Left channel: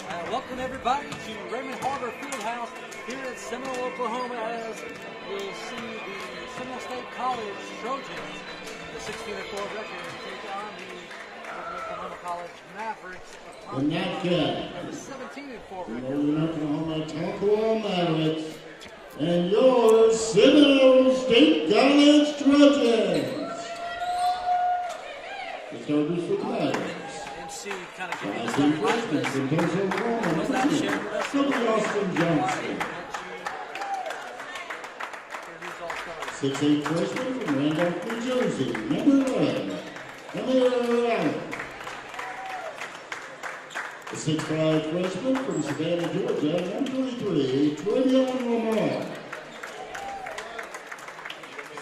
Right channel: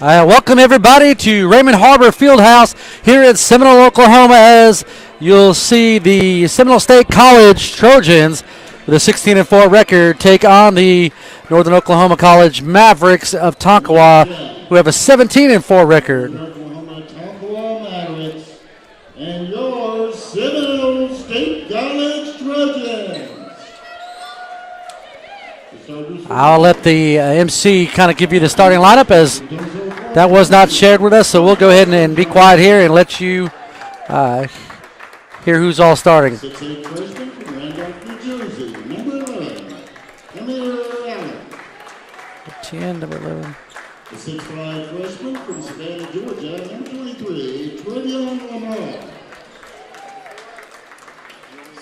Welcome everybody to Raymond Harbor Fieldhouse here at Seminole, Oklahoma, as you'll see the Seminole State College Trojans with a 16-4 record take on the Northern Oklahoma College Mavericks of Tonkawa, who have a 17-4 record. Oklahoma Tonkawa Mavericks and your Seminole State College Trojans. I'll let the MC kind of give you the starting lineup, as that was not shared with us, so we'll go ahead and be quiet here and let you hear who's all starting. 6'8" freshman from Randolph, New Jersey, number 11, Allen. 10, number 11. The 6'5" freshman from Savannah, Georgia, number 23, Trojans Lamar.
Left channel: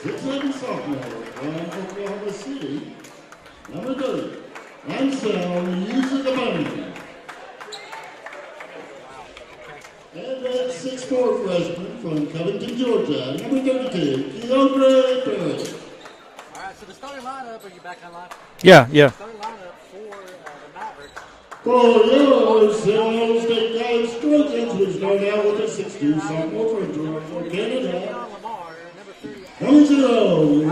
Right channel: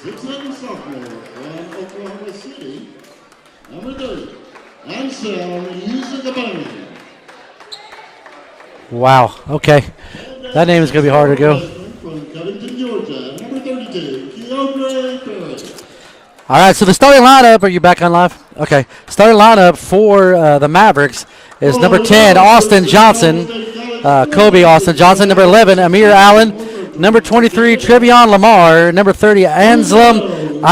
6'7" sophomore from Oklahoma City, number 30, Anselm using the bone. Wow, okay. That name is going to be hard to go. From Covington, Georgia, number 32, Keandre Perry. All right, so the starting lineup, are you back on live? Okay. Yeah. Starting lineup for the Mavericks is number 10, Austin Johnson, Kobe Austin Johnson, number 11, Amir Allen, number 23, Trevion Lamar, number 30, Anselm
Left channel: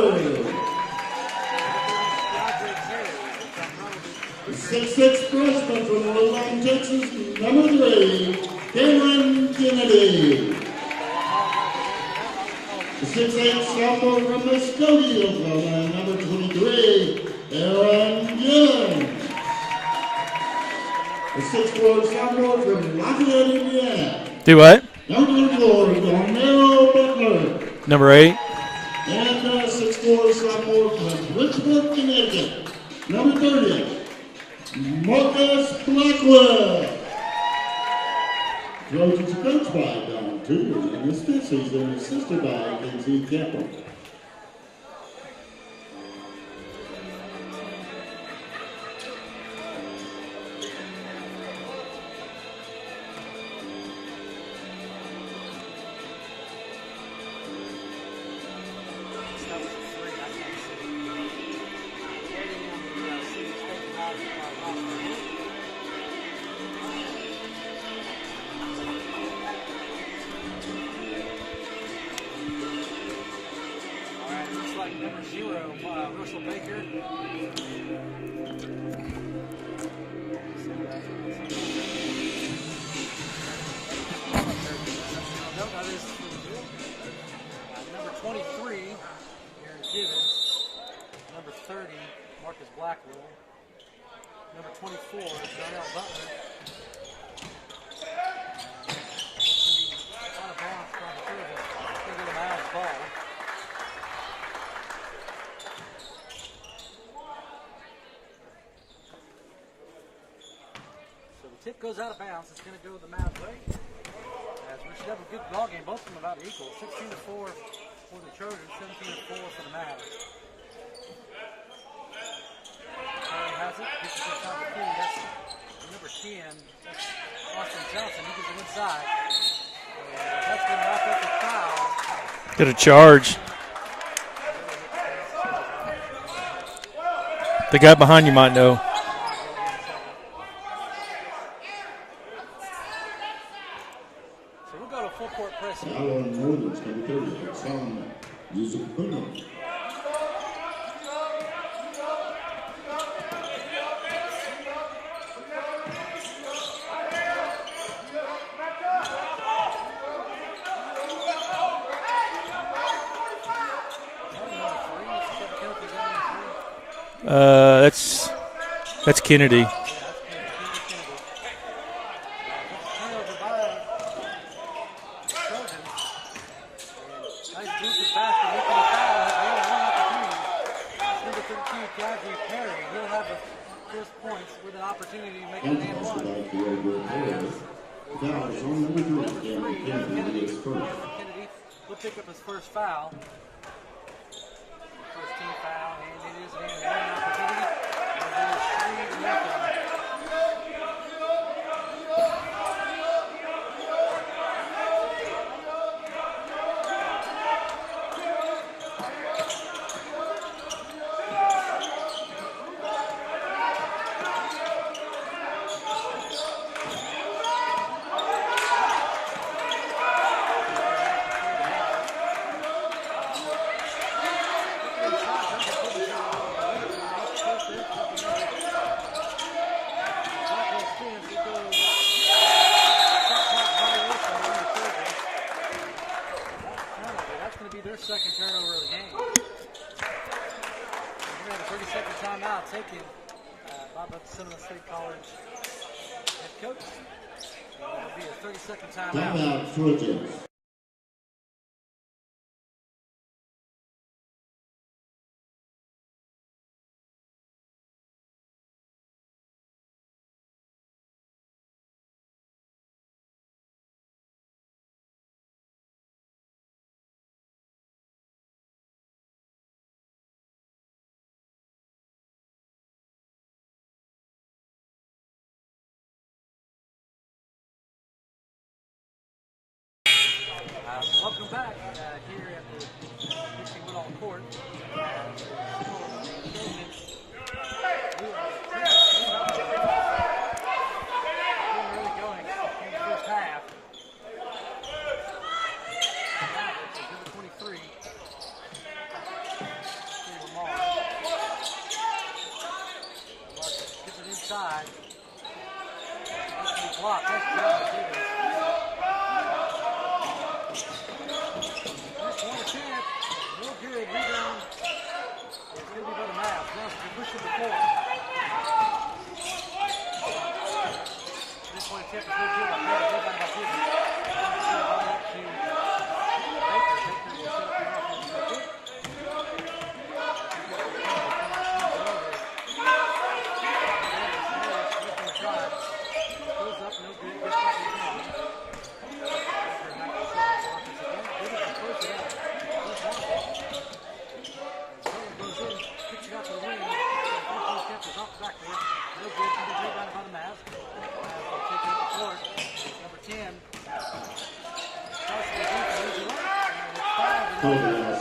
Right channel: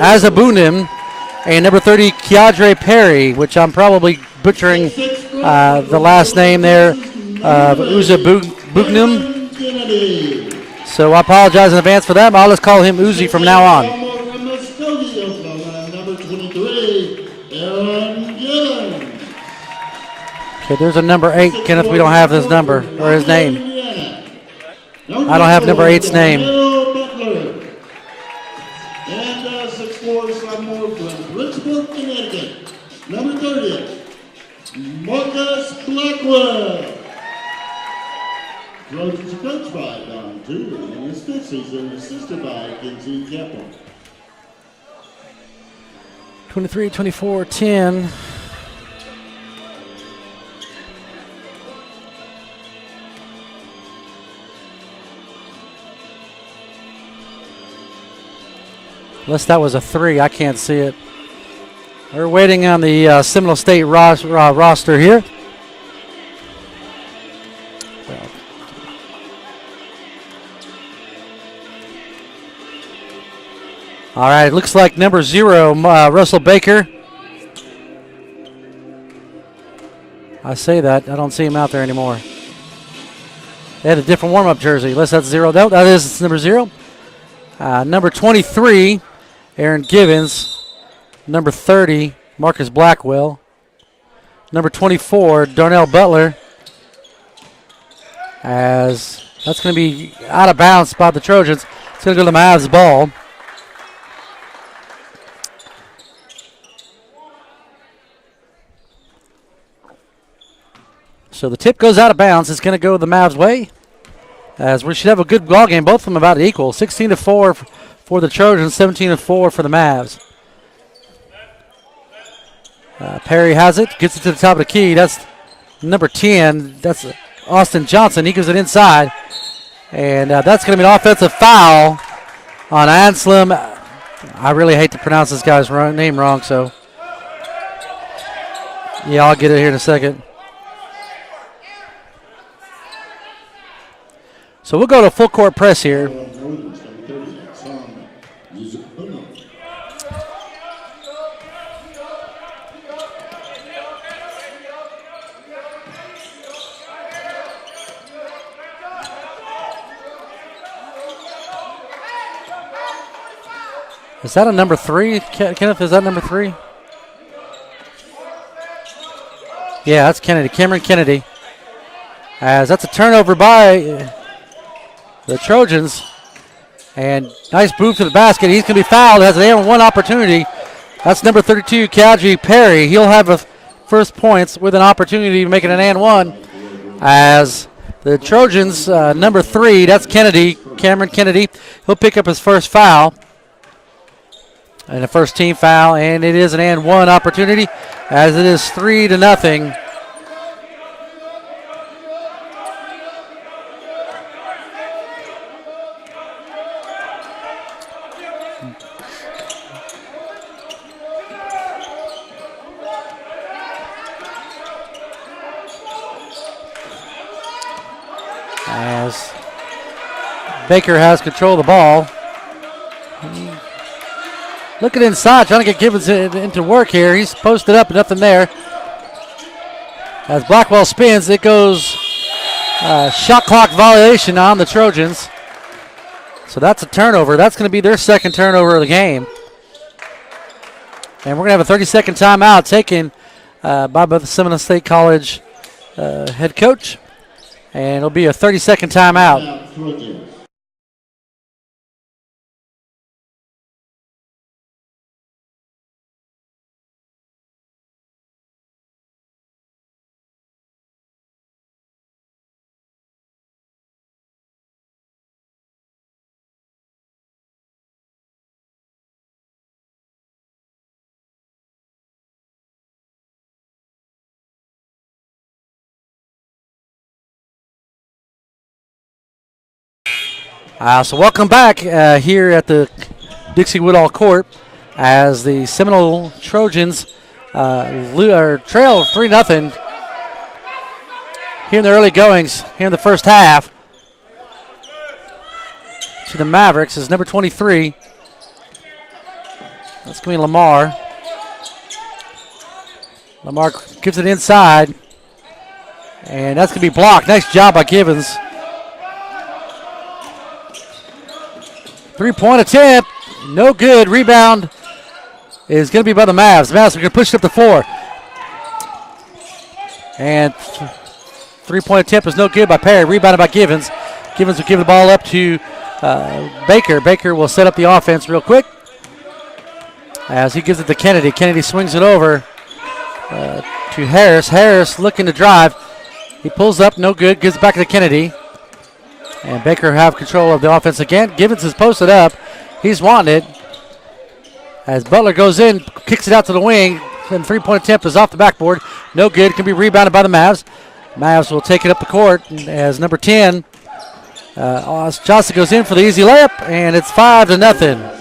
Azabunim, and number 30, Keandre Perry, which I'm probably butchering the last name there, Uzabugnum. So I apologize in advance for that, but I'll just call him Uzi from now on. Okay, there's a number 8, Kenneth. We don't have his number or his name. Do what? I don't have number 8's name. Number 8? And 6'4" sophomore from Bridgeport, Connecticut, number 30, Marcus Blackwell. Trojans are coached by Don Tudor, and this fifth season assisted by Kenzie Campbell. 23, 24, 10. Unless that was a 3, I can't see it. We're waiting on the Seminole State roster here. All right, it looks like number 0, Russell Baker. I say that, I don't see him out there anymore. They had a different warm-up jersey, unless that's 0. No, that is number 0. Number 23, Aaron Givens. Number 30, Marcus Blackwell. Number 24, Darnell Butler. As that's going to be out of bounds by the Trojans. It's going to go to the Mavs ball. So the tip goes out of bounds. It's going to go the Mavs' way, as we should have a good ball game. Both of them about equal. 16-4 for the Trojans, 17-4 for the Mavs. Perry has it, gets it to the top of the key. That's number 10. That's Austin Johnson. He gives it inside, and that's going to be an offensive foul on Anselm. I really hate to pronounce this guy's name wrong, so the guy behind you might know. Yeah, I'll get it here in a second. So we'll go to full court press here. Is that a number 3, Kenneth? Is that number 3? That's Kennedy. Yeah, that's Kennedy. Cameron Kennedy. As that's a turnover by the Trojans. And nice move to the basket. He's going to be fouled. Has an 1 opportunity. That's number 32, Keandre Perry. He'll have a first points with an opportunity to make it an and 1. As the Trojans, number 3, that's Kennedy, Cameron Kennedy. He'll pick up his first foul. And the first team foul, and it is an and 1 opportunity, as it is 3-0. as Baker has control of the ball. Looking inside, trying to get Gibbons into work here. He's posted up, nothing there. As Blackwell spins, it goes shot clock violation on the Trojans. So that's a turnover. That's going to be their second turnover of the game. And we're going to have a 30-second timeout taken by the Seminole State College head coach. And it'll be a 30-second timeout. So welcome back here at the Dixie Woodall Court as the Seminole Trojans trail 3-0 here in the early goings, here in the first half. To the Mavericks is number 23. That's going to be Lamar. Lamar gives it inside, and that's going to be blocked. Nice job by Gibbons. Three-point attempt, no good. Rebound is going to be by the Mavs. The Mavs are going to push it up to 4. And three-point attempt is no good by Perry. Rebounded by Givens. Givens will give the ball up to Baker. Baker will set up the offense real quick as he gives it to Kennedy. Kennedy swings it over to Harris. Harris looking to drive. He pulls up, no good. Gives it back to Kennedy. And Baker have control of the offense again. Givens is posted up. He's wanting it. As Butler goes in, kicks it out to the wing. And three-point attempt is off the backboard. No good. Can be rebounded by the Mavs. Mavs will take it up the court as number 10. Johnson goes in for the easy layup, and it's 5-0.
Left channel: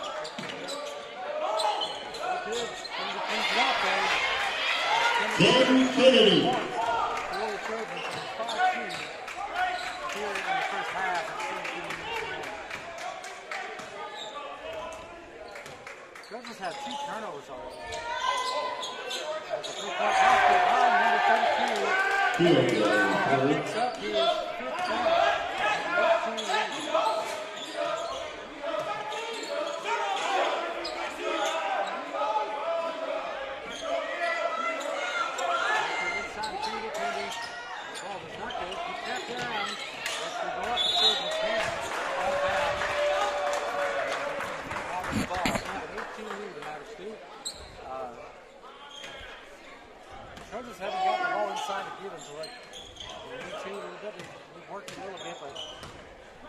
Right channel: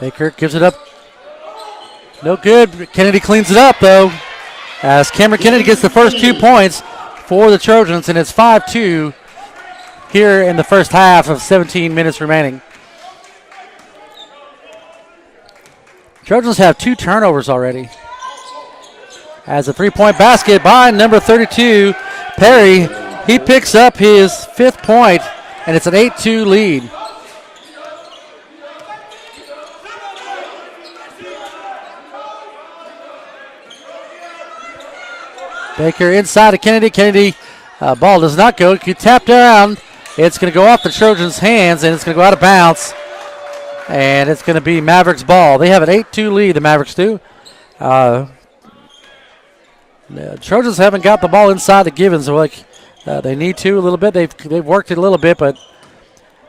Baker gives it up. No good. Kennedy cleans it up, though, as Cameron Kennedy gets the first 2 points for the Trojans, and it's 5-2 here in the first half of 17 minutes remaining. Trojans have 2 turnovers already. As a three-point basket by number 32, Perry. He picks up his 5th point, and it's an 8-2 lead. Baker inside of Kennedy. Kennedy, ball does not go. He tapped around. It's going to go off the Trojans' hands, and it's going to go out of bounds. And it's going to be Mavericks ball. They have an 8-2 lead, the Mavericks do. The Trojans haven't got the ball inside the Givens like they need to a little bit. They've worked it a little bit, but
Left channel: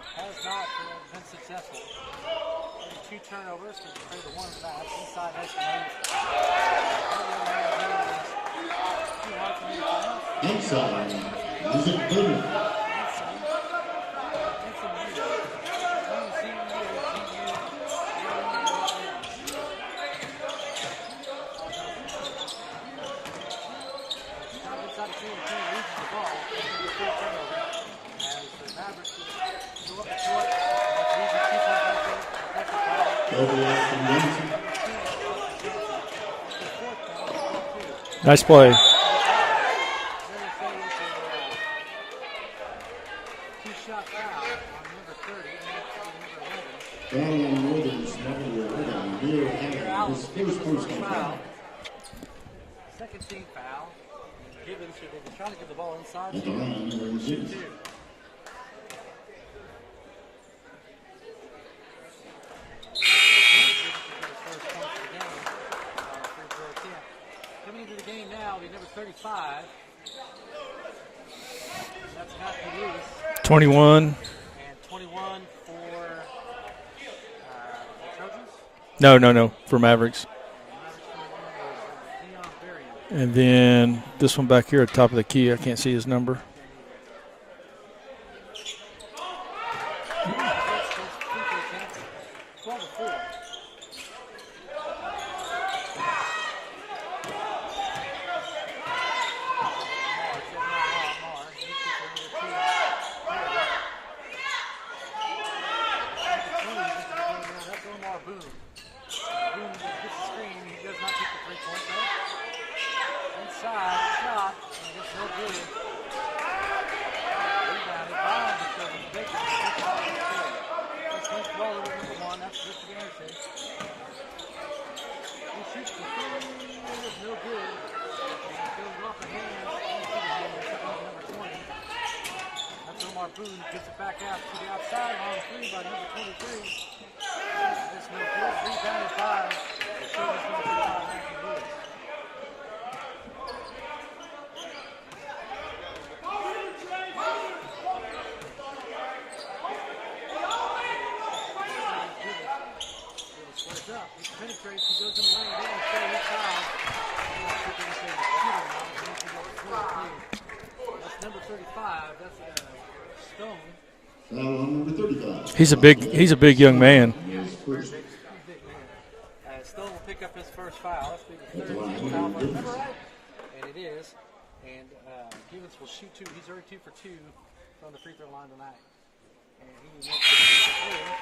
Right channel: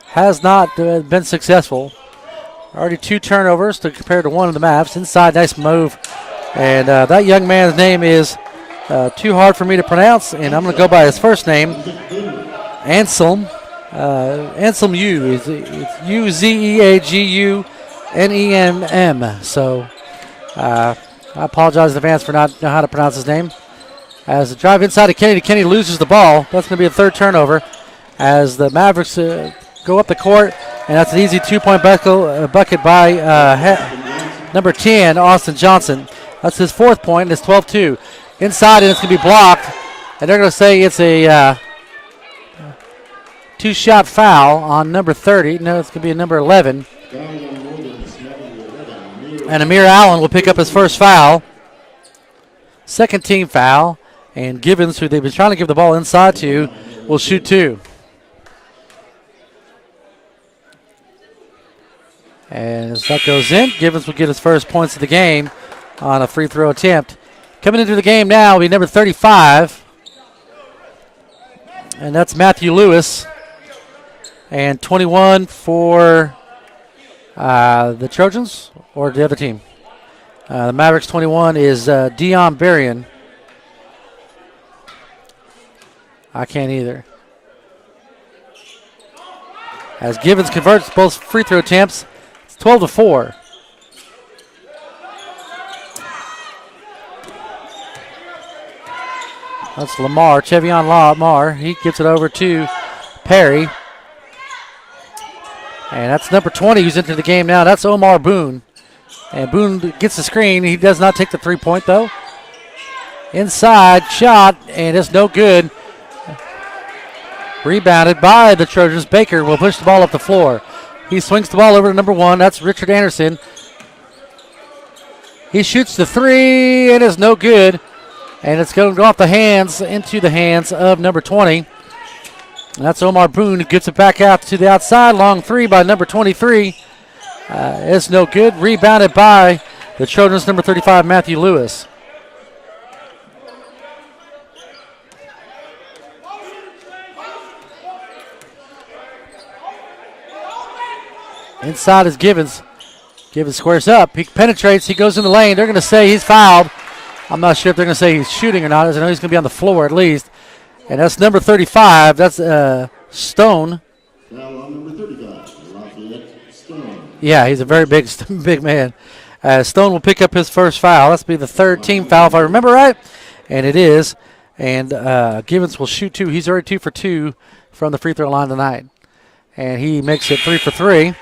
has not been successful. Already 2 turnovers to compare to 1 of the Mavs. Inside, nice move. And that young man's name is too hard for me to pronounce, and I'm going to go by his first name, Anselm. Anselm U. It's Uzeagunemm. So I apologize in advance for not knowing how to pronounce his name. As the drive inside of Kennedy, Kennedy loses the ball. That's going to be a 3rd turnover as the Mavericks go up the court, and that's an easy 2-point bucket by number 10, Austin Johnson. That's his 4th point, and it's 12-2. Nice inside, play. and it's going to be blocked. And they're going to say it's a 2-shot foul on number 30. No, it's going to be a number 11. And Amir Allen will pick up his first foul. 2nd team foul. And Gibbons, who they've been trying to give the ball inside to, will shoot 2. And as that goes in, Gibbons will get his first points of the game on a free throw attempt. Coming into the game now will be number 35. And that's Matthew Lewis. 21. And 21 for the Trojans? Or the other team? For Mavericks. The Mavericks 21 is Dion Berrien. And then this one back here at the top of the key, I can't see his number. I can't either. as Givens converts both free throw attempts. It's 12-4. That's Lamar, Chevion Lamar. He gives it over to Perry. And that's number 20 who's into the game now. That's Omar Boone. And Boone gets the screen. He does not take the three-point, though. Inside shot, and it's no good. Rebounded by the Trojans. Baker will push the ball up the floor. He swings the ball over to number 1. That's Richard Anderson. He shoots the three, and it's no good. And it's going to go off the hands, into the hands of number 20. And that's Omar Boone who gets it back out to the outside. Long three by number 23. It's no good. Rebounded by the Trojans, number 35, Matthew Lewis. Inside is Givens. Givens squares up. He penetrates. He goes in the lane. They're going to say he's fouled. I'm not sure if they're going to say he's shooting or not. I know he's going to be on the floor at least. And that's number 35. That's Stone. He's a big young man. Yeah, he's a very big man. Stone will pick up his first foul. That's be the third team foul if I remember right. And it is. And Givens will shoot 2. He's already 2 for 2 from the free throw line tonight. And he makes it 3 for 3.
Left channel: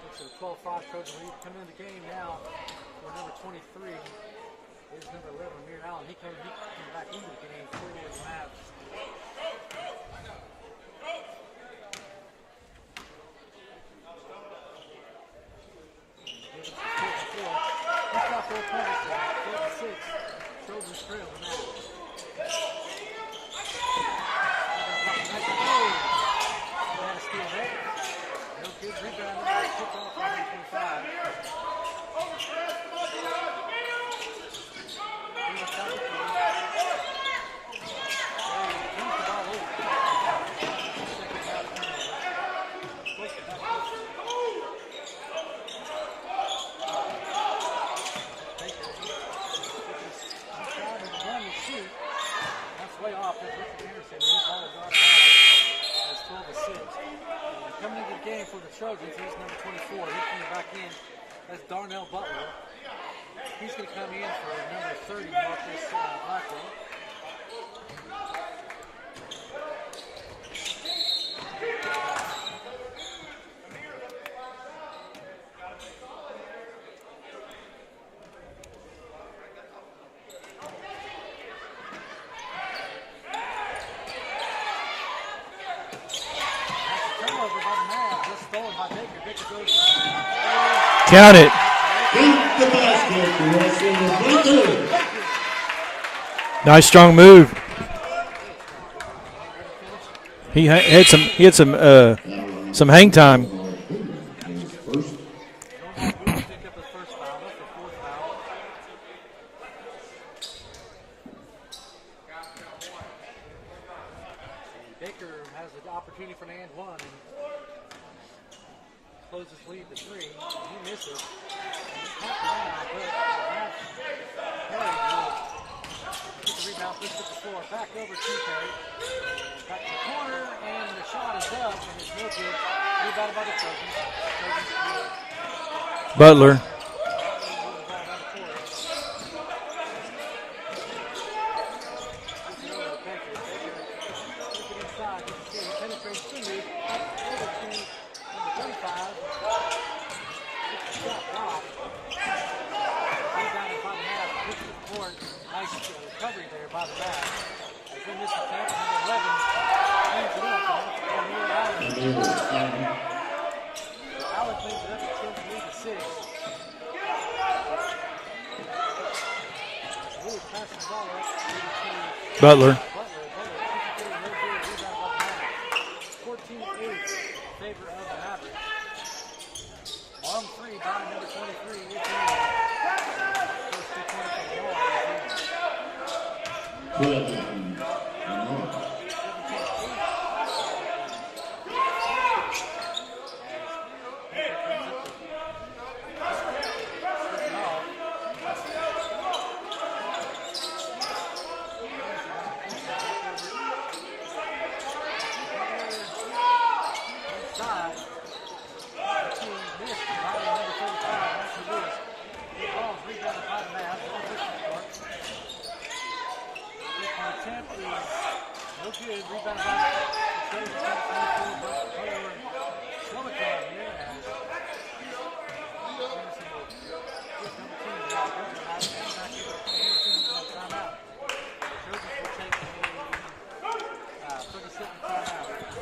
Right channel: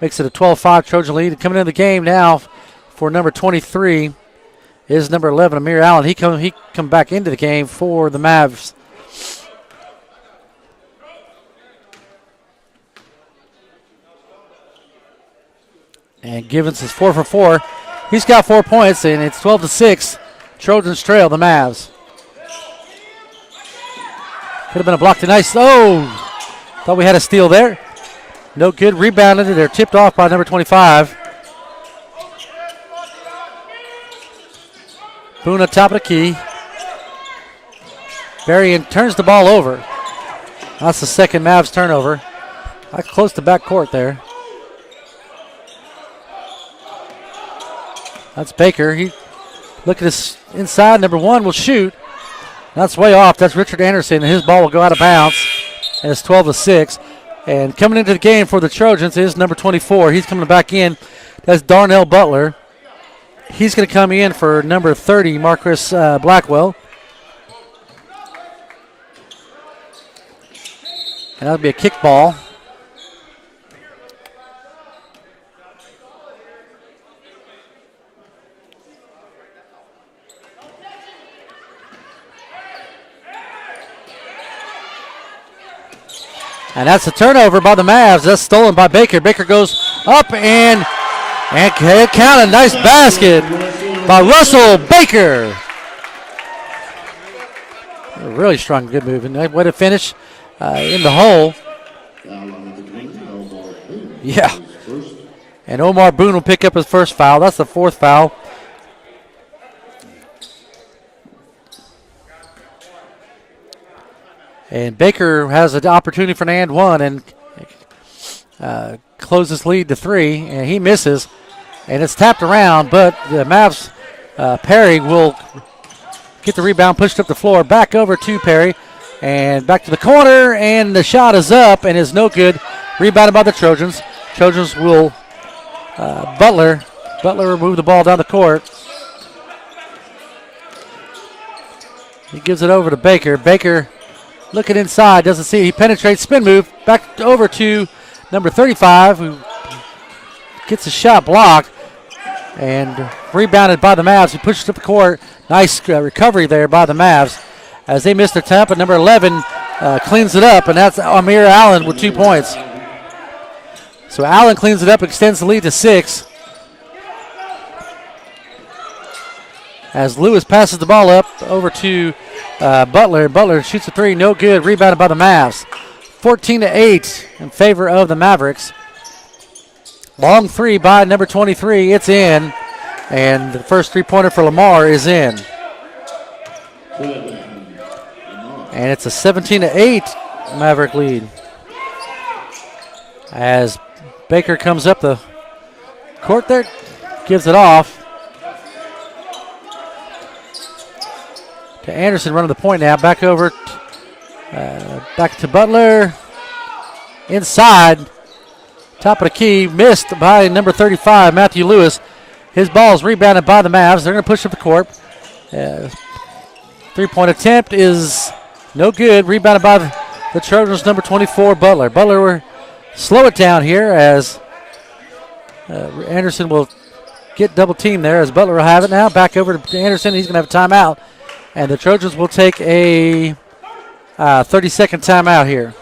Makes it a 12-5 Trojan lead. Coming into the game now for number 23 is number 11, Amir Allen. He come back into the game for the Mavs. And Givens is 4 for 4. He's got 4 points, and it's 12-6. Trojans trail the Mavs. Could have been a block tonight. Oh, thought we had a steal there. No good. Rebounded. They're tipped off by number 25. Boone at top of the key. Berrien turns the ball over. That's the second Mavs turnover. Close to back court there. That's Baker. He look at his inside. Number 1 will shoot. That's way off. That's Richard Anderson, and his ball will go out of bounds. And it's 12-6. And coming into the game for the Trojans is number 24. He's coming back in. That's Darnell Butler. He's going to come in for number 30, Marcus Blackwell. And that'll be a kick ball. And that's a turnover by the Mavs. That's stolen by Baker. Baker goes up and count it. And count it. Nice basket by Russell Baker. Nice strong move. Really strong, good move. And way to finish. He had some hang time. Yeah. And Omar Boone will pick up his first foul. That's the 4th foul. And Baker has an opportunity for an and one and closes his lead to 3, and he misses. And it's tapped around, but the Mavs, Perry will get the rebound, pushed up the floor, back over to Perry, and back to the corner, and the shot is up and is no good. Rebounded by the Trojans. Trojans will, Butler will move the ball down the court. He gives it over to Baker. Baker looking inside, doesn't see it. He penetrates, spin move, back over to number 35, who gets a shot blocked and rebounded by the Mavs, who pushes up the court. Nice recovery there by the Mavs as they missed their time, but number 11 cleans it up, and that's Amir Allen with 2 points. So Allen cleans it up, extends the lead to 6. As Lewis passes the ball up over to Butler. Butler shoots a 3, no good. Rebounded by the Mavs. 14-8 in favor of the Mavericks. Long 3 by number 23. It's in. And the first 3-pointer for Lamar is in. And it's a 17-8 Maverick lead. As Baker comes up the court there, gives it off. To Anderson running the point now. Back over, back to Butler. inside. Top of the key, missed by number 35, Matthew Lewis. His ball is rebounded by the Mavs. They're going to push up the court. Three-point attempt is no good. Rebounded by the Trojans, number 24, Butler. Butler will slow it down here as Anderson will get double teamed there as Butler will have it now. Back over to Anderson. He's going to have a timeout. And the Trojans will take a 30-second timeout here.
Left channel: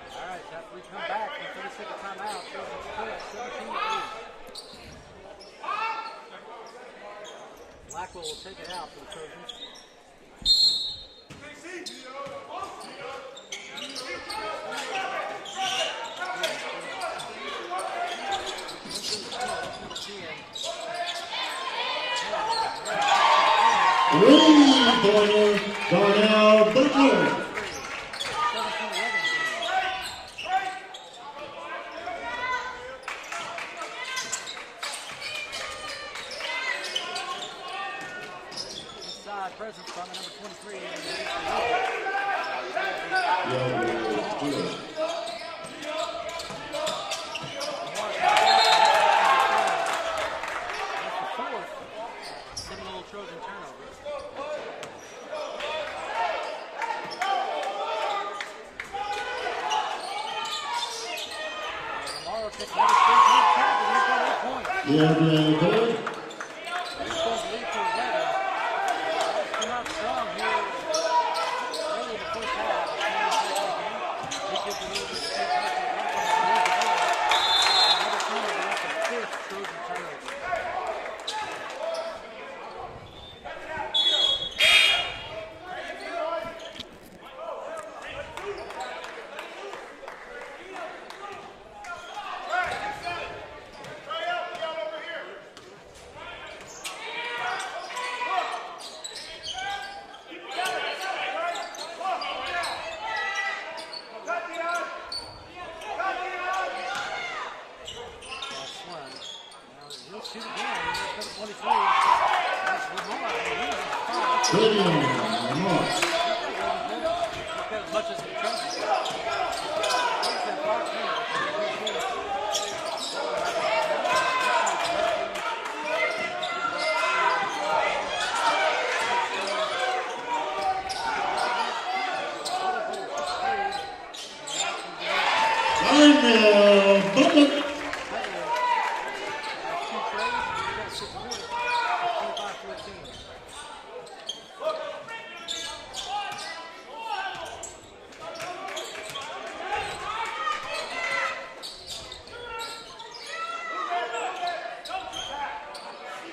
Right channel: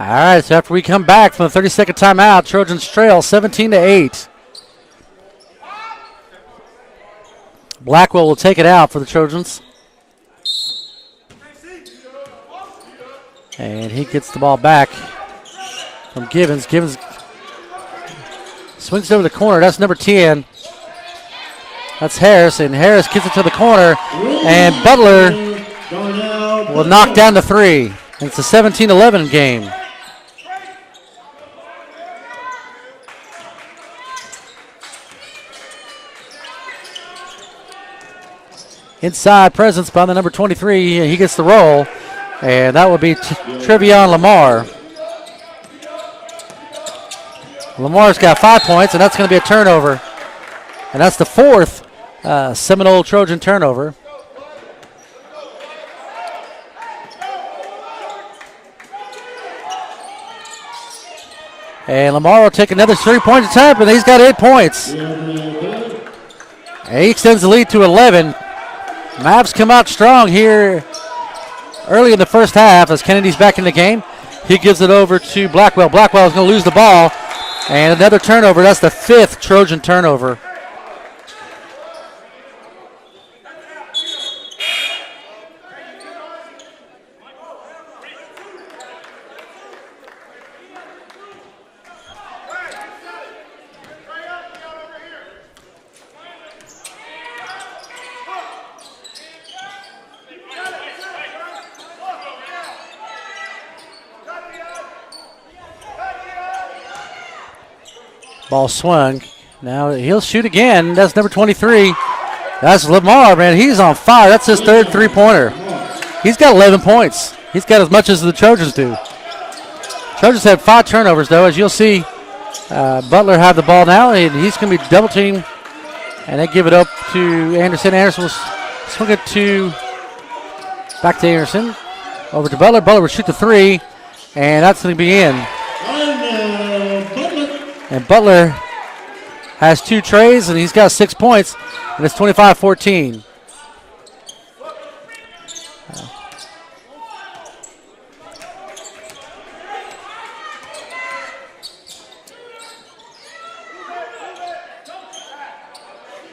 All right, so after we come back from the 30-second timeout, Trojans trail 17-8. Blackwell will take it out for the Trojans. And he gets the ball back from Givens. Givens swings it over the corner. That's number 10. That's Harris, and Harris gets it to the corner, and Butler will knock down the three. And it's a 17-11 game. Inside presence by the number 23. He gets the roll, and that will be Trevion Lamar. Lamar's got 5 points, and that's going to be a turnover. And that's the fourth Seminole Trojan turnover. And Lamar will take another 3-point attempt, and he's got 8 points. And he extends the lead to 11. Mavs come out strong here early in the first half as Kennedy's back in the game. He gives it over to Blackwell. Blackwell is going to lose the ball. And another turnover. That's the fifth Trojan turnover. Ball swung. Now he'll shoot again. That's number 23. That's Lamar, man. He's on fire. That's his third three-pointer. He's got 11 points. He's got as much as the Trojans do. Trojans have 5 turnovers, though. As you'll see, Butler have the ball now, and he's going to be double-teamed. And they give it up to Anderson. Anderson will swing it back to Anderson. Over to Butler. Butler will shoot the three, and that's going to be in. And Butler has 2 trays, and he's got 6 points, and it's 25-14.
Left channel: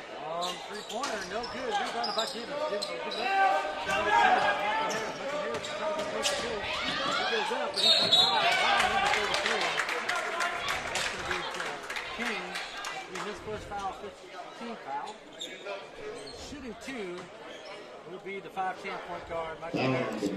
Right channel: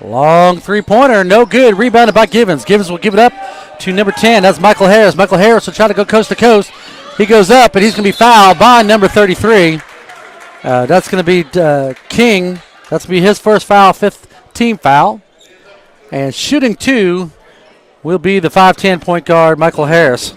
Long three-pointer, no good. Rebounded by Givens. Givens will give it up to number 10. That's Michael Harris. Michael Harris will try to go coast to coast. He goes up, and he's going to be fouled by number 33. That's going to be King. That's going to be his first foul, 5th team foul. And shooting 2 will be the 5'10" point guard, Michael Harris.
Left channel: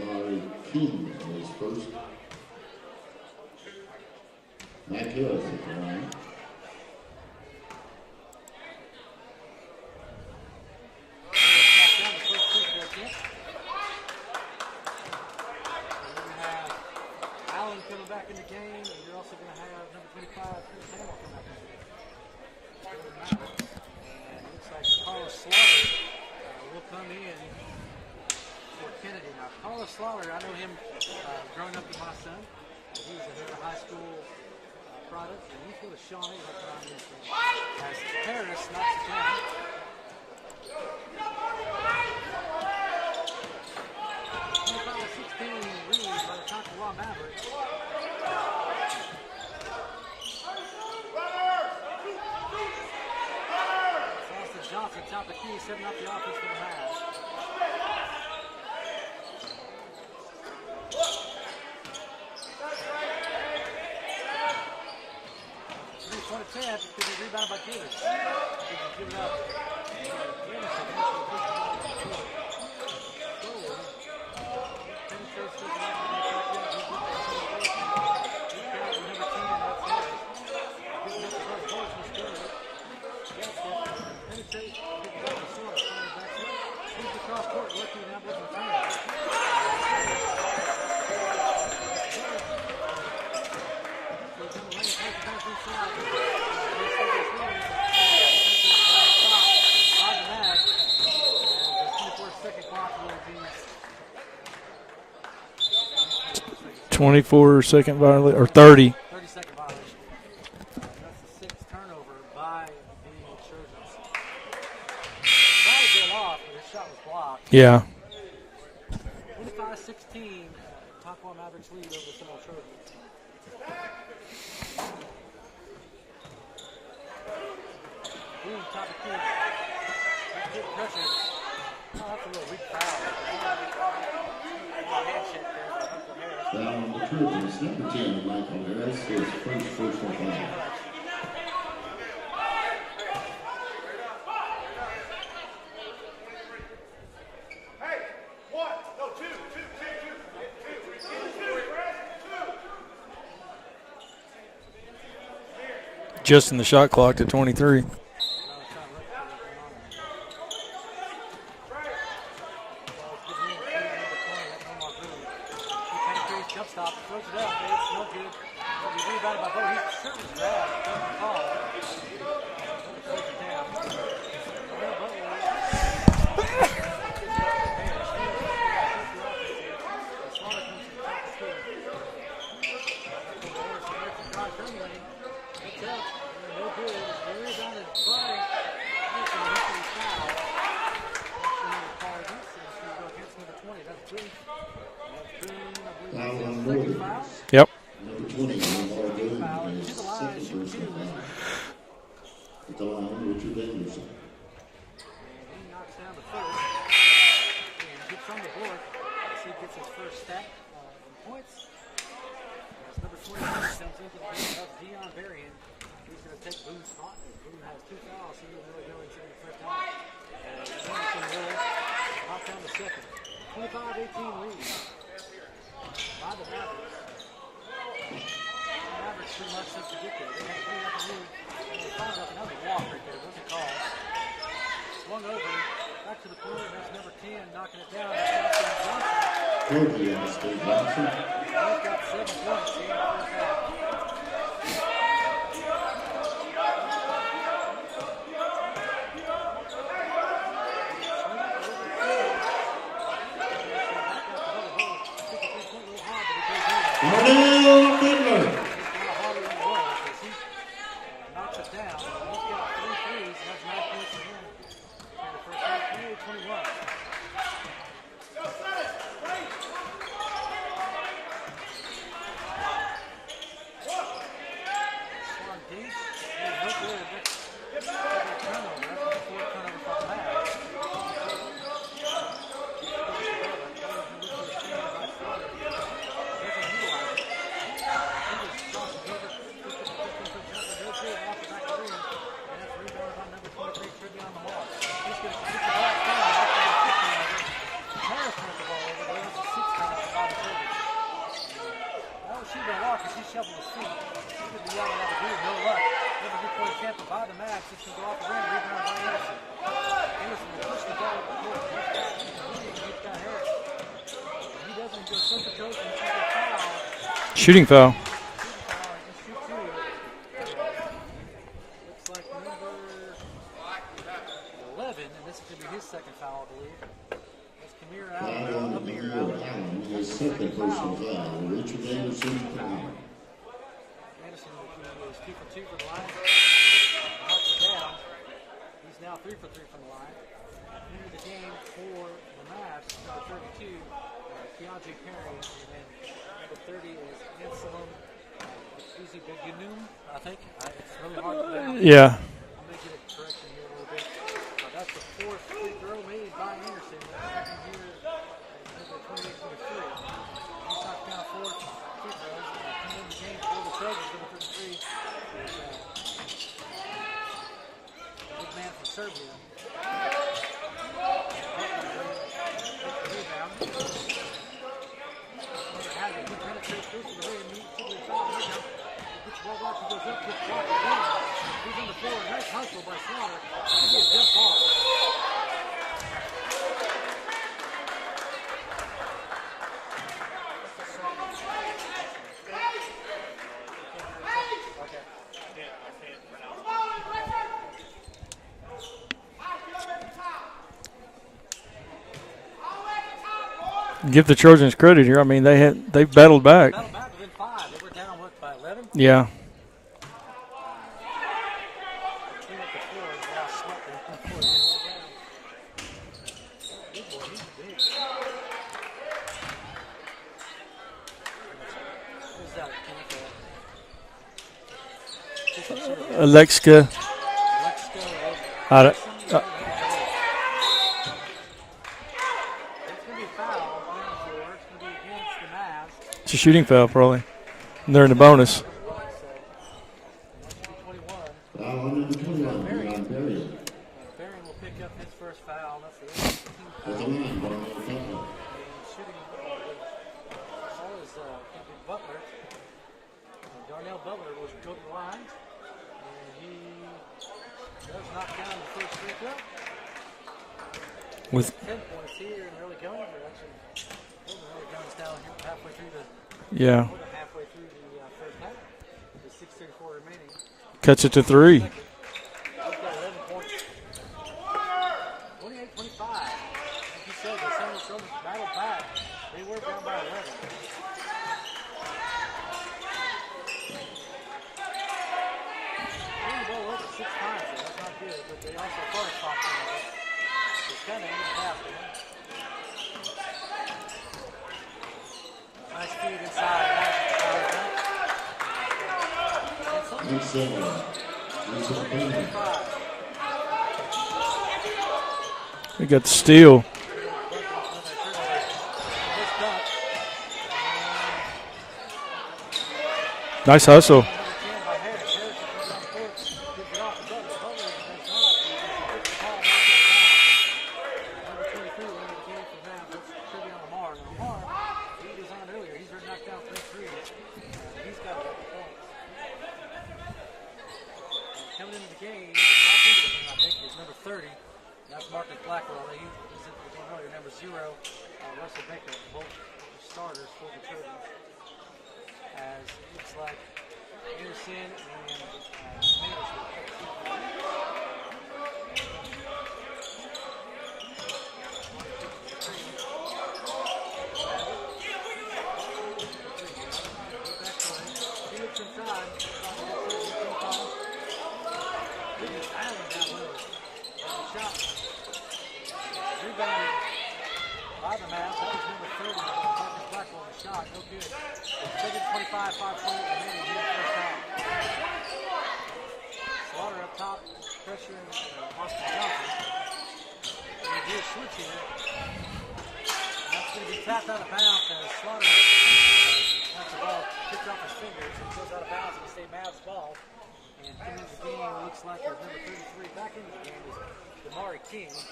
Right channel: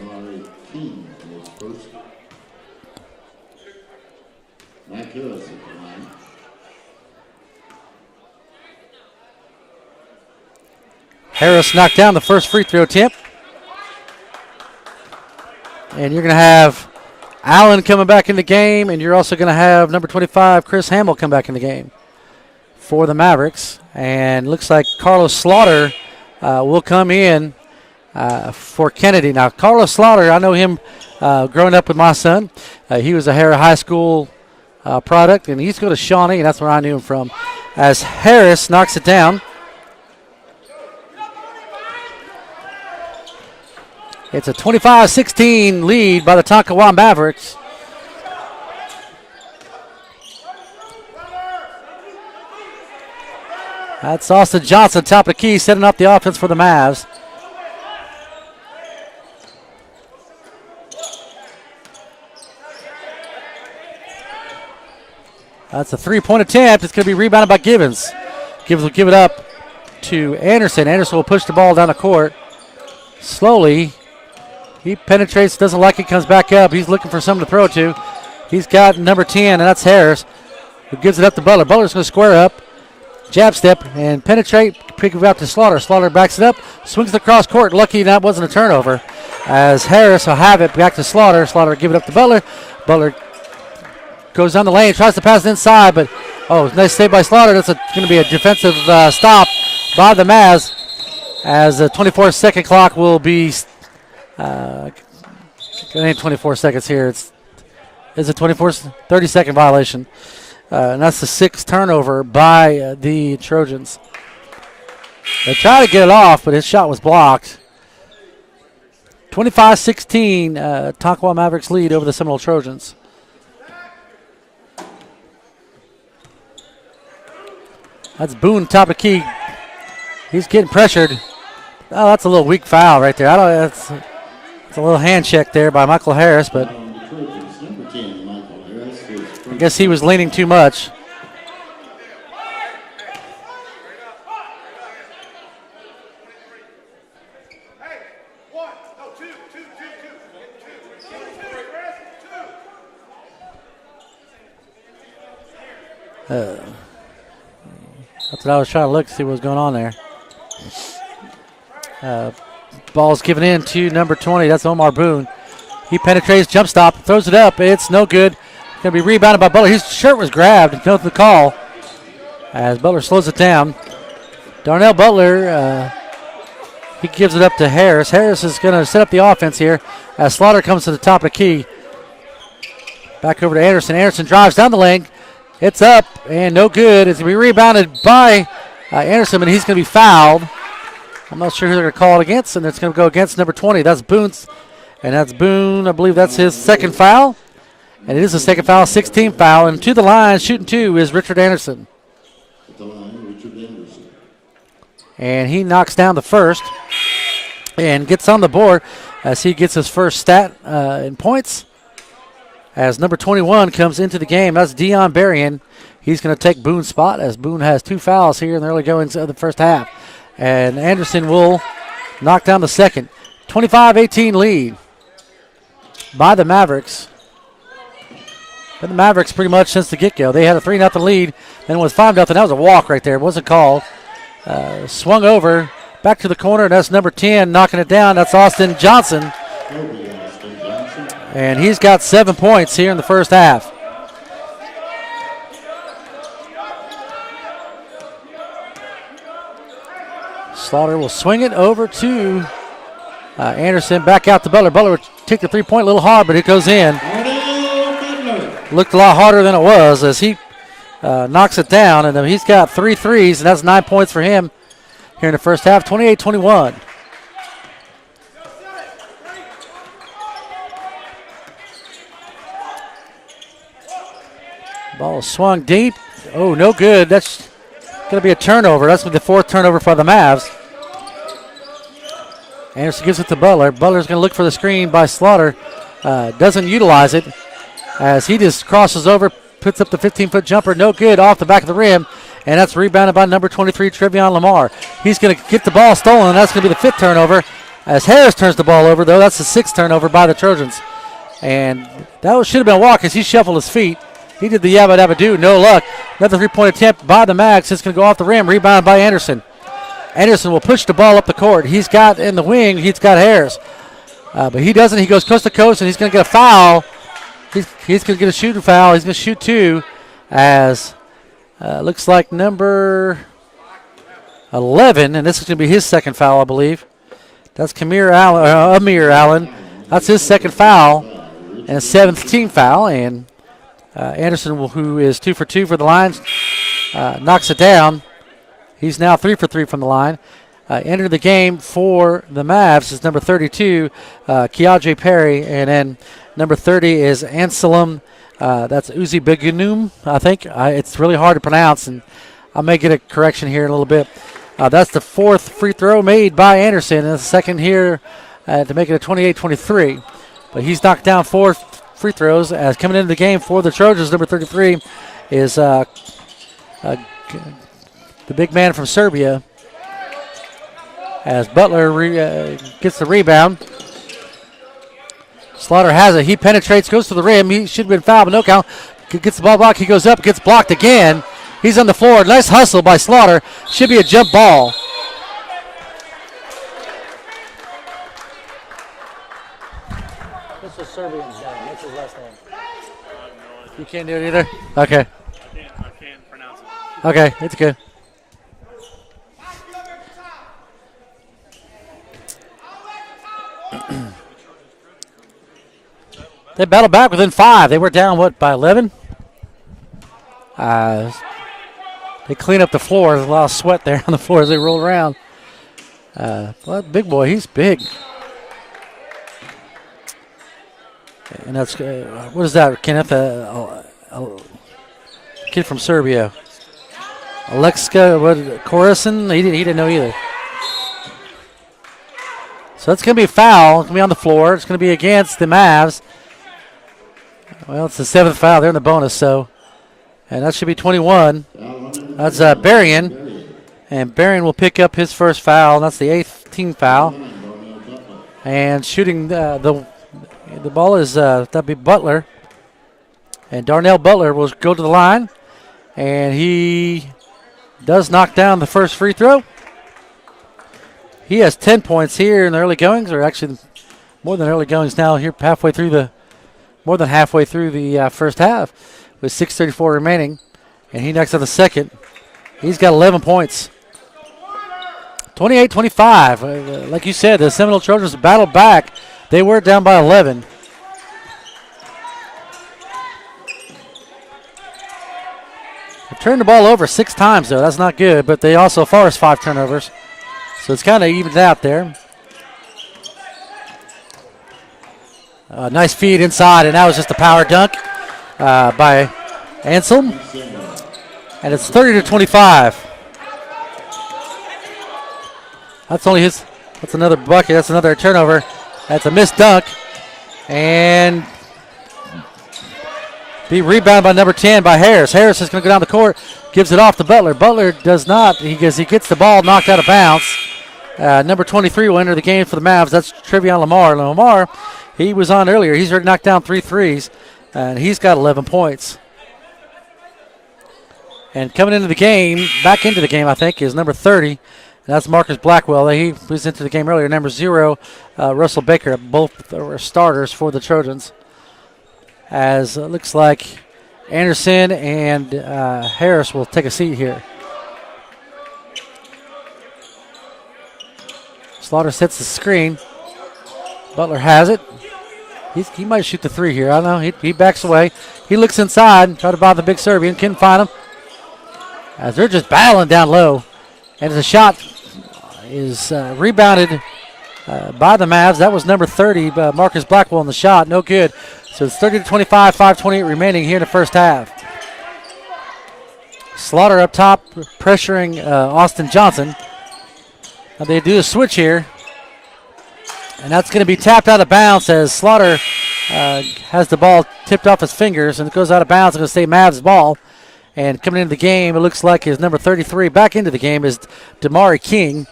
Harris knocked down the first free throw attempt. And you're going to have Allen coming back in the game, and you're also going to have number 25, Chris Hamill, come back in the game for the Mavericks. And looks like Carlos Slaughter will come in for Kennedy. Now, Carlos Slaughter, I know him growing up with my son. He was a Harris High School product, and he's going to Shawnee, and that's where I knew him from. As Harris knocks it down. It's a 25-16 lead by the Tonkawa Mavericks. That's Austin Johnson, top of the key, setting up the offense for the Mavs. That's a three-point attempt. It's going to be rebounded by Gibbons. Gibbons will give it up to Anderson. Anderson will push the ball down the court. Slowly, he penetrates, doesn't like it, comes back up. He's looking for someone to throw it to. He's got number 10, and that's Harris, who gives it up to Butler. Butler's going to square up, jab step, and penetrate, pick it out to Slaughter. Slaughter backs it up, swings it across court. Lucky that wasn't a turnover, as Harris will have it back to Slaughter. Slaughter will give it up to Butler. Butler goes down the lane, tries to pass it inside, but nice save by Slaughter. That's going to be a defensive stop by the Mavs, as the 24-second clock will be. 24 seconds here. 24-second violation. Is it 30-second violation? And that's the sixth turnover by the Trojans. They try to get it off, but his shot was blocked. Yeah. 25-16, Tonkawa Mavericks lead over the Seminole Trojans. That's Boone, top of key. He's getting pressured. Oh, that's a little weak foul right there. It's a little hand check there by Michael Harris, but I guess he was leaning too much. Just in the shot clock to 23. That's what I was trying to look to see what was going on there. Ball's given in to number 20. That's Omar Boone. He penetrates, jump stop, throws it up. It's no good. Going to be rebounded by Butler. His shirt was grabbed. No the call as Butler slows it down. Darnell Butler, he gives it up to Harris. Harris is going to set up the offense here as Slaughter comes to the top of the key. Back over to Anderson. Anderson drives down the lane. It's up and no good. It's going to be rebounded by Anderson, and he's going to be fouled. I'm not sure who they're going to call it against, and it's going to go against number 20. That's Boone's, and that's Boone. I believe that's his second foul. Yep. And it is a second foul, 16th foul. And to the line, shooting two, is Richard Anderson. And he knocks down the first and gets on the board as he gets his first stat in points. As number 21 comes into the game, that's Dion Berrien. He's going to take Boone's spot as Boone has two fouls here in the early goings of the first half. And Anderson will knock down the second. 25-18 lead by the Mavericks. But the Mavericks pretty much since the get-go. They had a 3-0 lead, then it was 5-0. That was a walk right there. It wasn't called. Swung over, back to the corner, and that's number 10 knocking it down. That's Austin Johnson. And he's got 7 points here in the first half. Slaughter will swing it over to Anderson. Back out to Butler. Butler would take the three-point a little hard, but it goes in. Looked a lot harder than it was as he knocks it down. And he's got 3 threes, and that's 9 points for him here in the first half, 28-21. Ball swung deep. Oh, no good. That's going to be a turnover. That's the fourth turnover for the Mavs. Anderson gives it to Butler. Butler's going to look for the screen by Slaughter. Doesn't utilize it as he just crosses over, puts up the 15-foot jumper. No good off the back of the rim. And that's rebounded by number 23, Trevion Lamar. He's going to get the ball stolen. That's going to be the 5th turnover as Harris turns the ball over, though. That's the 6th turnover by the Trojans. And that should have been a walk as he shuffled his feet. He did the yabba dabba do, no luck. Another 3-point attempt by the Mags. It's going to go off the rim, rebounded by Anderson. Anderson will push the ball up the court. He's got in the wing, he's got Harris. But he doesn't. He goes coast to coast, and he's going to get a foul. Shooting foul. He's going to get a shooting foul. He's going to shoot 2 as looks like number 11, and this is going to be his second foul, I believe. That's Amir Allen. That's his second foul and 7th team foul, and Anderson, who is 2 for 2 for the Lions, knocks it down. He's now 3 for 3 from the line. Entered the game for the Mavs is number 32, Keandre Perry, and then number 30 is Anselm. That's Uzi Begunum, I think. It's really hard to pronounce. Yeah. I may get a correction here in a little bit. That's the 4th free throw made by Anderson, and the second here to make it a 28-23. But he's knocked down 4 free throws. As coming into the game for the Trojans, number 33 is the big man from Serbia. As Butler gets the rebound. Slaughter has it. He penetrates, goes to the rim. He should have been fouled, but no count. Gets the ball blocked. He goes up, gets blocked again. He's on the floor. Nice hustle by Slaughter. Should be a jump ball. What's the Serbian guy? What's his last name? You can't do it either? Okay. I can't pronounce it. Okay, it's good. Give the Trojans credit here. I mean, they battled back. They battled back within 5. They were down, by 11? Yeah. They clean up the floor. There's a lot of sweat there on the floor as they roll around. Well, big boy, he's big. And that's, what is that, Kenneth? Kid from Serbia. Aleksa Korison? He didn't know either. So it's going to be a foul. It's going to be on the floor. It's going to be against the Mavs. It's a shooting foul, probably. Well, it's They're a in the 7th bonus. foul. They're in the bonus, so. And that should be 21. That's Berrien. And Berrien will pick up his first foul. And that's the 8th team foul. And shooting the ball is, that'd be Butler. And Darnell Butler will go to the line. And he does knock down the first free throw. He has 10 points here in the early goings, or actually more than early goings now here halfway through more than halfway through the first half with 6:34 remaining. Cuts and he it to knocks in the 3. second. He's got 11 points. 28-25. Like you said, the Seminole Trojans battled back. They were down by 11. They turned the ball over 6 times, though. That's not good, but they also forced 5 turnovers. So it's kind of evened out there. Nice feed inside, and that was just a power dunk by Anselm. And it's 30-25. That's steal. That's another bucket. That's another turnover. That's a missed dunk. And Nice rebound by number 10 by Harris. Harris is going to go down the court, gives it off to Butler. Butler does not. He gets the ball knocked out of bounds. Number 23 will enter the game for the Mavs. That's Trevion Lamar. Lamar, he was on earlier. He's already knocked down 3 threes, and he's got 11 points. And coming into the game, back into the game, I think, is number 30. And that's Marcus Blackwell. He was into the game earlier. Number 0, Russell Baker. Both were starters for the Trojans. As it looks like Anderson and Harris will take a seat here. Slaughter sets the screen. Butler has it. He might shoot the 3 here. I don't know. He backs away. He looks inside, try to bother the big Serbian. Couldn't find him. As they're just battling down low. And the shot is rebounded by the Mavs. That was number 30, Marcus Blackwell in the shot. No good. So it's 30-25, 5:28 remaining here in the first half. Slaughter up top, pressuring Austin Johnson. Now they do a switch here. And that's going to be tapped out of bounds as Slaughter has the ball tipped off his fingers, and it goes out of bounds. It's going to stay Mavs ball. And coming into the game, it looks like his number 33 back into the game is Damari King.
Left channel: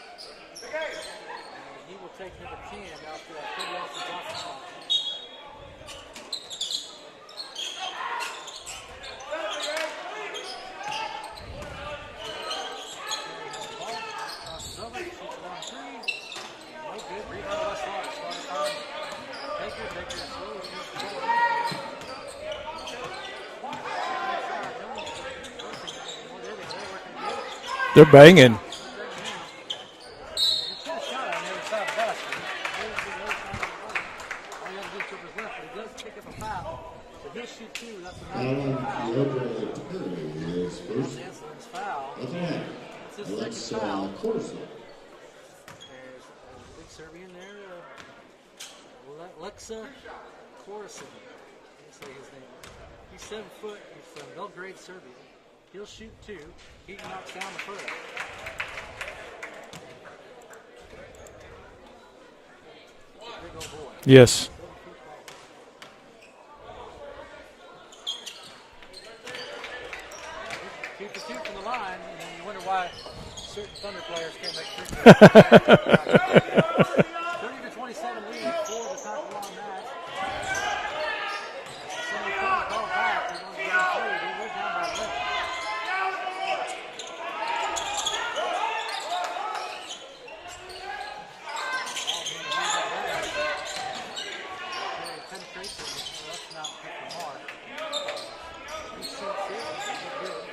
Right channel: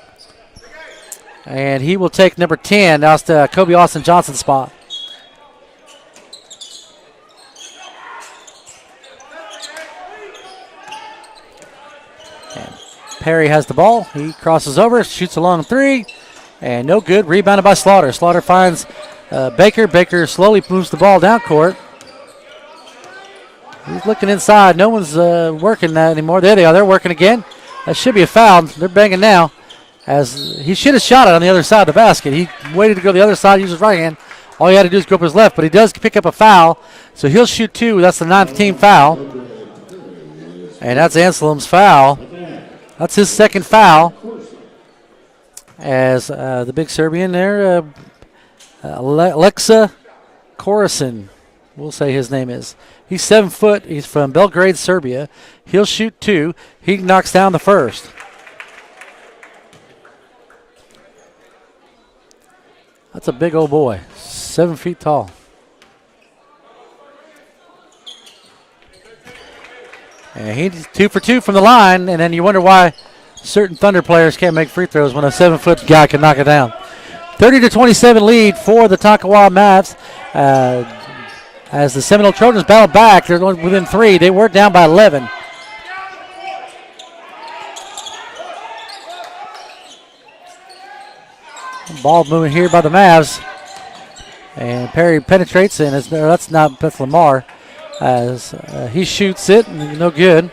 And he will take number 10. That's the Kobe Austin Johnson spot. Perry has the ball. He crosses over, shoots a long 3, and no good. Rebounded by Slaughter. Slaughter finds Baker. Baker slowly moves the ball down court. He's looking inside. No one's working that anymore. There they are. They're working again. That should be a foul. They're banging now. As he should have shot it on the other side of the basket. He waited to go the other side, use his right hand. All he had to do is go up his left, but he does pick up a foul. So he'll shoot 2. That's the 9th team foul. And that's Anselm's foul. That's his second foul. as the big Serbian there, Alexa Korison, we'll say his name is. He's 7 foot. He's from Belgrade, Serbia. He'll shoot 2. He knocks down the first. That's a big old boy. Yes. 7 feet tall. And he's 2 for 2 from the line, and then you wonder why certain Thunder players can't make free throws when a 7-foot guy can knock it down. 30-27 lead for the Takawa Mavs. As the Seminole Trojans battle back, they're going within 3. They were down by 11. Ball moving here by the Mavs. And Perry penetrates, and that's Lamar. As he shoots it, and no good.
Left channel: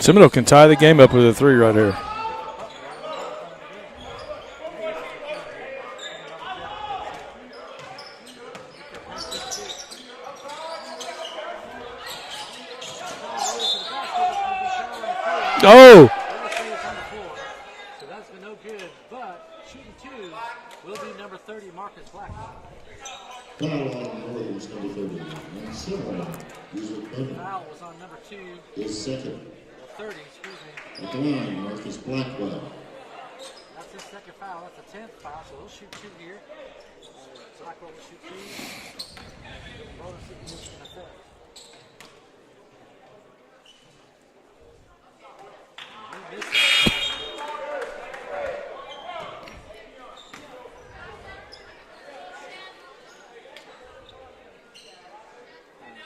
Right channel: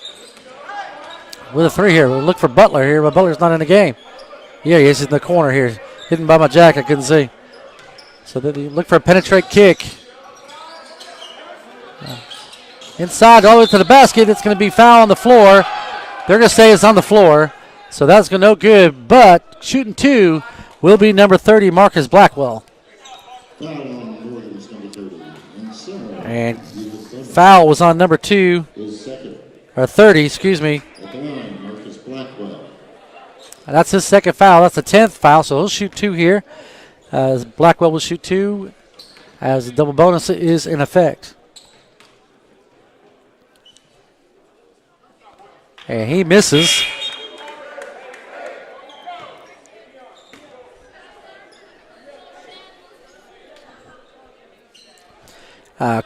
Seminole can tie the game up with a 3 With a 3 here. We'll look for Butler here, but Butler's not in the game. Yeah, he is in the corner here. Hidden by my jack, I couldn't see. So they look for a penetrate kick. Inside, all the way to the basket. It's going to be foul on the floor. Oh! They're going to say it's on the floor. So that's going to no good. But shooting 2 will be number 30, Marcus Blackwell. And foul was on number 2, or 30, excuse me. At the line, Marcus Blackwell. And that's his second foul. That's the 10th foul, so he'll shoot 2 here. As Blackwell will shoot 2 as the double bonus is in effect. And he misses.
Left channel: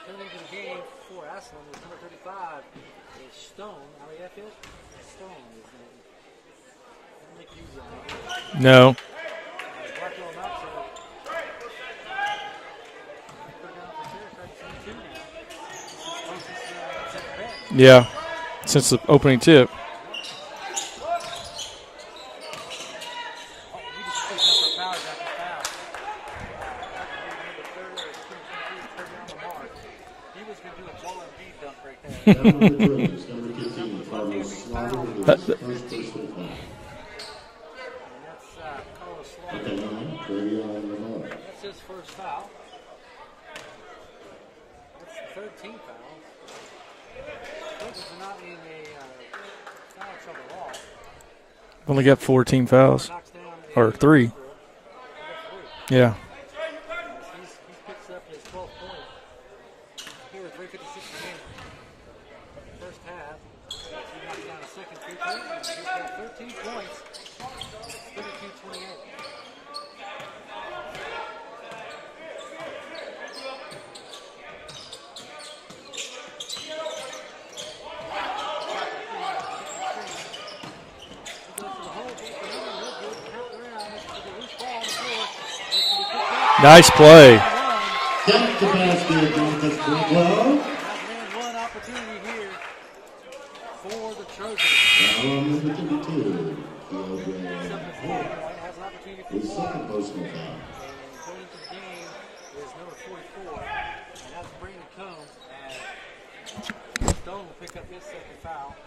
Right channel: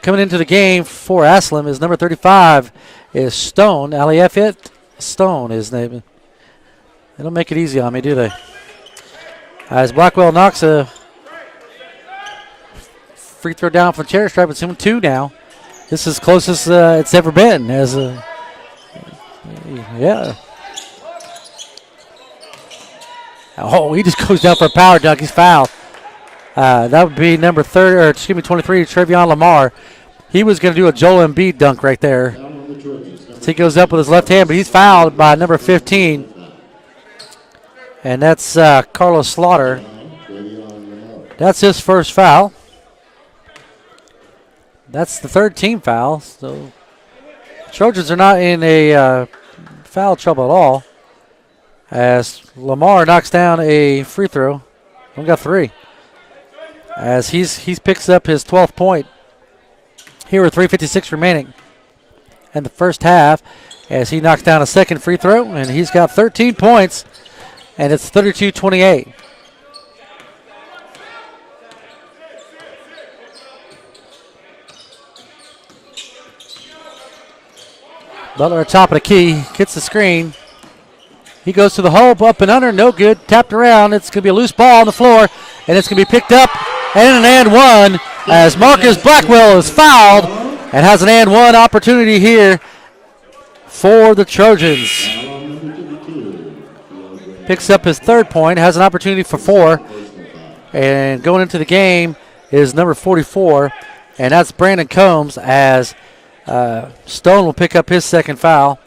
Coming into the game for Aslam is number 35 is Stone. Aliafit Stone is his name. They don't make it easy on me, do they? No. As Blackwell knocks a free throw down from Cherry Stripe, it's 2 now. This is closest it's ever been. Since the opening tip. Yeah. Oh, he just goes down for a power dunk. He's fouled. That would be number 23, Trevion Lamar. He was going to do a Joel Embiid dunk right there. So he goes up with his left hand, but he's fouled by number 15. And that's Carlos Slaughter. That's his first foul. That's the 3rd team foul. So Trojans are not in a foul trouble at all. Only got 14 Lamar fouls. knocks down a free throw. Only got 3. Yeah. As he picks up his 12th point. Here with 3:56 remaining in the first half, as he knocks down a second free throw, and he's got 13 points, and it's 32-28. Butler at top of the key, gets the screen. He goes to the hole, up and under, no good. Tapped around. It's going to be a loose ball on the floor, and it's going to be picked up. Nice play. And an and one as Marcus Blackwell is fouled and has an and one opportunity here for the Trojans. Picks up his 3rd point, has an opportunity for 4. And going into the game is number 44, and that's Brandon Combs, as Stone will pick up his 2nd foul.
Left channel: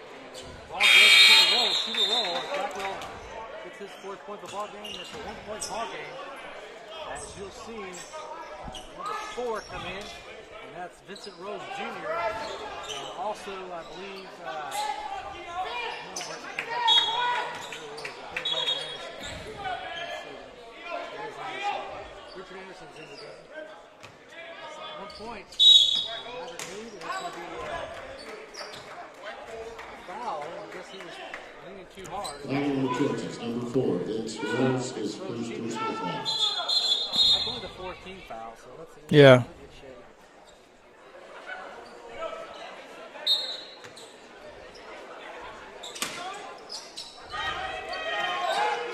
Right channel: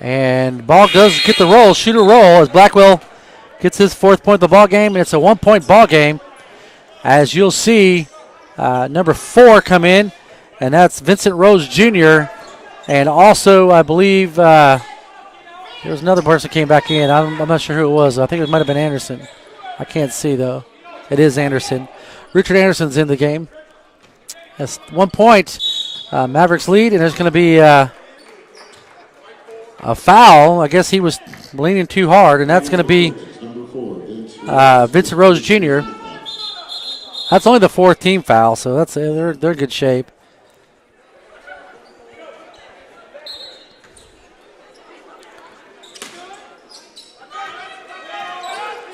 And ball does get the roll, shoot a roll, as Blackwell gets his 4th point of the ball game. It's a 1-point ball game, as you'll see number 4 come in, and that's Vincent Rose Jr. And also, I believe there was another person came back in. I'm not sure who it was. I think it might have been Anderson. I can't see though. It is Anderson. Richard Anderson's in the game. That's 1 point. Mavericks lead, and there's going to be a foul. I guess he was leaning too hard, and that's going to be Vincent Rose Jr. That's only the 4th team foul, so that's they're in good shape.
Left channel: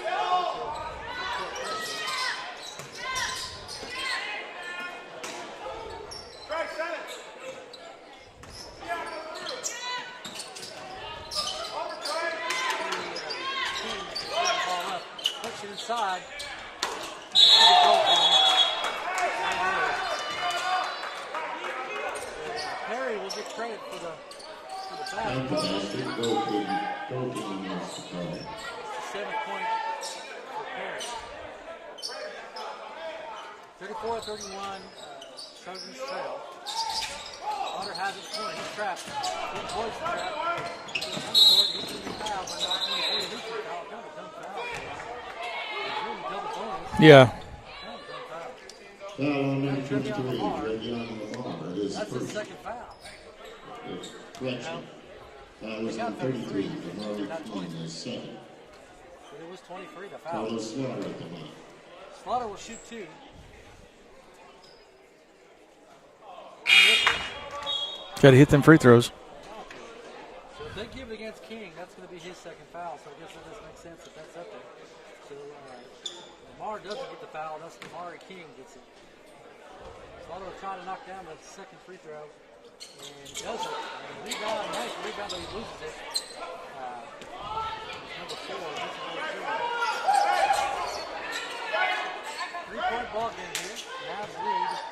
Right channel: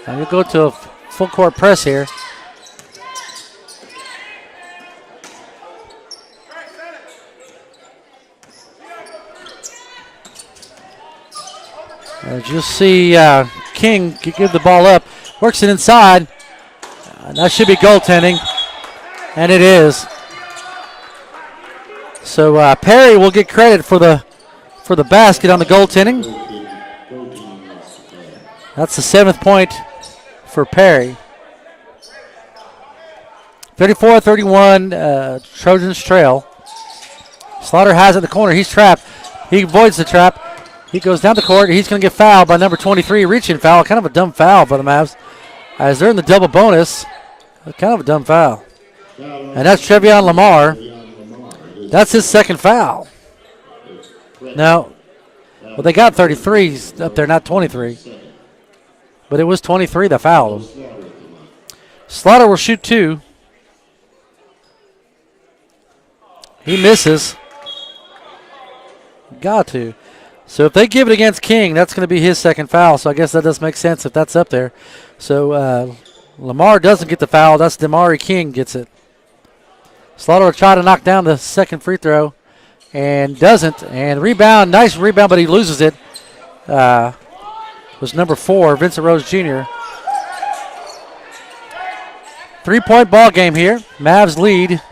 And we'll go to a full court press here. As you'll see, King give the ball up, works it inside. That should be goaltending, and it is. So Perry will get credit for the for the basket on the goaltending. That's the 7th point for Perry. 34-31, Trojans trail. Slaughter has it in the corner. He's trapped. He avoids the trap. He goes down the court. He's going to get fouled by number 23, reaching foul. Kind of a dumb foul for the Mavs. As they're in the double bonus. Yeah. Kind of a dumb foul. And that's Trevion Lamar. That's his 2nd foul. No. Well, they got 33s up there, not 23. But it was 23 that fouled. Slaughter will shoot 2. He misses. Got to hit them free throws. Got to. So if they give it against King, that's going to be his 2nd foul. So I guess that does make sense if that's up there. So Lamar doesn't get the foul. That's Damari King gets it. Slaughter will try to knock down the 2nd free throw and doesn't. And rebound, nice rebound, but he loses it. Was number 4, Vincent Rose Jr. 3-point ball game here. Mavs lead.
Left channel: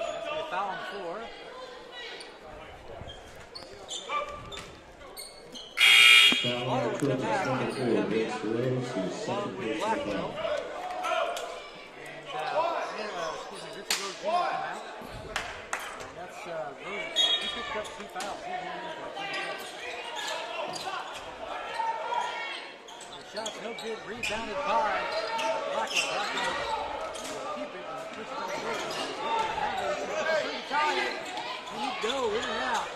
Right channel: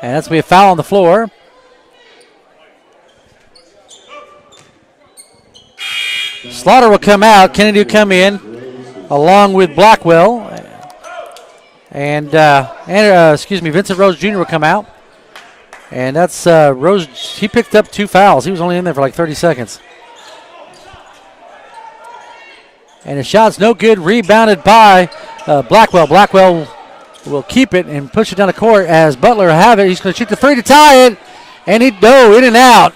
And that's going to be a foul on the floor. Slaughter will come out. Kennedy will come in along with Blackwell. And Vincent Rose Jr. will come out. And that's Rose. He picked up 2 fouls. He was only in there for like 30 seconds. And the shot's no good. Rebounded by Blackwell. Blackwell will keep it and push it down the court as Butler will have it. He's going to shoot the 3 to tie it. And he'd go in and out.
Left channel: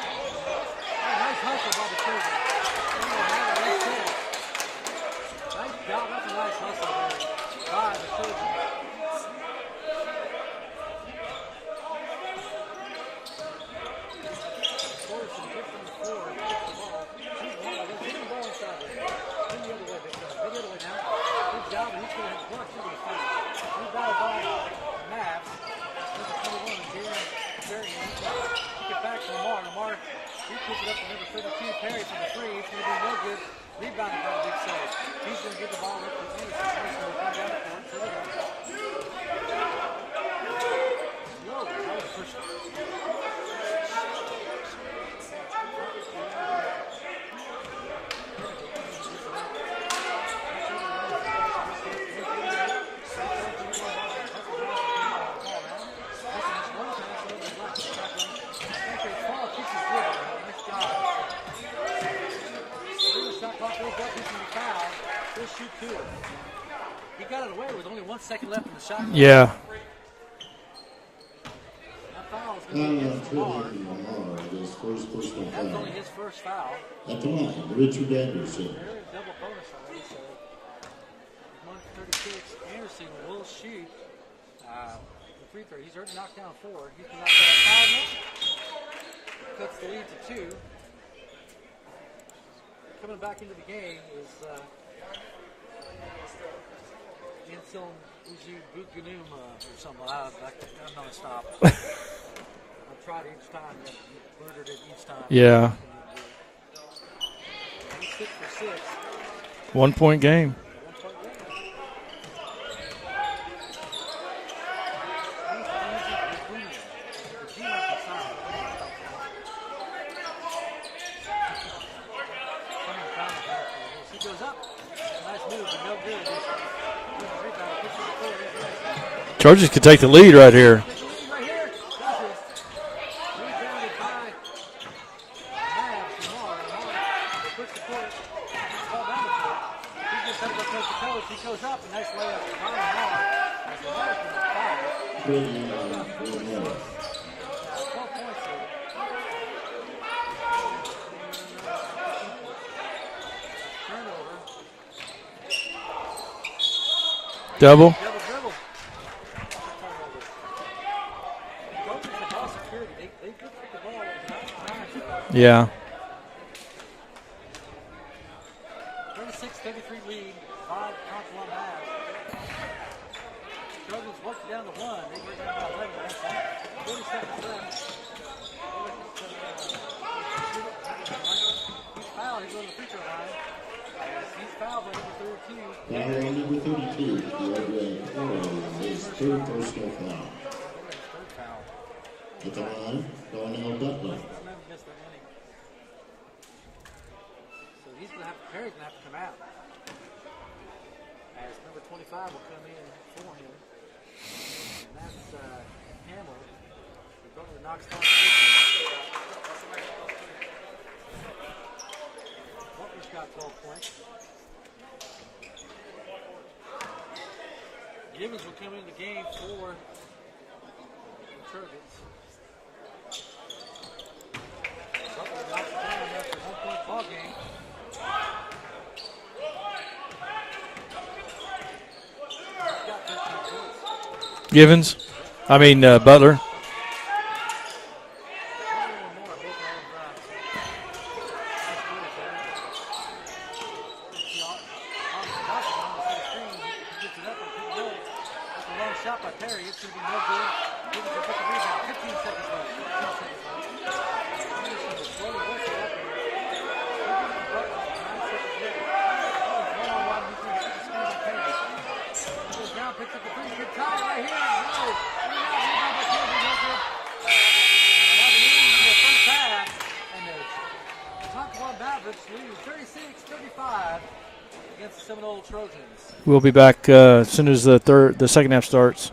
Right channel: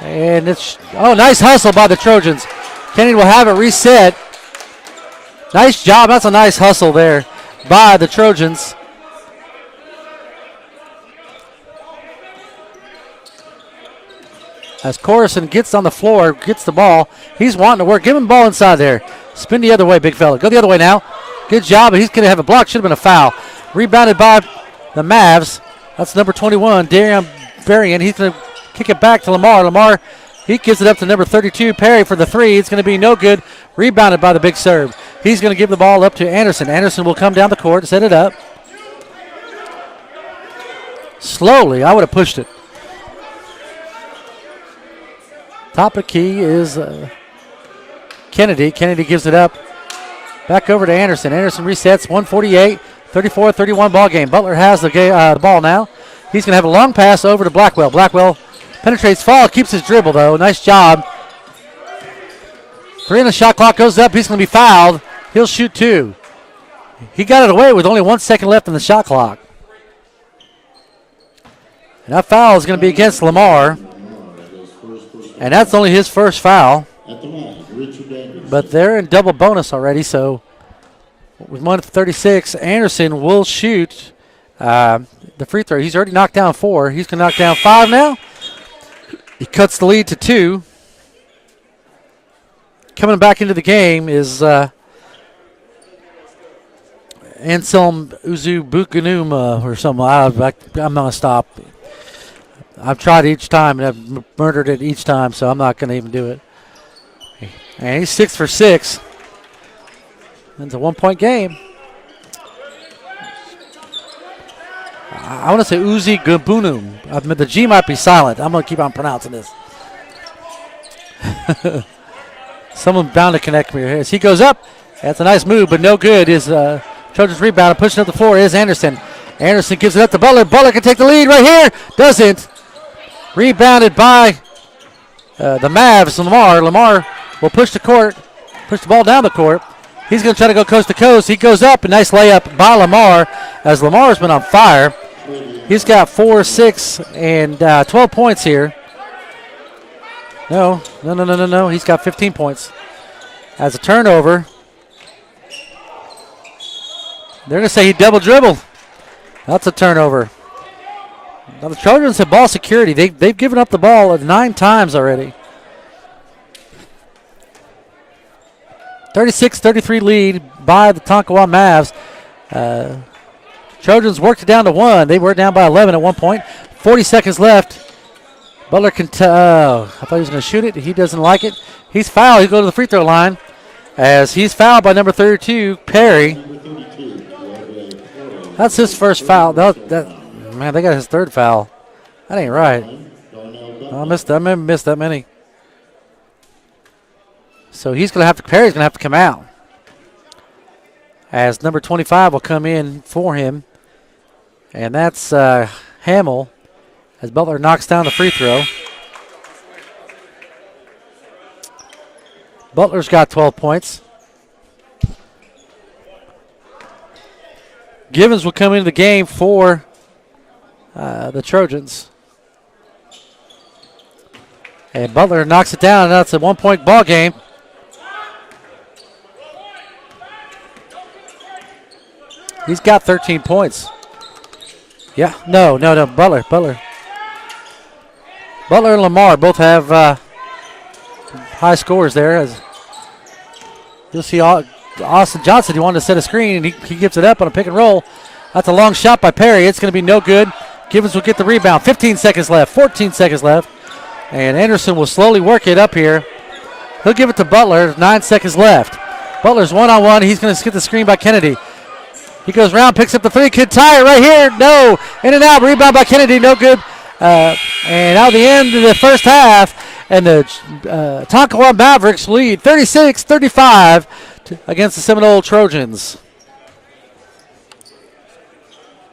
And it's, nice hustle by the Trojans. Kennedy will have it reset. Nice job. That's a nice hustle there by the Trojans. As Corison gets on the floor, gets the ball. He's wanting to work. Give him the ball inside there. Spin the other way, big fella. Go the other way now. Good job, but he's going to have a block. Should have been a foul. Rebounded by the Mavs. That's number 21, Darian Berrien. He's going to kick it back to Lamar. Lamar, he gives it up to number 32, Perry, for the 3. It's going to be no good. Rebounded by the big serve. He's going to give the ball up to Anderson. Anderson will come down the court, set it up. Slowly, I would have pushed it. Top of key is Kennedy. Kennedy gives it up. Back over to Anderson. Anderson resets. 148, 34-31 ball game. Butler has the ball now. He's going to have a long pass over to Blackwell. Blackwell penetrates, fall, keeps his dribble though. Nice job. 3 on the shot clock goes up. He's going to be fouled. He'll shoot 2. He got it away with only 1 second left in the shot clock. Yeah. And that foul is going to be against Lamar. And that's only his first foul. But they're in double bonus already, so with 1:36, Anderson will shoot the free throw. He's already knocked down 4. He's going to knock down 5 now. He cuts the lead to 2. Coming back into the game is Anselm Uzubukunuma or something. I'm going to stop. I've tried each time, and I've murdered it each time, so I'm not going to even do it. And he's 6 for 6. 1-point game. It's a 1-point game. I want to say Uzi Gabunum. The G might be silent. I'm going to keep on pronouncing this. Someone bound to connect me here. As he goes up, that's a nice move, but no good. Is Trojans rebound, pushing up the floor is Anderson. Anderson gives it up to Butler. Butler can take the lead right here. Doesn't. Rebounded by the Mavs. Lamar will push the ball down the court. He's going to try to go coast to coast. He goes up. A nice layup by Lamar, as Lamar's been on fire. He's got 4, 6, and 12 points here. No. He's got 15 points. As a turnover. They're going to say he double dribbled. That's a turnover. Now the Trojans have ball security. They've given up the ball 9 times already. Yeah. 36-33 lead by the Tonkawa Mavs. Trojans worked it down to 1. They were down by 11 at one point. 40 seconds left. Butler can I thought he was going to shoot it. He doesn't like it. He's fouled. He'll go to the free throw line as he's fouled by number 32, Perry. That's his first foul. Man, they got his third foul. That ain't right. I missed that many. So Perry's gonna have to come out. As number 25 will come in for him. And that's Hamill, as Butler knocks down the free throw. Butler's got 12 points. Givens will come into the game for the Trojans. And Butler knocks it down. That's a 1-point ball game. He's got 13 points. Givens? Yeah. No, Butler. Butler and Lamar both have high scores there. As you'll see Austin Johnson, he wanted to set a screen, and he gives it up on a pick and roll. That's a long shot by Perry. It's going to be no good. Givens will get the rebound. 15 seconds left, 14 seconds left. And Anderson will slowly work it up here. He'll give it to Butler. 9 seconds left. Butler's one-on-one. He's going to get the screen by Kennedy. He goes around, picks up the three. Could tie it right here. No. In and out. Rebound by Kennedy. No good. And out the end of the first half. And the NOC Mavericks lead 36-35 against the Seminole Trojans. We'll be back as soon as the second half starts.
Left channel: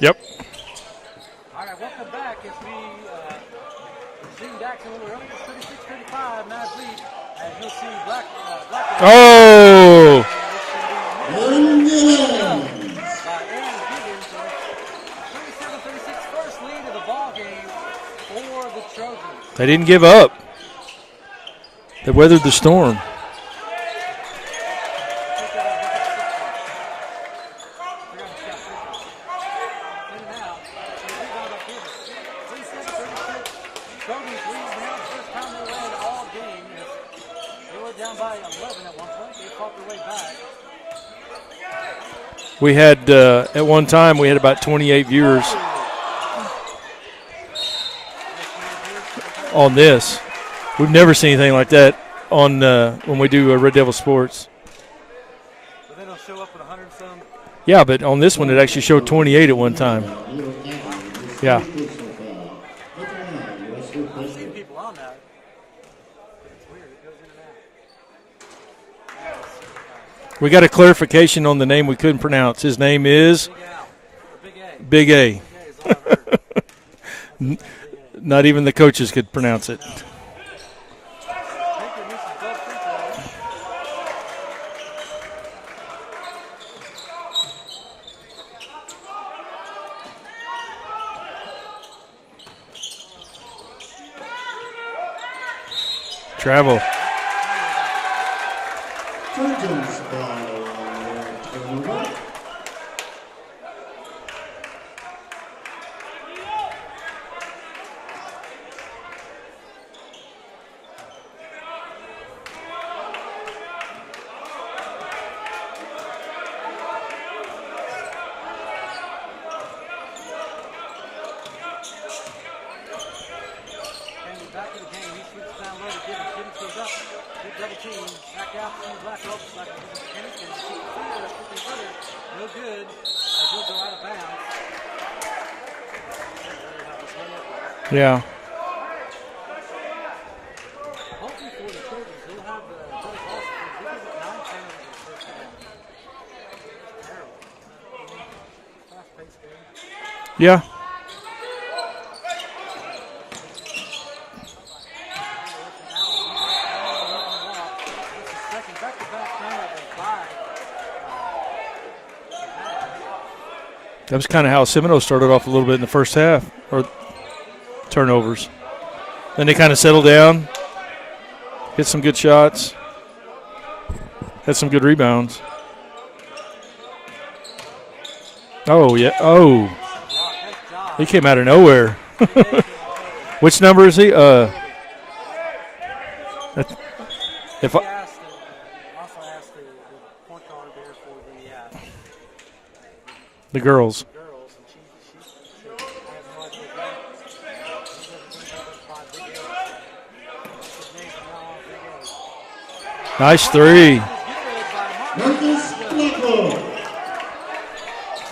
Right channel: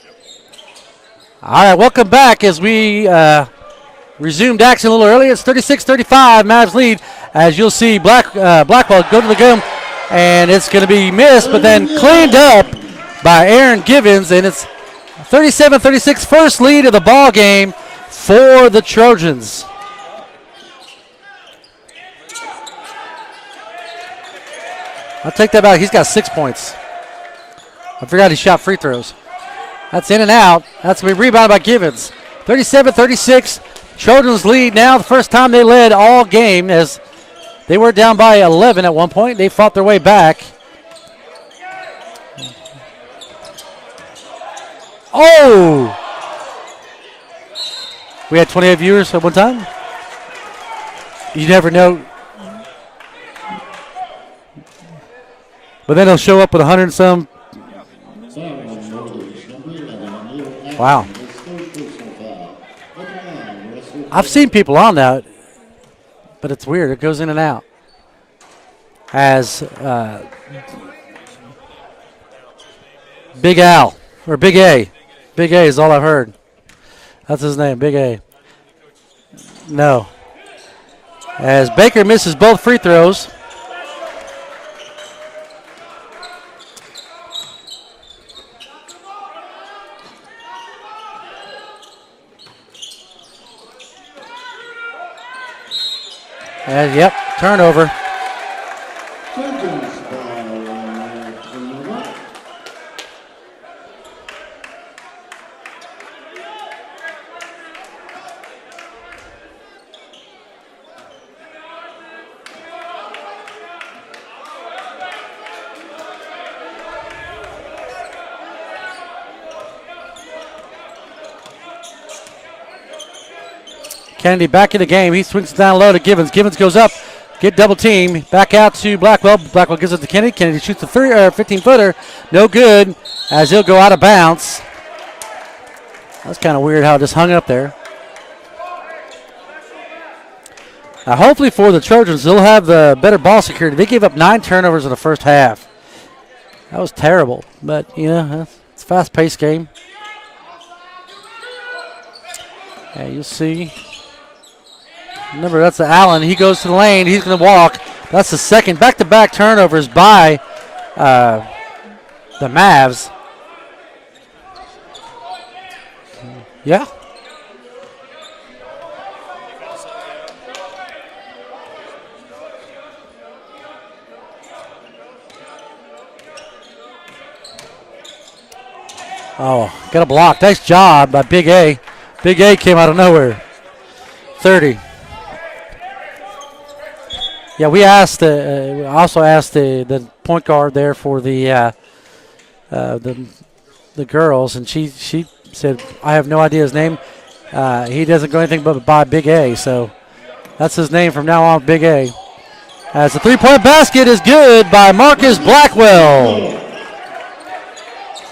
Yep. All right, welcome back as we resumed action a little earlier. It's 36-35, Mavs lead. As you'll see, Blackwell, and it's going to be missed, but then cleaned up by Aaron Givens, and it's 37-36, first lead of the ball game for the Trojans. They didn't give up. They weathered the storm. I'll take that back. He's got 6 points. I forgot he shot free throws. That's in and out. That's going to be rebounded by Givens. 37-36, Trojans lead now. The first time they led all game, as they were down by 11 at one point. They fought their way back. We had, at one time, we had about 28 viewers. Oh! We had 28 viewers at one time? On this. We've never seen anything like that on when we do Red Devil Sports. But then they'll show up with 100 and some. Yeah, but on this one, it actually showed 28 at one time. Wow. Yeah. I've seen people on that, but it's weird. It goes in and out. As we got a clarification on the name we couldn't pronounce. His name is Big Al, or Big A. Big A. Big A is all I've heard. That's his name, Big A. Not even the coaches could pronounce it. No. As Baker misses both free throws. Travel. And, yep, turnover. Trojans by 21. Kennedy back in the game. He swings it down low to Givens. Givens goes up. Get double team. Back out to Blackwell. Blackwell gives it to Kennedy. Kennedy shoots the 15-footer. No good, as he'll go out of bounds. That's kind of weird how it just hung up there. Yeah. Now, hopefully for the Trojans, they'll have the better ball security. They gave up 9 turnovers in the first half. That was terrible. But, you know, it's a fast-paced game. Yeah. Yeah, you'll see. Remember, that's Allen. He goes to the lane. He's going to walk. That's the second back-to-back turnovers by the Mavs. That was kind of how Seminole started off a little bit in the first half. Yeah. Turnovers. Then they kind of settled down, hit some good shots, had some good rebounds. Oh, yeah. Oh. Got a block. Nice job He came by out Big of nowhere. A. Big A came out of nowhere. Which number is he? 30. Yeah, we asked. Also asked the point guard there for the girls. The girls, and she said, "I have no idea his name. He doesn't go anything but by Big A, so that's his name from now on, Big A." As the Nice three-point three. basket is good by Marcus Blackwell.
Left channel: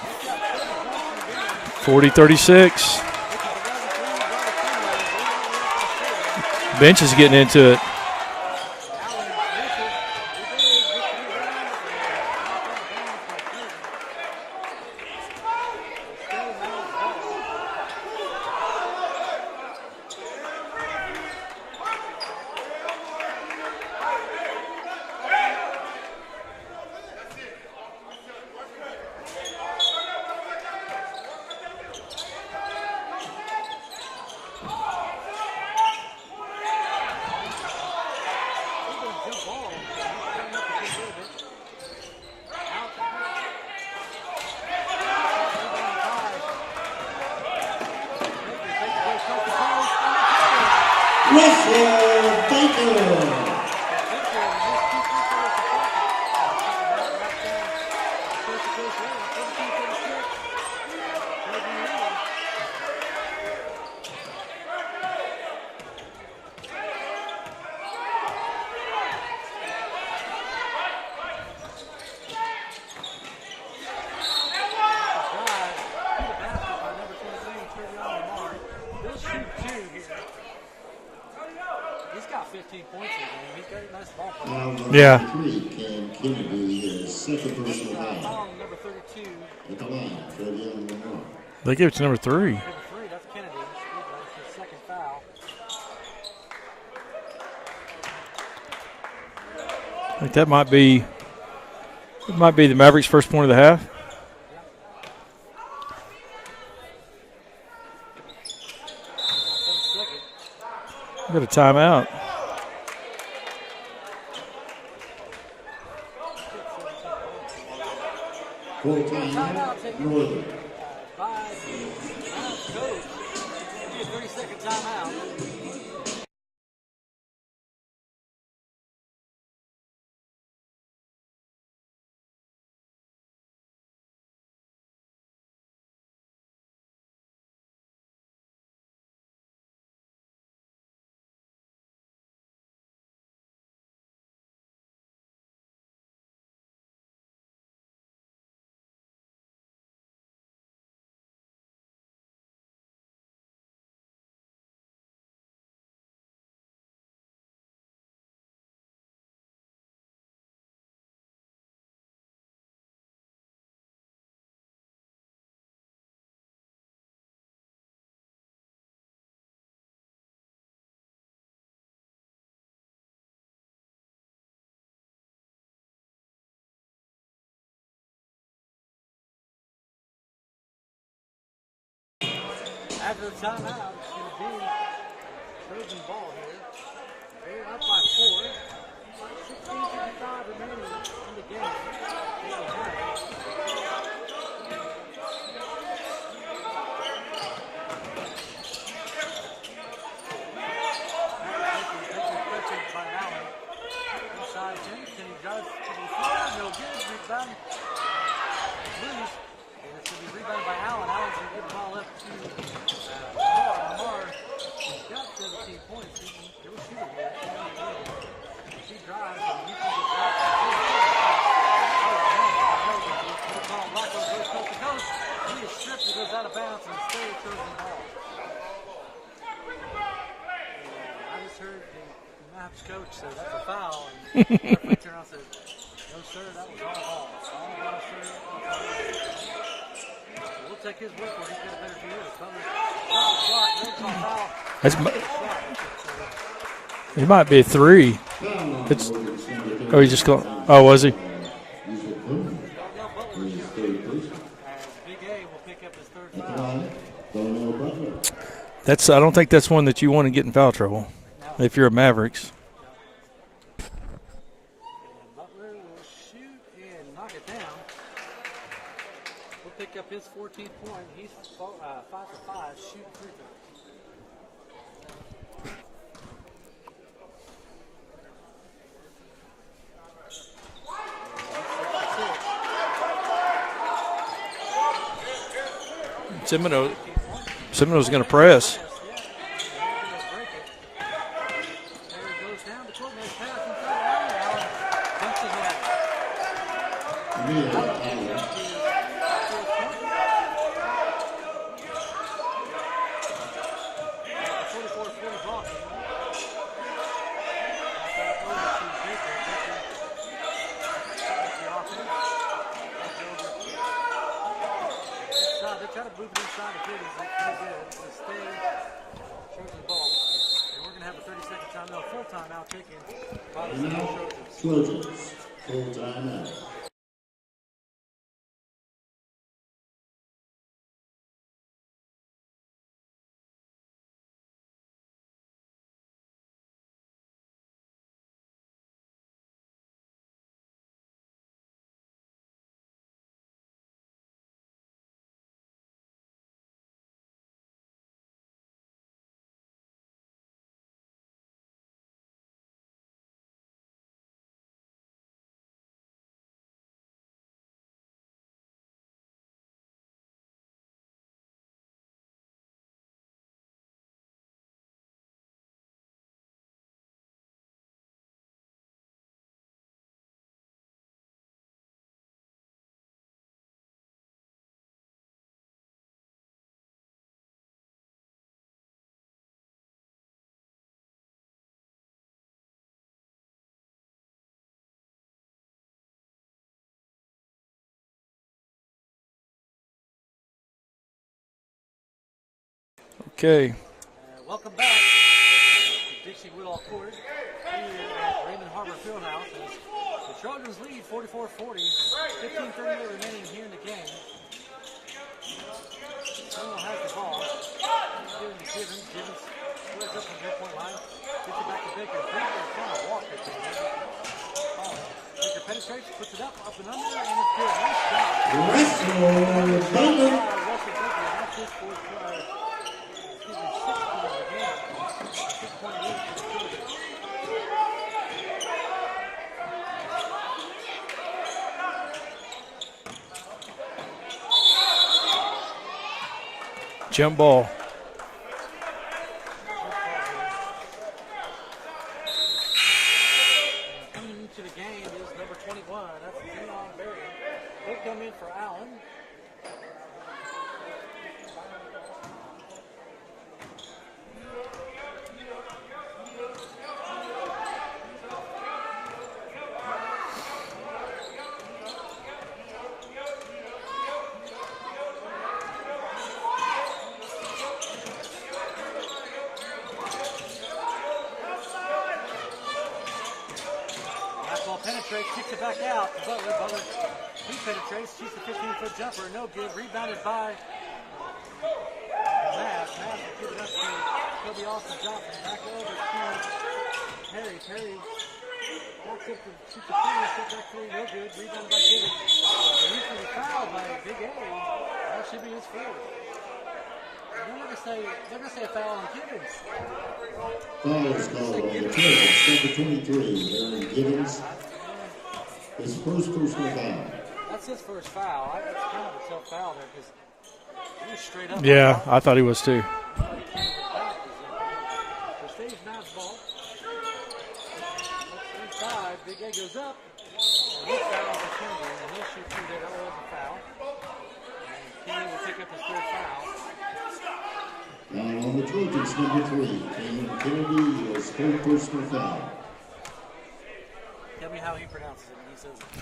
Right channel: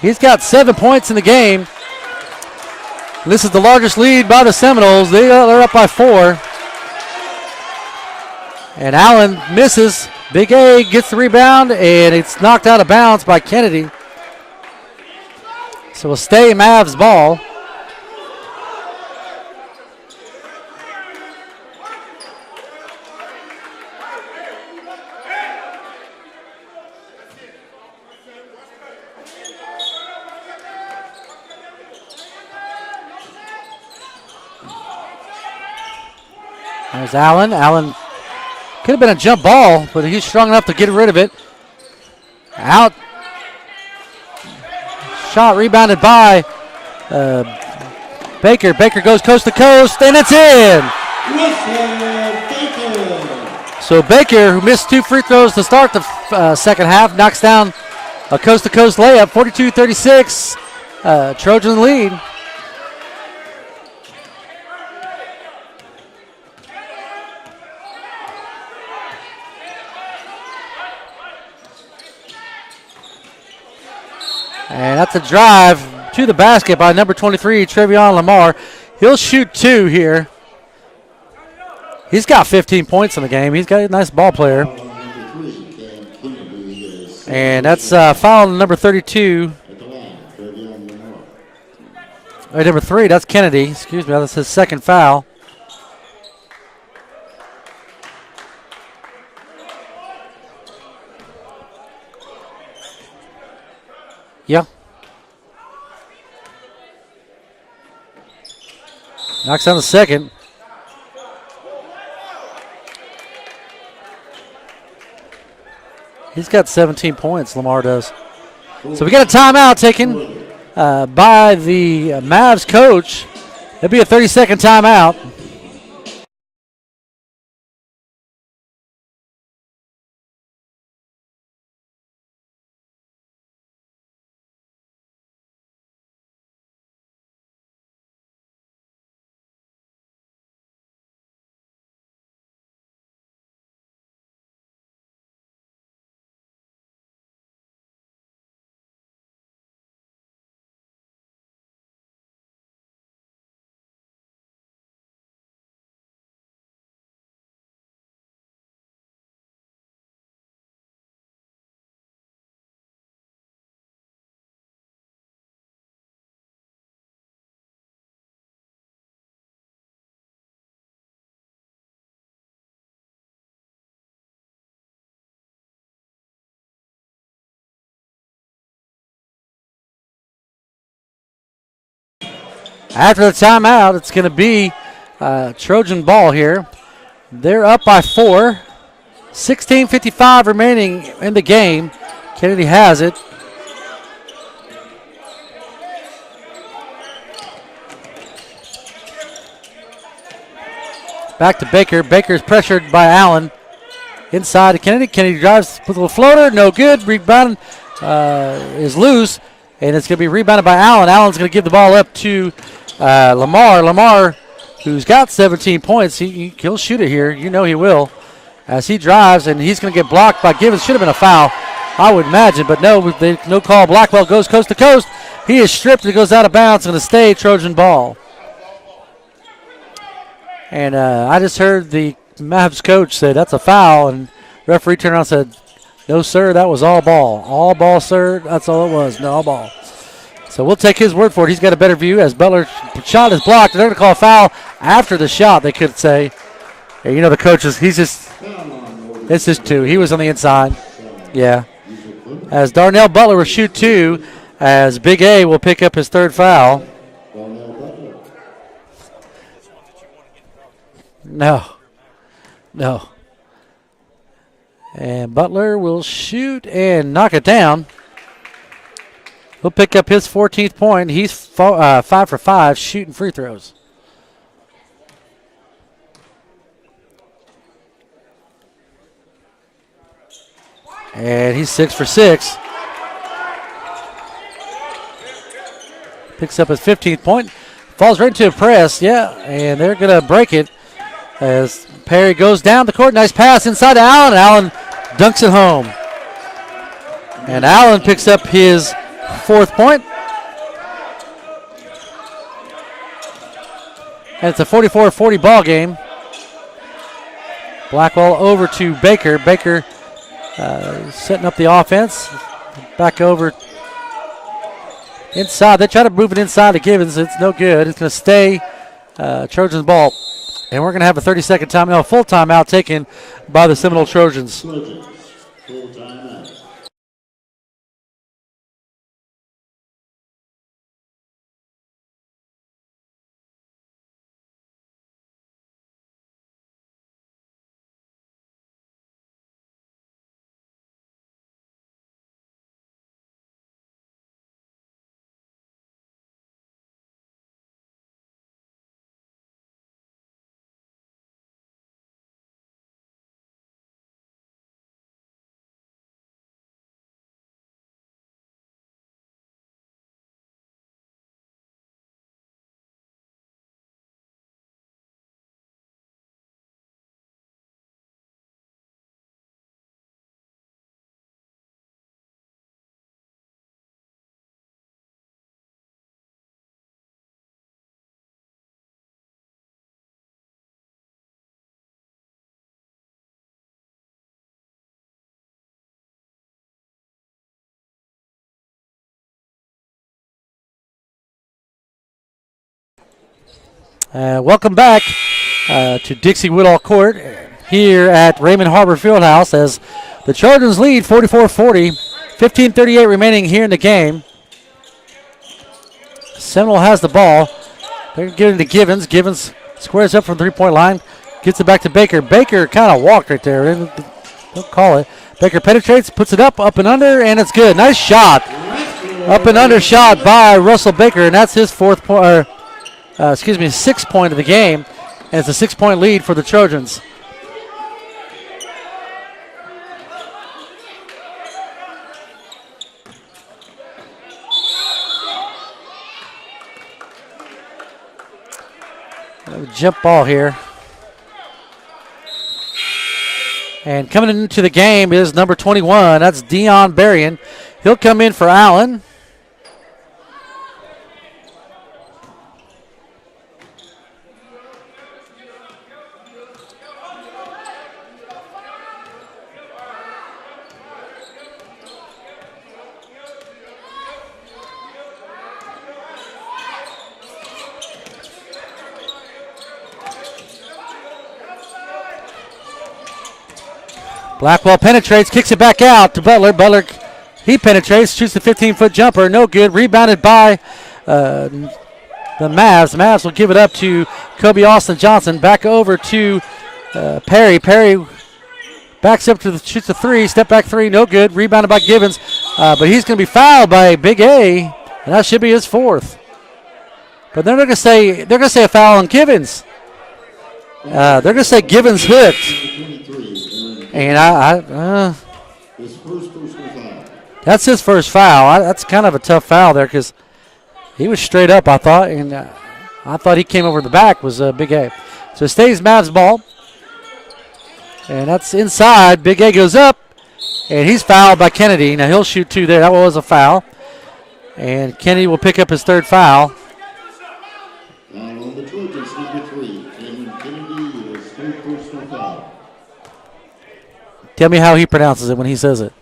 He's got 7 points in the game. 40-36. This is the largest lead by the Seminoles. They're up by 4. Bench is getting into it. And Allen misses. Big A gets the rebound, and it's knocked out of bounds by Kennedy. So we'll stay Mavs ball. There's Allen. Allen could have been a jump ball, but he's strong enough to get rid of it. Out. Shot rebounded by Baker. Baker goes coast to coast, and it's in. So Baker, who missed 2 free throws to start the second half, knocks down a coast-to-coast layup, 42-36. Trojan lead. And that's a drive to the basket by number 23, Trevion Lamar. He'll shoot 2 here. He's got 15 points in the game. He's got a nice ball player. Yeah. And that's foul number 32. They gave it to number 3. Right, number 3, that's Kennedy. Excuse me, that's his second foul. I think that might be the Mavericks' first point of the half. Yeah. Knocks down the second. Got a timeout. He's got 17 points, Lamar does. So we got a timeout taken by the Mavs coach. It'll be a 30-second timeout. After the timeout, it's going to be Trojan ball here. They're up by 4. 16:55 remaining in the game. Kennedy has it. Back to Baker. Baker's pressured by Allen. Inside to Kennedy. Kennedy drives with a little floater. No good. Rebound is loose. And it's going to be rebounded by Allen. Allen's going to give the ball up to Lamar. Lamar, who's got 17 points, he'll shoot it here. You know he will. As he drives, and he's going to get blocked by Givens. Should have been a foul, I would imagine. But no, no call. Blackwell goes coast to coast. He is stripped. It goes out of bounds. Going to stay Trojan ball. And I just heard the Mavs coach say that's a foul. And referee turned around and said, no, sir, that was all ball. All ball, sir. That's all it was. No, all ball. So we'll take his word for it. He's got a better view as Butler's shot is blocked. They're going to call a foul after the shot, they could say. You know the coach is it's just 2. He was on the inside. Oh, was he? Yeah. As Darnell Butler will shoot 2, as Big A will pick up his 3rd foul. I don't think that's one that you want to get in foul trouble. No. If you're a Mavericks. No. And Butler will shoot and knock it down. He'll pick up his 14th point. He's 5 for 5 shooting free throws. And he's 6 for 6. Picks up his 15th point. Falls right to a press, yeah. And they're going to break it as Perry goes down the court. Nice pass inside to Allen. Allen dunks it home. And Allen picks up his 4th point. And it's a 44-40 ball game. Blackwell over to Baker. Baker setting up the offense. Back over inside. They try to move it inside to Givens. It's no good. It's going to stay Trojans ball. And we're going to have a 30-second timeout, full timeout taken by the Seminole Trojans. Trojans, full timeout. Okay. Welcome back to Dixie Woodall Court here at Raymond Harbor Fieldhouse as the Trojans lead 44-40. 15:38 remaining here in the game. Seminole has the ball. They're giving it to Givens. Givens squares up from the three-point line. Gets it back to Baker. Baker kind of walked right there. Don't call it. Baker penetrates, puts it up and under, and it's good. Nice shot. Up and under shot by Russell Baker, and that's his 6th point of the game. And it's a 6-point lead for the Trojans. Jump ball. Jump ball here. And coming into the game is number 21. That's Dion Berrien. He'll come in for Allen. Blackwell penetrates, kicks it back out to Butler. Butler, he penetrates, shoots the 15-foot jumper. No good. Rebounded by the Mavs. The Mavs will give it up to Kobe Austin Johnson. Back over to Perry. Perry backs up to shoots the three. Step back three. No good. Rebounded by Givens. But he's going to be fouled by Big A, and that should be his 4th. But they're going to say a foul on Givens. They're going to say Givens hooked. And that's his first foul. That's kind of a tough foul there because he was straight up, yeah, I thought. I thought he was too. I thought he came over the back was Big A. So it stays Mavs ball. And that's inside. Big A goes up, and he's fouled by Kennedy. Now he'll shoot 2 there. That was a foul. And Kennedy will pick up his 3rd foul. Foul on the Trojans, number 3. Kennedy, his 3rd personal foul. Tell me how he pronounces it when he says it.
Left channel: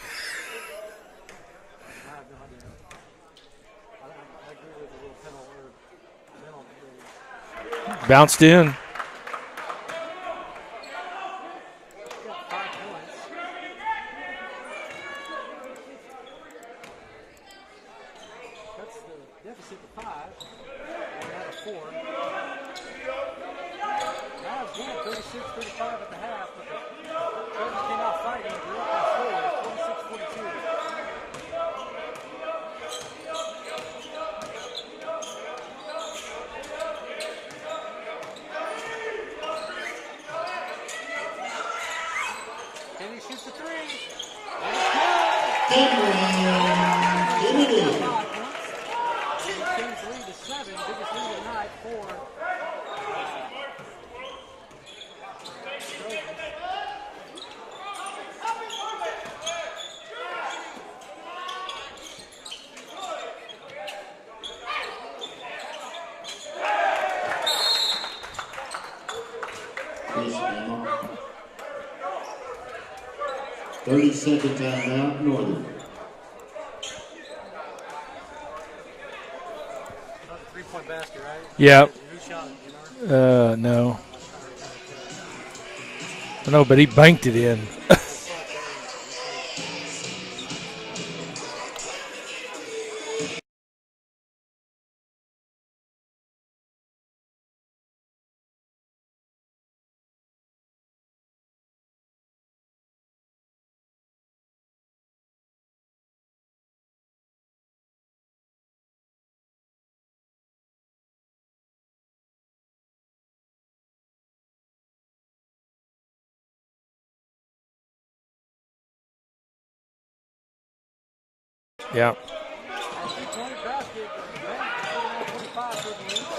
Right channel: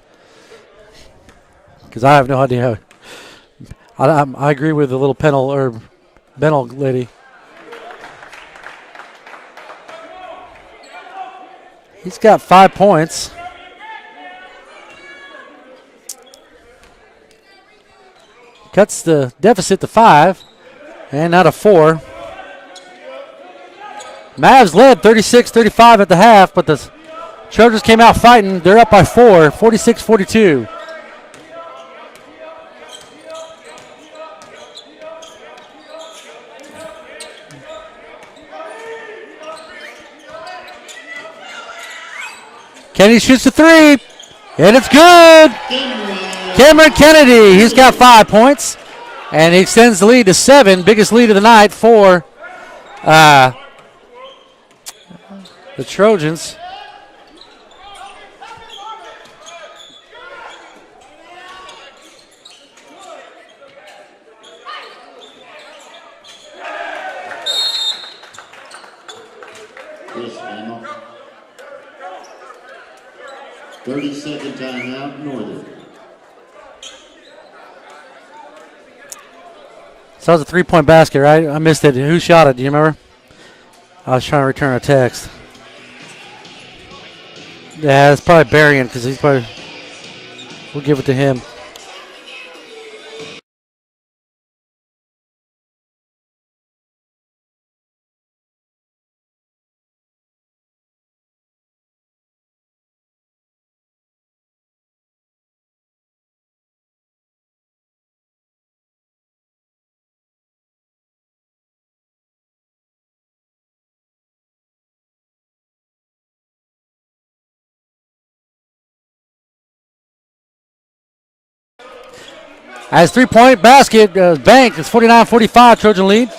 Because I have no idea how. I agree with the little Benel lady. Bounced in. He's got 5 points. Cuts the deficit to 5. And now to 4. Mavs led 36-35 at the half, but the Trojans came out fighting. They're up by 4, 46-42. Kennedy shoots the 3, and it's good. Cameron Kennedy, he's got 5 points, and he extends the lead to 7, biggest lead of the night for the Trojans. Yes, Emma. 30-second timeout, Northern. So that was a 3-point basket, right? I missed it. Who shot it? Do you remember? No. I was trying to return a text. I know, but he banked it in. Yeah, it's probably Berrien because he's probably. We'll give it to him. Yeah. As 3-point basket banked, it's 49-45 Trojan lead.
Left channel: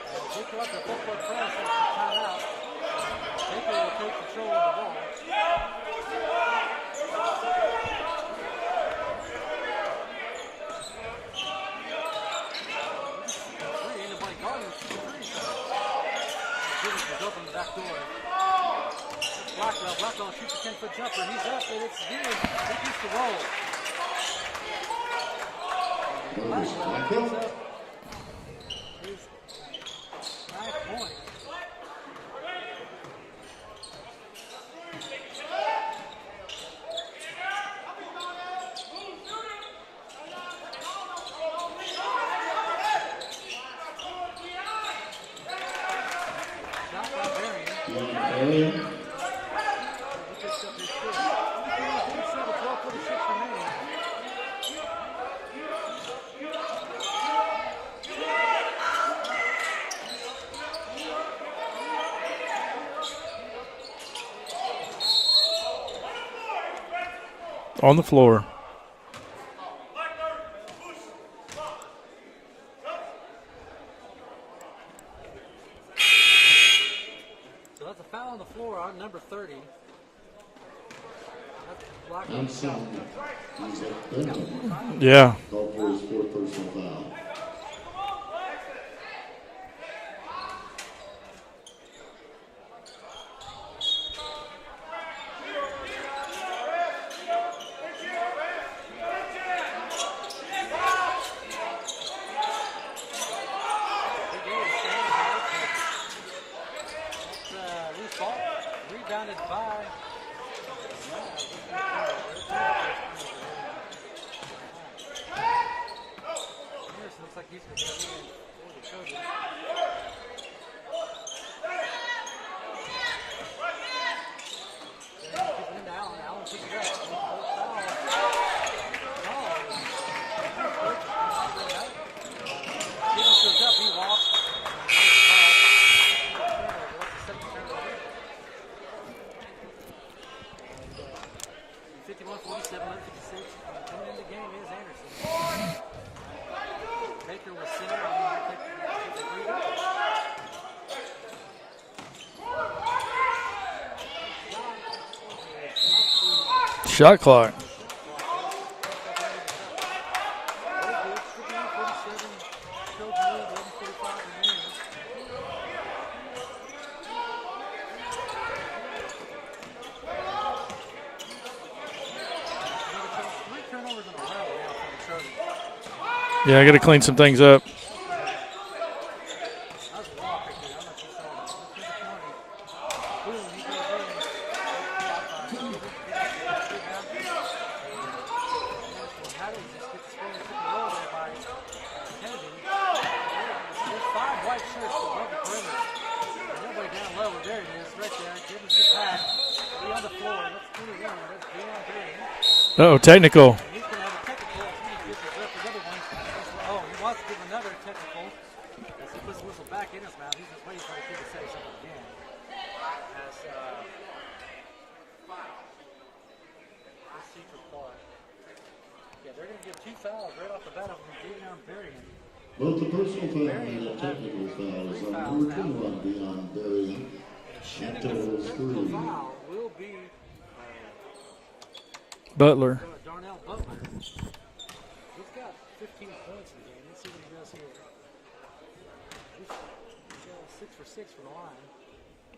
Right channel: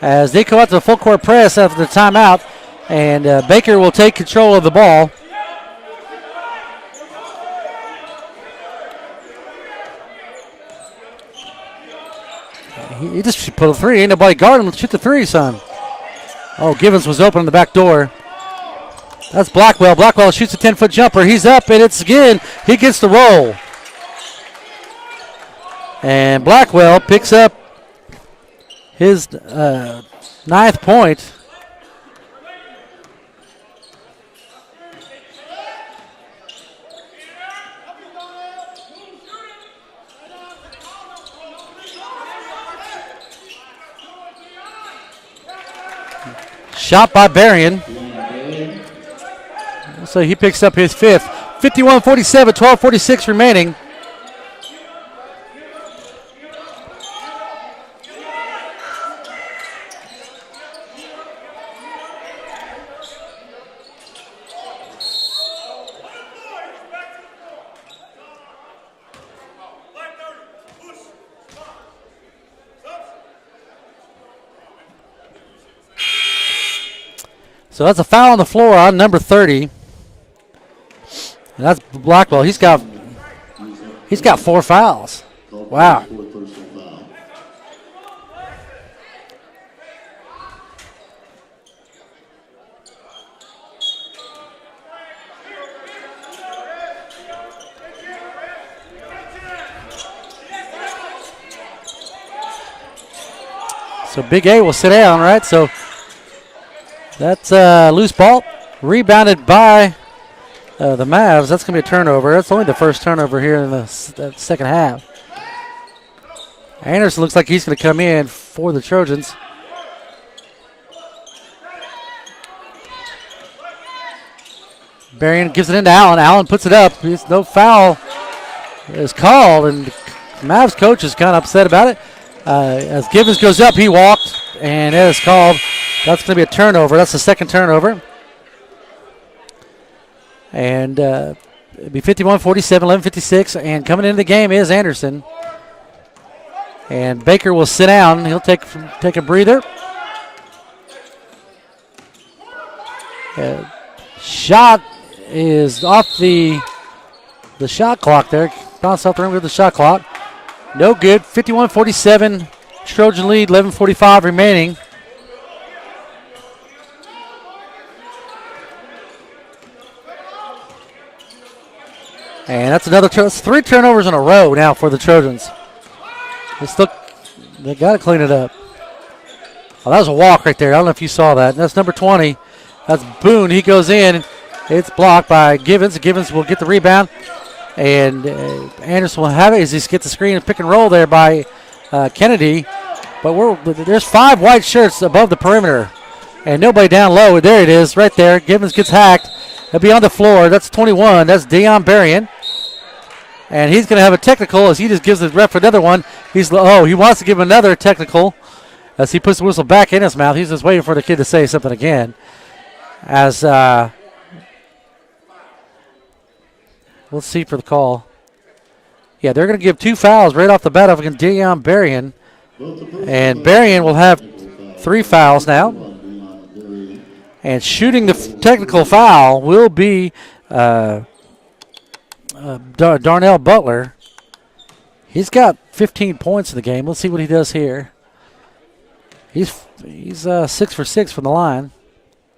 As they go out to the full court press after the timeout, and Baker will take control of the ball. He just put a 3. Ain't nobody guarding him. Shoot the 3, son. Oh, Givens was open in the back door. That's Blackwell. Blackwell shoots a 10-foot jumper. He's up, and it's again. He gets the roll. And Blackwell picks up his 9th point. Shot by Berrien. So he picks up his 5th. 51-47, 12:46 remaining. On the floor. So that's a foul on the floor on number 30. And that's Blackwell. He's got 4 fouls. Yeah. Wow. So Big A will sit down, right? So that's a loose ball. Rebounded by the Mavs. That's going to be a turnover. That's only the first turnover here in the second half. Anderson looks like he's going to come in for the Trojans. Berrien gives it into Allen. Allen puts it up. No foul is called, and the Mavs coach is kind of upset about it. As Givens goes up, he walked, and it is called. That's going to be a turnover. That's the second turnover. And it'll be 51-47, 11:56. And coming into the game is Anderson. And Baker will sit down. He'll take a breather. Shot is off the shot clock. The shot clock there. Bounced off the rim with the shot clock. No good. 51-47. Trojan lead. 11:45 remaining. And that's another 3 turnovers in a row now for the Trojans. Yeah, I got to clean some things up. They got to clean it up. Oh, that was a walk right there. I don't know if you saw that. That's number 20. That's Boone. He goes in. It's blocked by Givens. Givens will get the rebound. And Anderson will have it as he gets the screen and pick and roll there by Kennedy. But there's 5 white shirts above the perimeter. And nobody down low. There it is right there. Givens gets hacked. He'll be on the floor. That's 21. That's Deion Berrien. Oh, technical. And he's going to have a technical as he just gives the ref another one. He wants to give him another technical as he puts the whistle back in his mouth. He's just waiting for the kid to say something again. As let's see for the call. Yeah, they're going to give 2 fouls right off the bat against Deion Berrien. And Berrien will have 3 fouls now. And shooting the technical foul will be Butler. Darnell Butler. He's got 15 points in the game. Let's see what he does here. He's 6 for 6 from the line.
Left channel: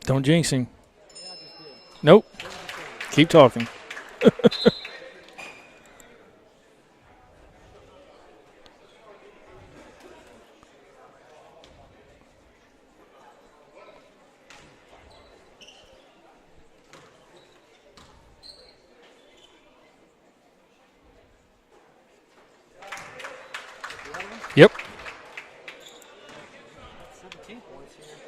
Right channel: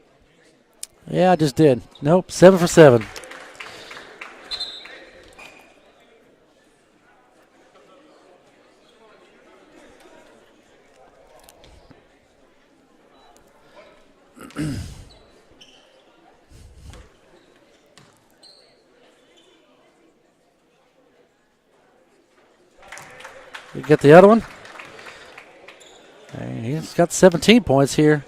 Don't jinx him. Yeah, I just did. Nope. 7 for 7. Keep talking. You get the other one? Yep. And he's got 17 points here.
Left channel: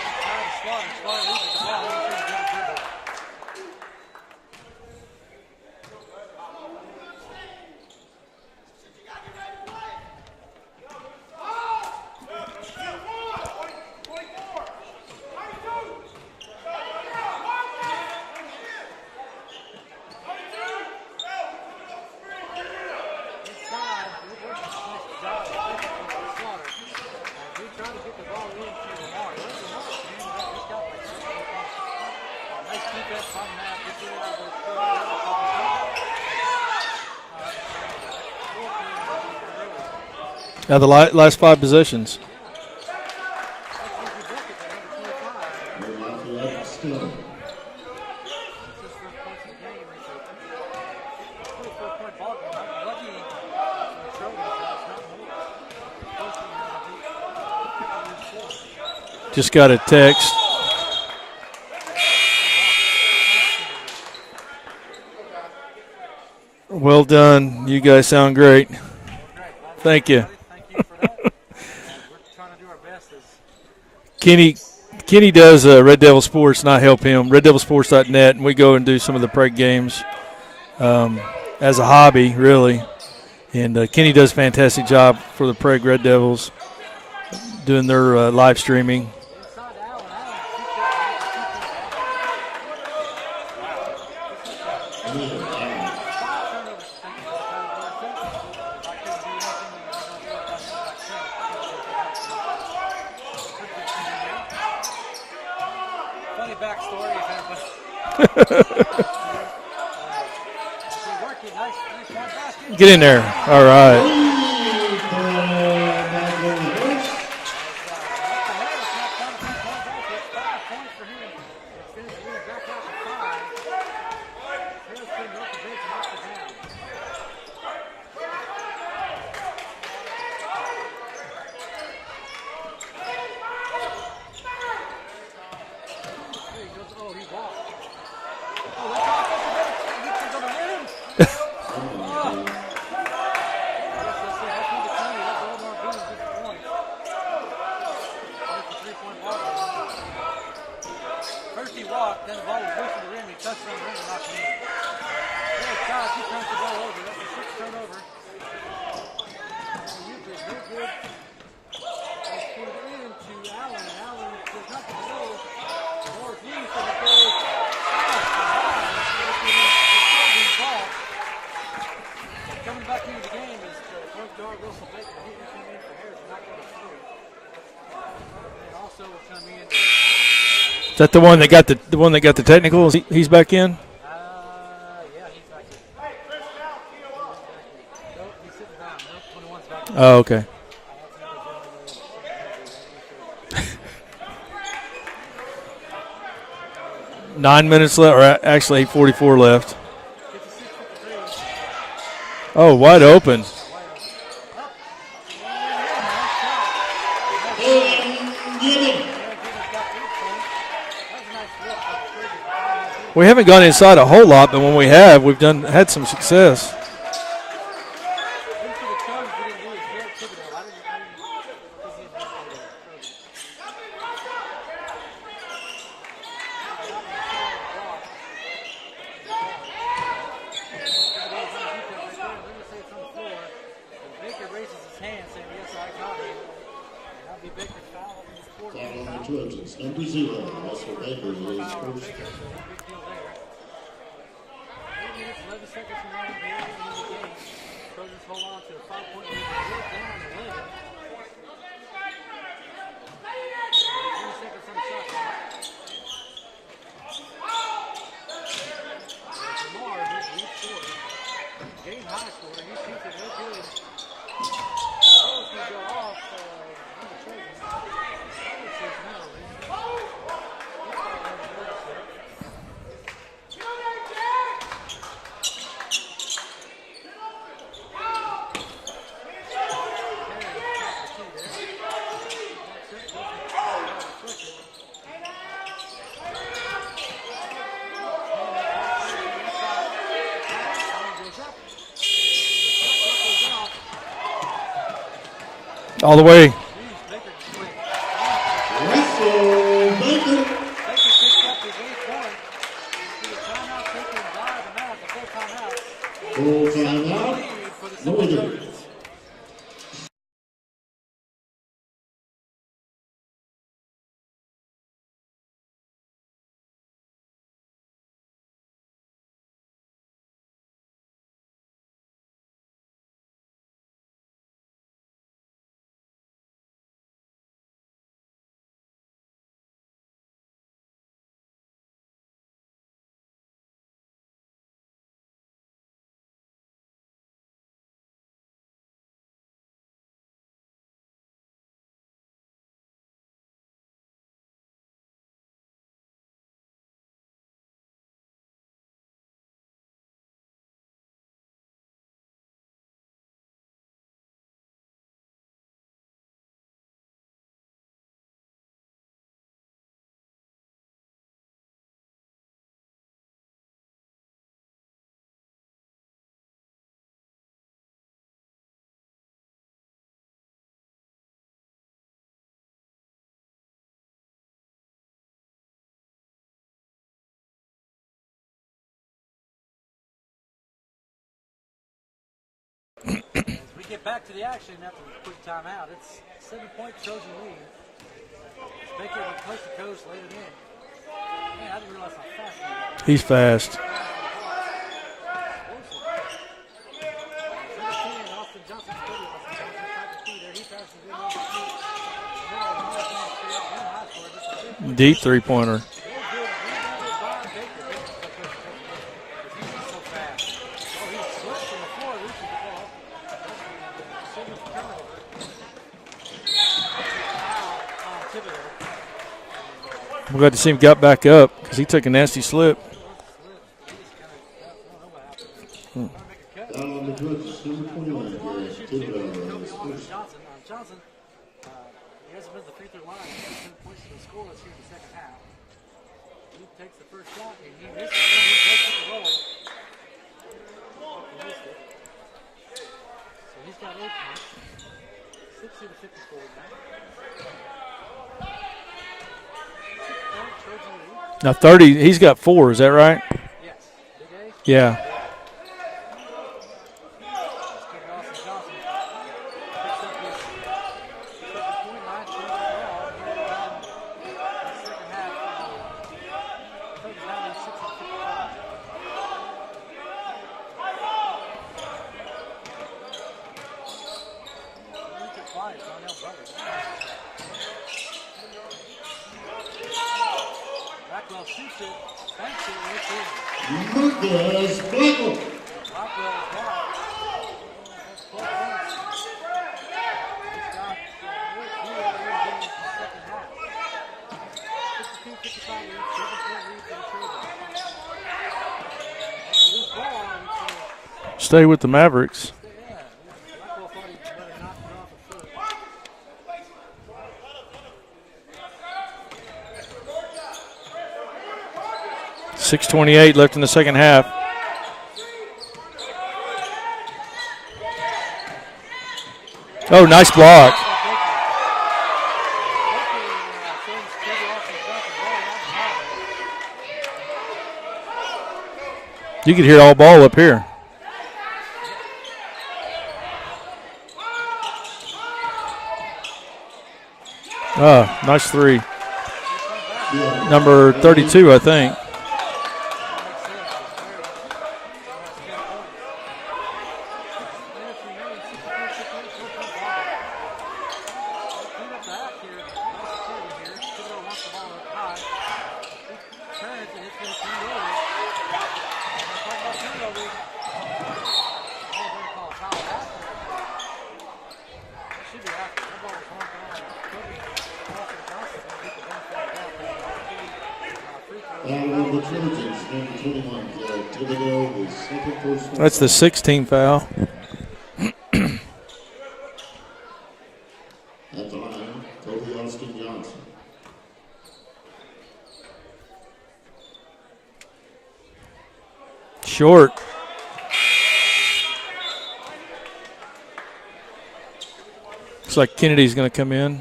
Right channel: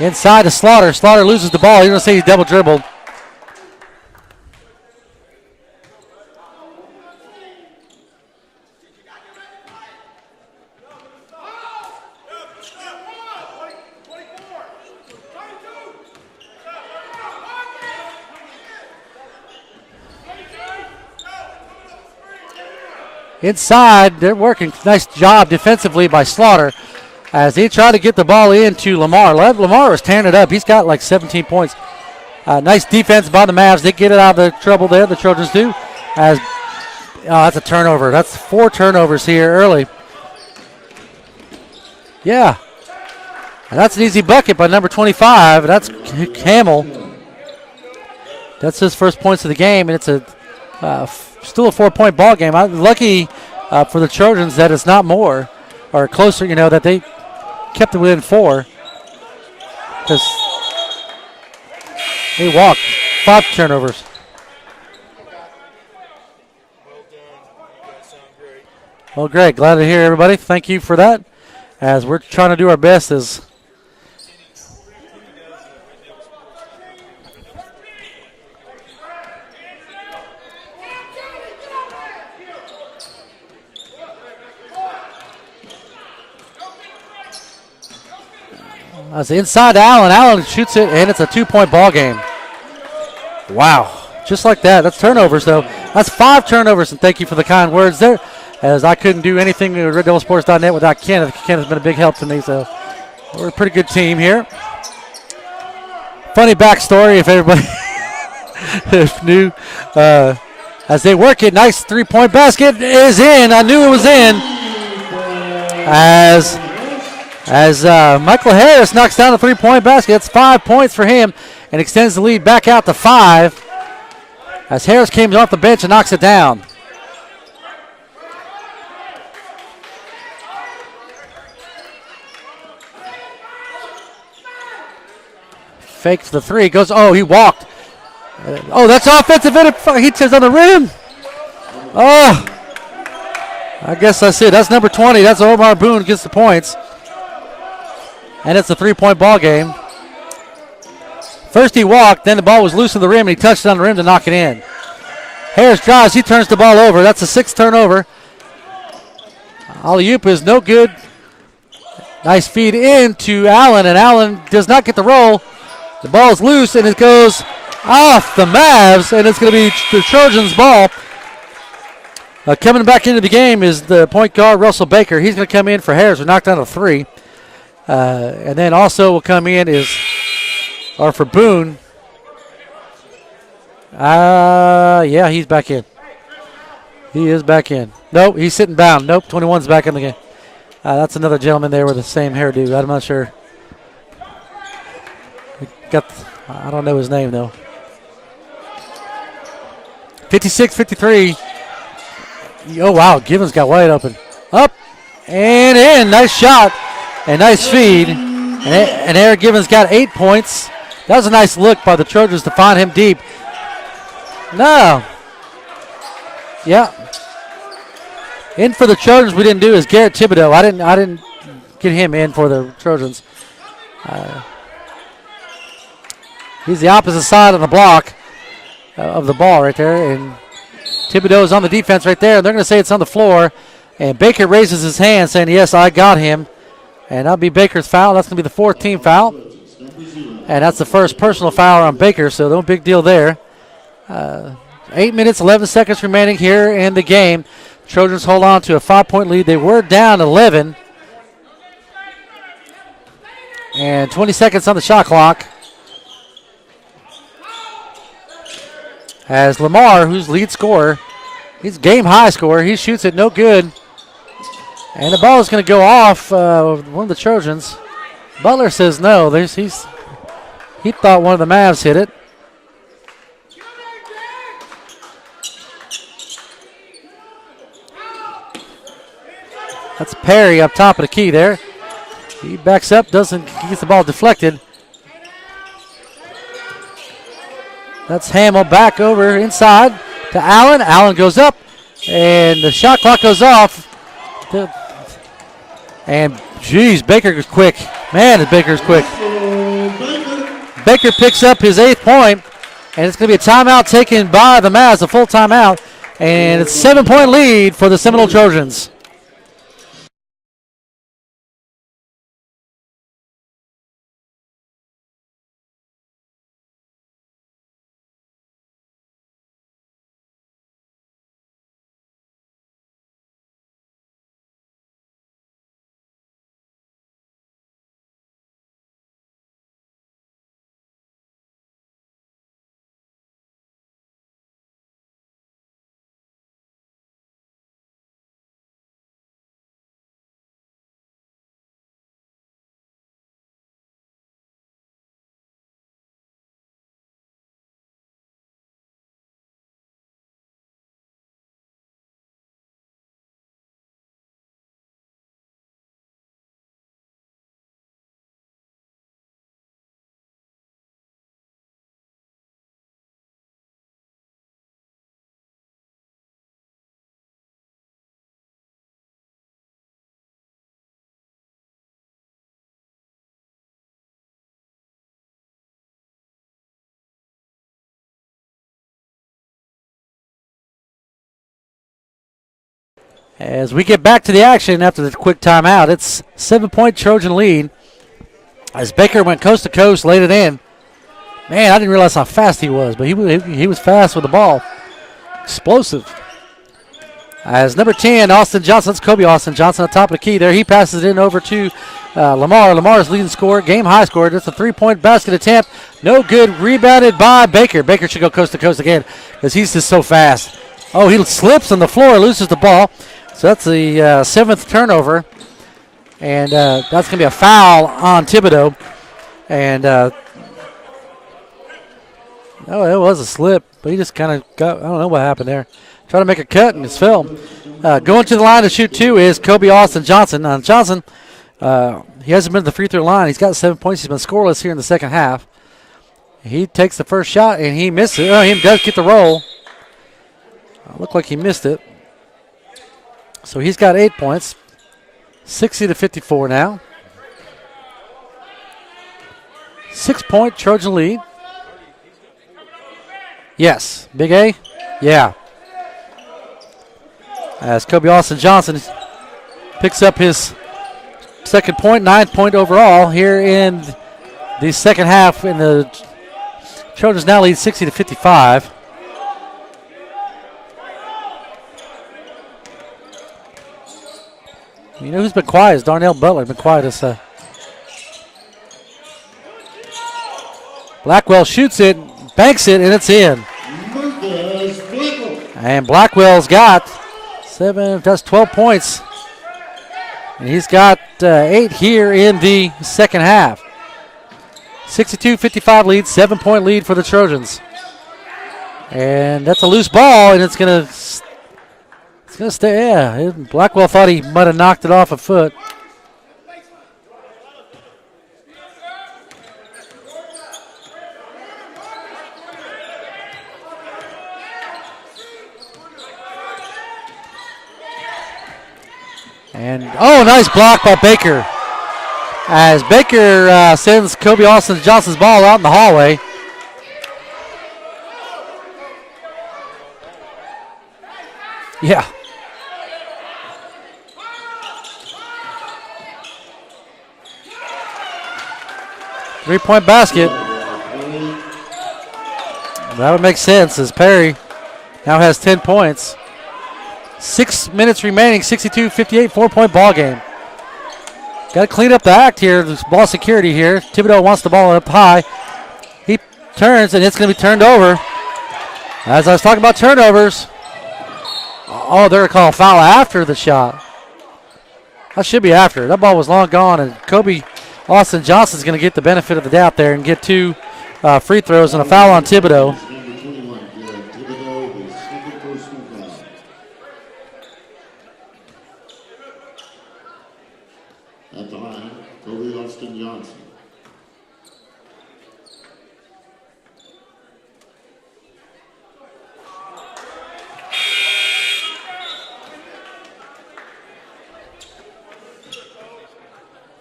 Inside to Slaughter. Slaughter loses the ball. You're going to see he's double dribbled. Inside, they're working. Nice job defensively by Slaughter as he tried to get the ball into Lamar. Lamar was tearing it up. He's got like 17 points. Nice defense by the Mavs. They get it out of the trouble there, the Trojans do. That's a turnover. That's 4 turnovers here early. The last 5 possessions. Yeah. And that's an easy bucket by number 25. That's Hamill. That's his first points of the game, and it's still a 4-point ball game. Lucky for the Trojans that it's not more or closer, that they kept it within 4. Just got a text. They walked. 5 turnovers. Well done. You guys sound great. Well, great. Glad to hear, everybody. Thank you for that. As we're trying to do our best as Kenny does Red Devil Sports, not help him. RedDevilSports.net, and we go and do some of the preg games as a hobby, really. And Kenny does a fantastic job for the preg Red Devils, doing their live streaming. That's inside to Allen. Allen shoots it, and it's a 2-point ball game. Wow. Just like that. That's turnovers, though. That's 5 turnovers, and thank you for the kind words there, as I couldn't do anything with RedDevilSports.net without Kenneth. Kenneth's been a big help to me, so we're a pretty good team here. Funny backstory, if everybody knew. As they work it, nice 3-point basket. It is in. I knew it was in. As Michael Harris knocks down a 3-point basket, it's 5 points for him and extends the lead back out to 5. As Harris came off the bench and knocks it down. Fakes the 3, goes, he walked. That's offensive. He turns on the rim. I guess that's it. That's number 20. That's Omar Boone gets the points. And it's a 3-point ball game. First he walked, then the ball was loose in the rim, and he touched it on the rim to knock it in. Harris drives, he turns the ball over. That's a 6th turnover. Alley-oop is no good. Nice feed into Allen, and Allen does not get the roll. The ball is loose, and it goes off the Mavs, and it's going to be the Trojans' ball. Coming back into the game is the point guard, Russell Baker. He's going to come in for Harris. We knocked down a 3. And then also will come in is that the one that got the one that got the technical? He's back in? Yeah, he's back in. He is back in. Nope, he's sitting bound. Nope, 21's back in the game. Oh, okay. That's another gentleman there with the same hairdo. I'm not sure. I don't know his name, though. 9 minutes left, or actually 8:44 left. 56-53. Wide open. Givens got wide open. Up and in. Nice shot and nice feed. And Eric Givens got 8 points. That was a nice look by the Trojans to find him deep. We haven't gone inside a whole lot, but when we have, we've had some success. Yeah. In for the Trojans, we didn't do is Garrett Thibodeau. I didn't get him in for the Trojans. He's the opposite side of the block of the ball right there, and Thibodeau is on the defense right there. They're going to say it's on the floor, and Baker raises his hand saying, yes, I got him. And that'll be Baker's foul. That's going to be the 4th team foul. And that's the first personal foul on Baker, so no big deal there. 8 minutes, 11 seconds remaining here in the game. Trojans hold on to a 5-point lead. They were down 11. And 20 seconds on the shot clock. As Lamar, who's lead scorer, he's game high scorer. He shoots it no good. And the ball is going to go off one of the Trojans. Butler says no. He thought one of the Mavs hit it. That's Perry up top of the key there. He backs up, he gets the ball deflected. That's Hamill back over inside to Allen. Allen goes up, and the shot clock goes off. All the way. Geez, Baker's quick. Man, Baker's quick. Baker picks up his 8th point, and it's going to be a timeout taken by the Mavs, a full timeout. And it's a 7-point lead for the Seminole Trojans. As we get back to the action after the quick timeout, it's 7-point Trojan lead. As Baker went coast to coast, laid it in. Man, I didn't realize how fast he was, but he was fast with the ball. Explosive. As number 10, Austin Johnson, that's Kobe Austin Johnson at top of the key there. He passes it in over to Lamar. Lamar's leading scorer, game high scorer. That's a three-point basket attempt. No good. Rebounded by Baker. Baker should go coast to coast again because he's just so fast. Oh, he slips on the floor, loses the ball. So that's the 7th turnover. And that's going to be a foul on Thibodeau. And I'm glad to see him got back up because he took a nasty slip. Oh, it was a slip, but he just kind of got, I don't know what happened there. Trying to make a cut and it's fell. Going to the line to shoot 2 is Kobe Austin Johnson. Johnson, he hasn't been to the free throw line. He's got 7 points. He's been scoreless here in the second half. He takes the first shot and he misses it. Oh, he does get the roll. Looked like he missed it. So he's got 8 points. 60-54 now. 6-point Trojan lead. Now 30, he's got 4, is that right? Yes. Big A? Yeah. Yeah. As Kobe Austin Johnson picks up his second point, 9-point overall here in the second half. And the Trojans now lead 60-55. You know who's been quiet is Darnell Butler. Been quiet as Blackwell shoots it, banks it, and it's in. And Blackwell's got 12 points. And he's got 8 here in the second half. 62-55 lead, 7-point lead for the Trojans. And that's a loose ball, and it's going to stay with the Mavericks. Yeah, Blackwell thought he might have knocked it off a foot. .6:28 left in the second half. And nice block by Baker. As Baker sends Kobe Austin Johnson's ball out in the hallway. You could hear all ball up here. Yeah. Oh, nice 3. 3-point basket. Number 32, I think. That would make sense as Perry now has 10 points. 6 minutes remaining, 62-58, 4-point ball game. Got to clean up the act here. There's ball security here. Thibodeau wants the ball up high. He turns, and it's going to be turned over. As I was talking about turnovers, oh, they're going to call a foul after the shot. That should be after. That ball was long gone, and Kobe Austin Johnson's going to get the benefit of the doubt there and get 2 free throws and a foul on Thibodeau. That's the 16th foul. At the line, Kobe Austin Johnson. Short. Looks like Kennedy's going to come in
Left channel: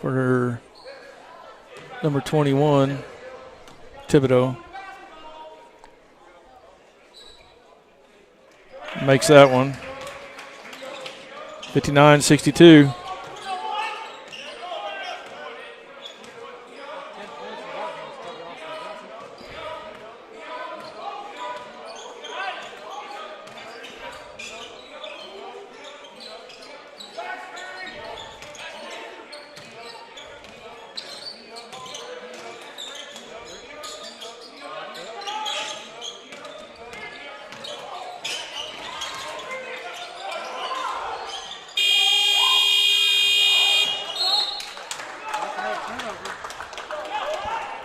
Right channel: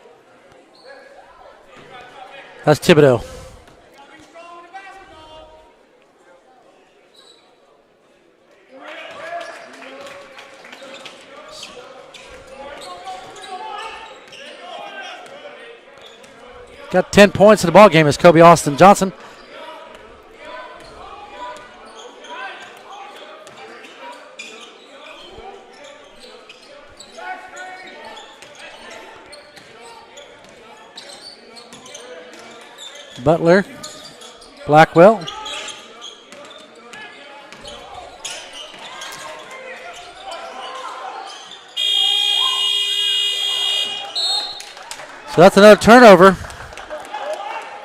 for her number 21. That's Thibodeau. Thibodeau. Makes that one. 59-62. Got 10 points in the ball game as Kobe Austin Johnson. Butler, Blackwell. So that's another turnover.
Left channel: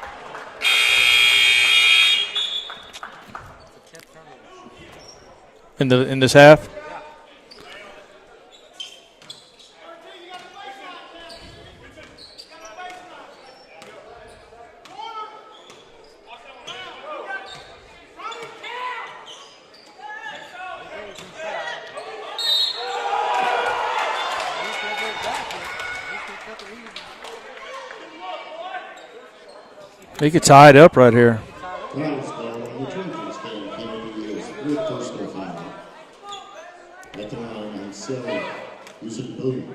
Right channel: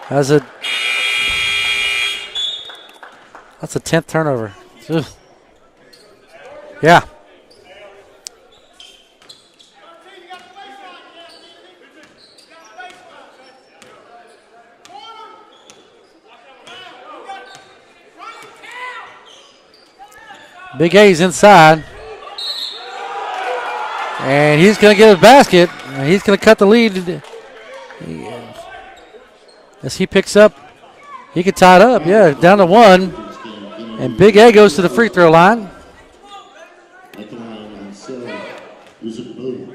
That's a 10th turnover. Ugh. In this half? Yeah. Big A's inside. And he's going to get a basket. And he's going to cut the lead. As he picks up. He can tie it up right here. He can tie it up, yeah. Down to 1. And Big A goes to the free throw line. using boom.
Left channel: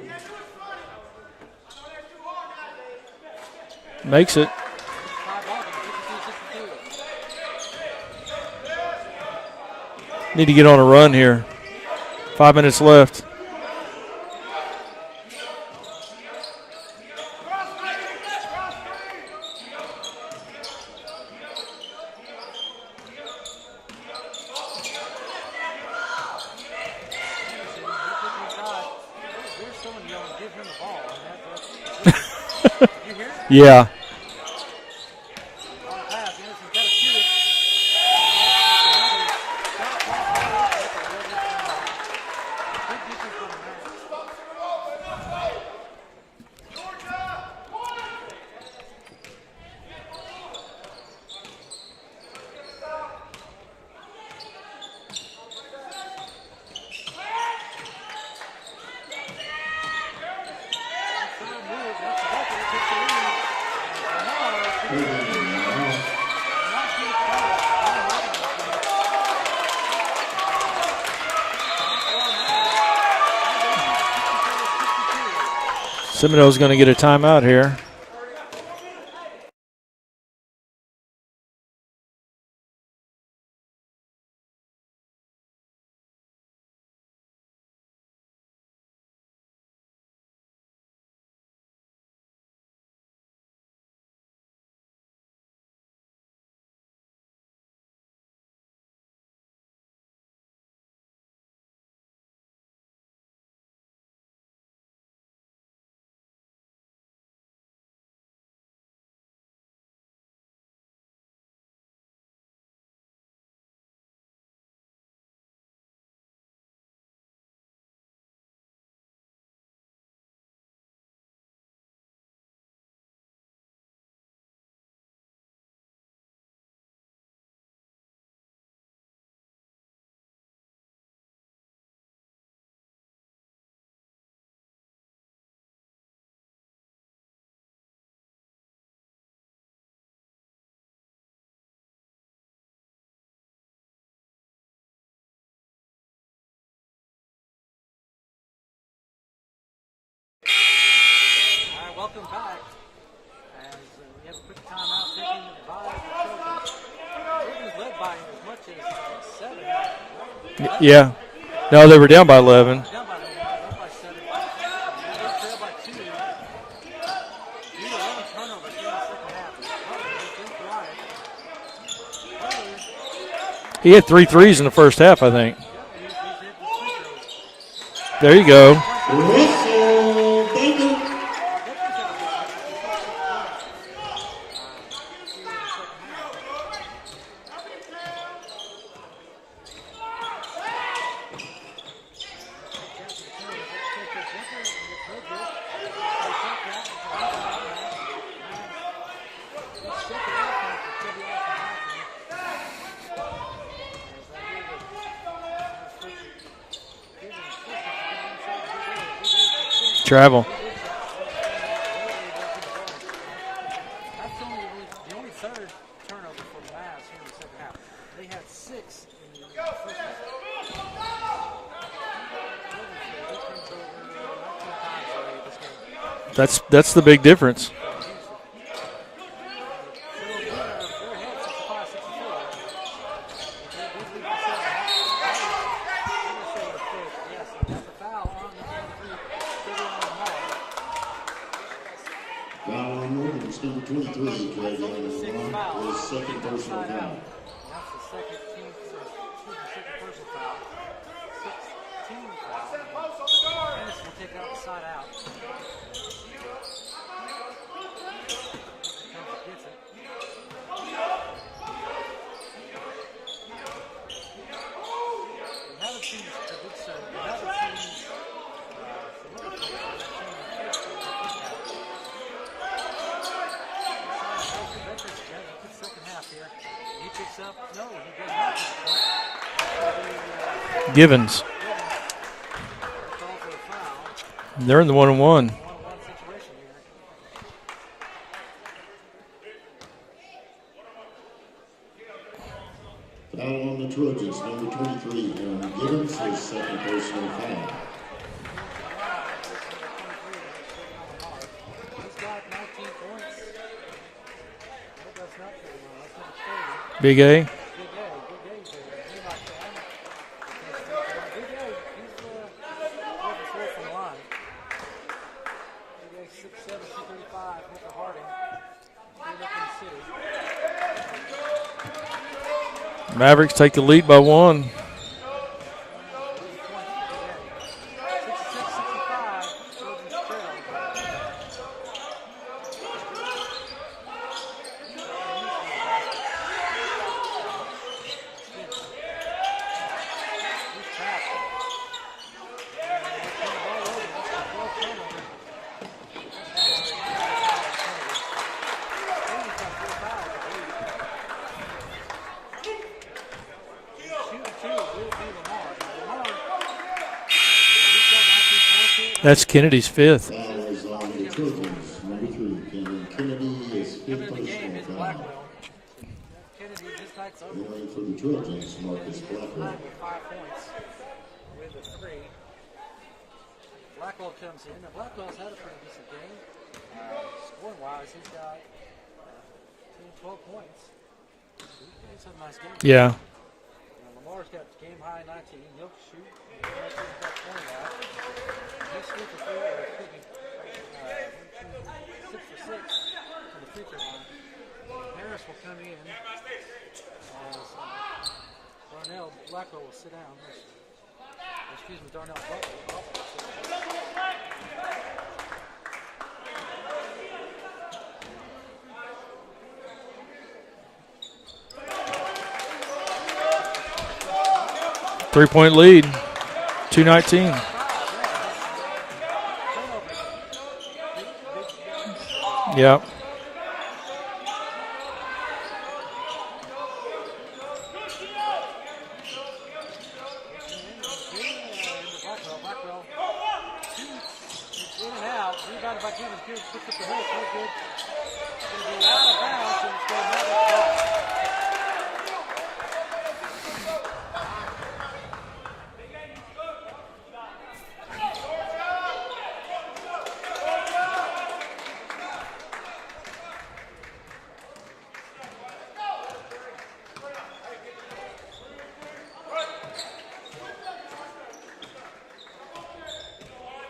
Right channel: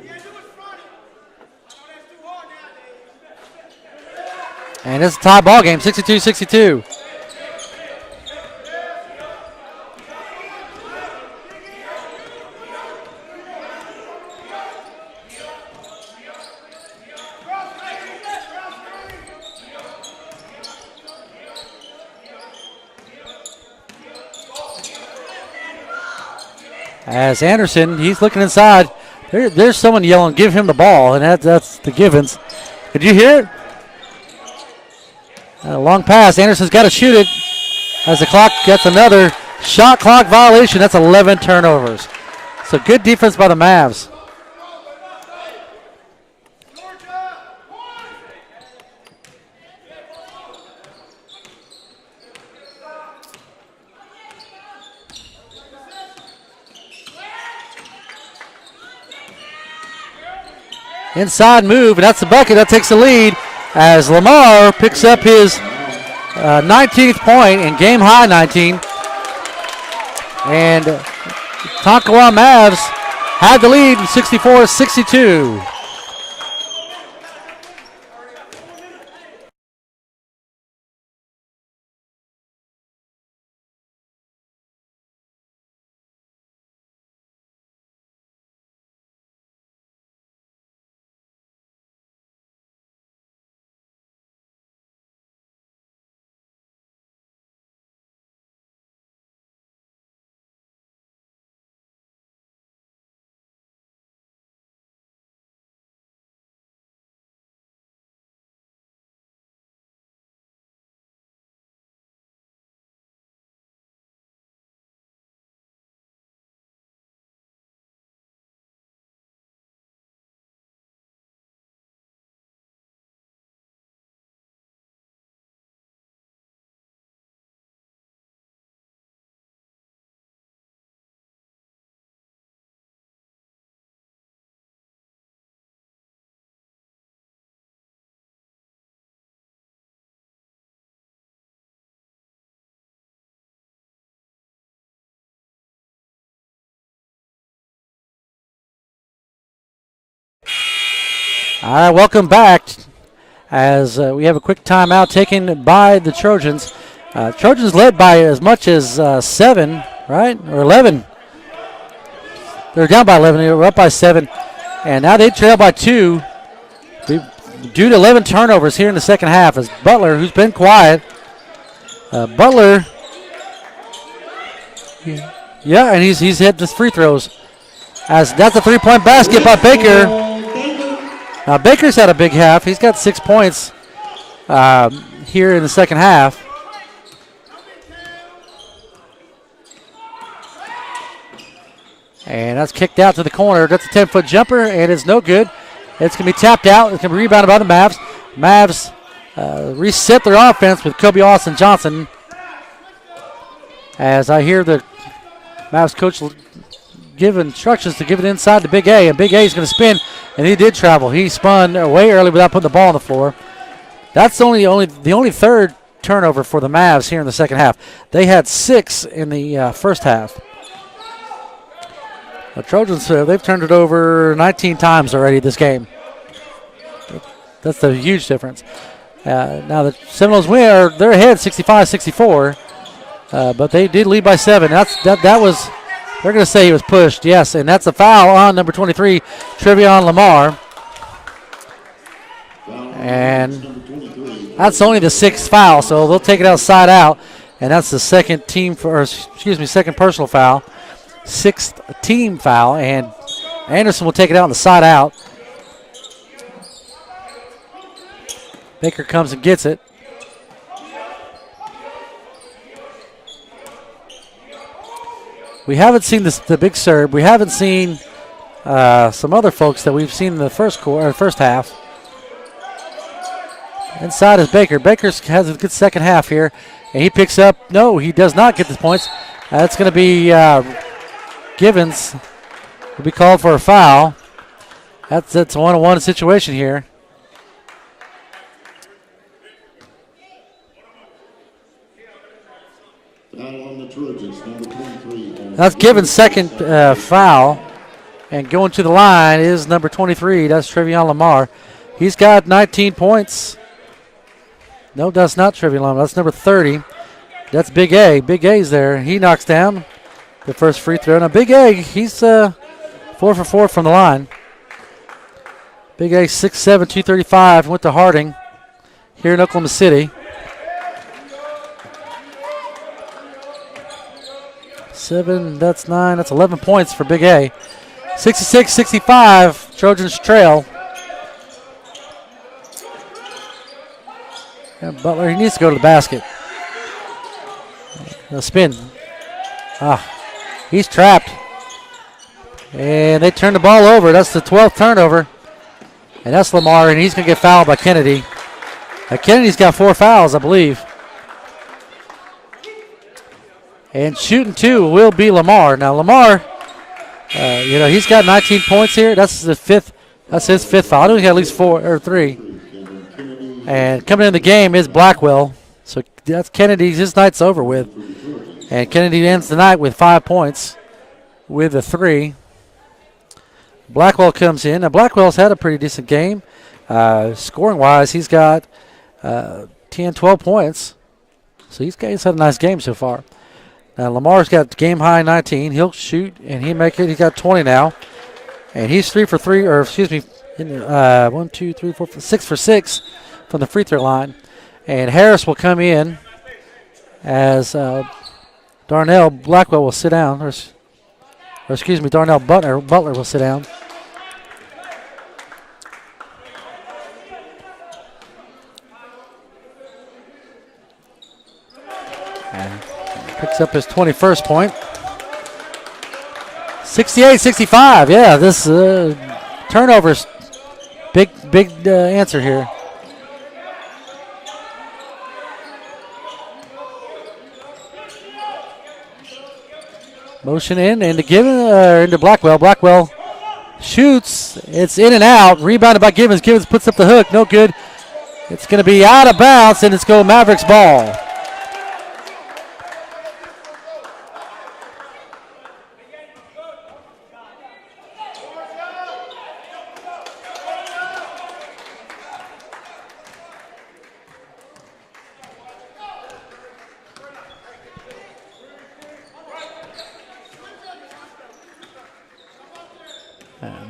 Makes it. And it's a tie ball game, 62-62. Need to get on a run here. 5 minutes left. As Anderson, he's looking inside. There's someone yelling, give him the ball, and that's the Givens. Did you hear it? Yeah. A long pass. Anderson's got to shoot it as the clock gets another shot clock violation. That's 11 turnovers. So good defense by the Mavs. Inside move, and that's the bucket. That takes the lead as Lamar picks up his 19th point and game high 19. And Tonkawa Mavs had the lead 64-62. Seminole's going to get a timeout here. All right, welcome back as we have a quick timeout taken by the Trojans. Trojans led by as much as 7, right? Or 11. Yeah. No, they were down by 11. They were down by 11. They were up by 7. And now they trail by 2 due to 11 turnovers here in the second half as Butler, who's been quiet. Butler. He had 3 threes in the first half, I think. Yeah, and he's hit the free throws. As There you got go. the 3-point basket by Baker. Now Baker's had a big half. He's got 6 points here in the second half. And that's kicked out to the corner. That's a 10-foot jumper, and it's no good. It's going to be tapped out. It's going to be rebounded by the Mavs. Mavs reset their offense with Kobe Austin Johnson. As I hear the Mavs coach give instructions to give it inside to Big A, and Big A is going to spin. Travel. And he did travel. He spun way early without putting the ball on the floor. That's the only third turnover for the Mavs here in the second half. They had 6 in the first half. The Trojans, they've turned it over 19 times already this game. That's the big difference. That's the huge difference. Now the Seminoles win, they're ahead 65-64, but they did lead by 7. That was. They're going to say he was pushed, yes, and that's a foul on number 23, Trevion Lamar. And that's only the 6th foul, so they'll take it outside out, and that's the second personal foul, 6th team foul, and Anderson will take it out on the side out. Baker comes and gets it. We haven't seen the big serve. We haven't seen some other folks that we've seen in the first half. Inside is Baker. Baker has a good second half here, and he picks up. No, he does not get the points. That's going to be Givens. Givens will be called for a foul. They're in the one-on-one. It's a one-on-one situation here. Foul on the Trojans, number 23. That's Givens' second foul. And going to the line is number 23. That's Trevion Lamar. He's got 19 points. No, that's not Trevion Lamar. That's number 30. Big A. That's Big A. Big A's there. He knocks down the first free throw. Now, Big A, he's 4 for 4 from the line. Big A, 6'7", 235, went to Harding here in Oklahoma City. Mavericks take the lead by 1. 7, that's 9, that's 11 points for Big A. 66-65, Trojans trail. And Butler, he needs to go to the basket. The spin. He's trapped. And they turn the ball over. That's the 12th turnover. And that's Lamar, and he's going to get fouled by Kennedy. Kennedy's got 4 fouls, I believe. And shooting 2 will be Lamar. Now, Lamar, he's got 19 points here. That's Kennedy's fifth. That's his 5th foul. I know he got at least 4 or 3. And coming in the game is Blackwell. So that's Kennedy's. His night's over with. And Kennedy ends the night with 5 points with a 3. Blackwell comes in. Now, Blackwell's had a pretty decent game. Scoring-wise, he's got 10, 12 points. So he's had a nice game so far. Now, Lamar's got game-high 19. He'll shoot, and he make it. He's got 20 now. And he's 3 for 3, or excuse me, 1, 2, 3, 4, 6 for 6 from the free throw line. And Harris will come in as Darnell Blackwell will sit down. Or excuse me, Darnell Butler will sit down. Picks up his 21st point. 3-point lead. 68-65. Yeah, this turnovers, big answer here. Yeah. Motion in and to Givens, into Blackwell. Blackwell shoots. It's in and out. Rebounded by Givens. Givens puts up the hook. No good. It's going to be out of bounds, and it's going Mavericks ball.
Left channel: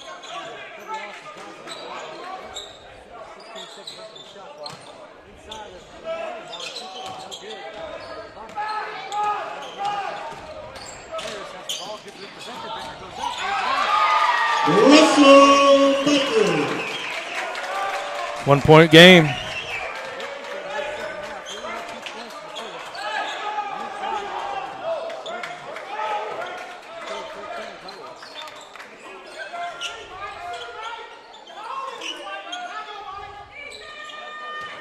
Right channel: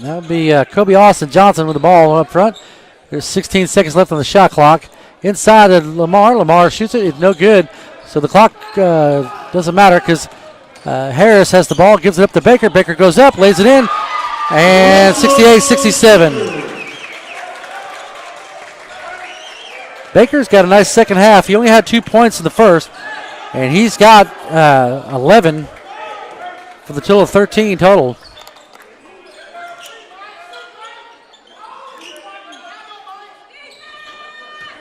That'll be Kobe Austin Johnson with the ball up front. There's 16 seconds left on the shot clock. Inside of Lamar. Lamar shoots it. It's no good. So the clock doesn't matter because Harris has the ball, gives it up to Baker. Baker goes up, lays it in, and 68-67. 1-point game. Baker's got a nice second half. He only had 2 points in the first, and he's got 11 for the total of 13 total.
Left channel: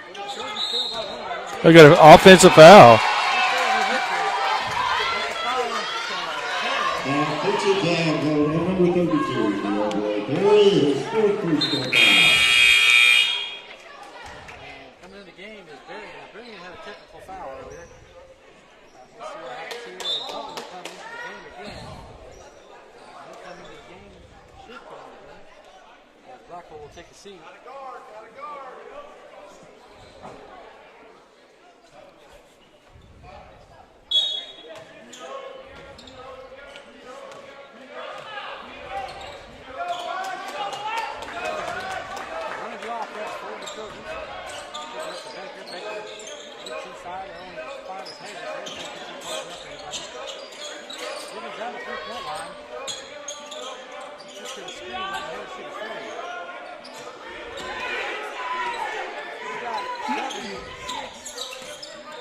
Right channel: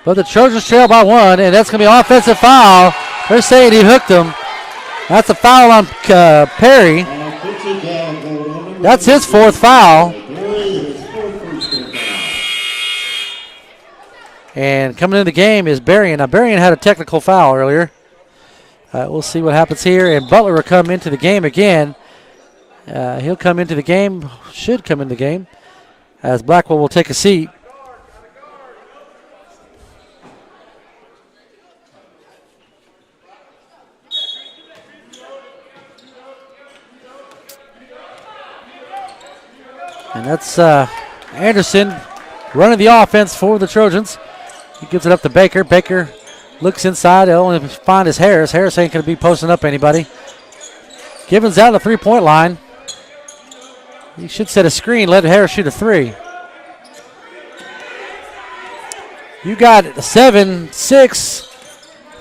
But the Trojans trail by 1, and that's going to be an offensive foul. They're saying he hooked him. That's a foul on Perry. That's his 4th foul. And coming into the game is Berrien. Now, Berrien had a technical foul earlier. We'll see what happens here. And Butler will come into the game again. He'll come into the game, should come into the game, as Blackwell will take a seat. And that's Anderson running the offense for the Trojans. He gives it up to Baker. Baker looks inside. He'll only find his Harris. Harris ain't going to be posting up anybody. Givens out of the 3-point line. He should set a screen, let Harris shoot a 3. You got 7, 6,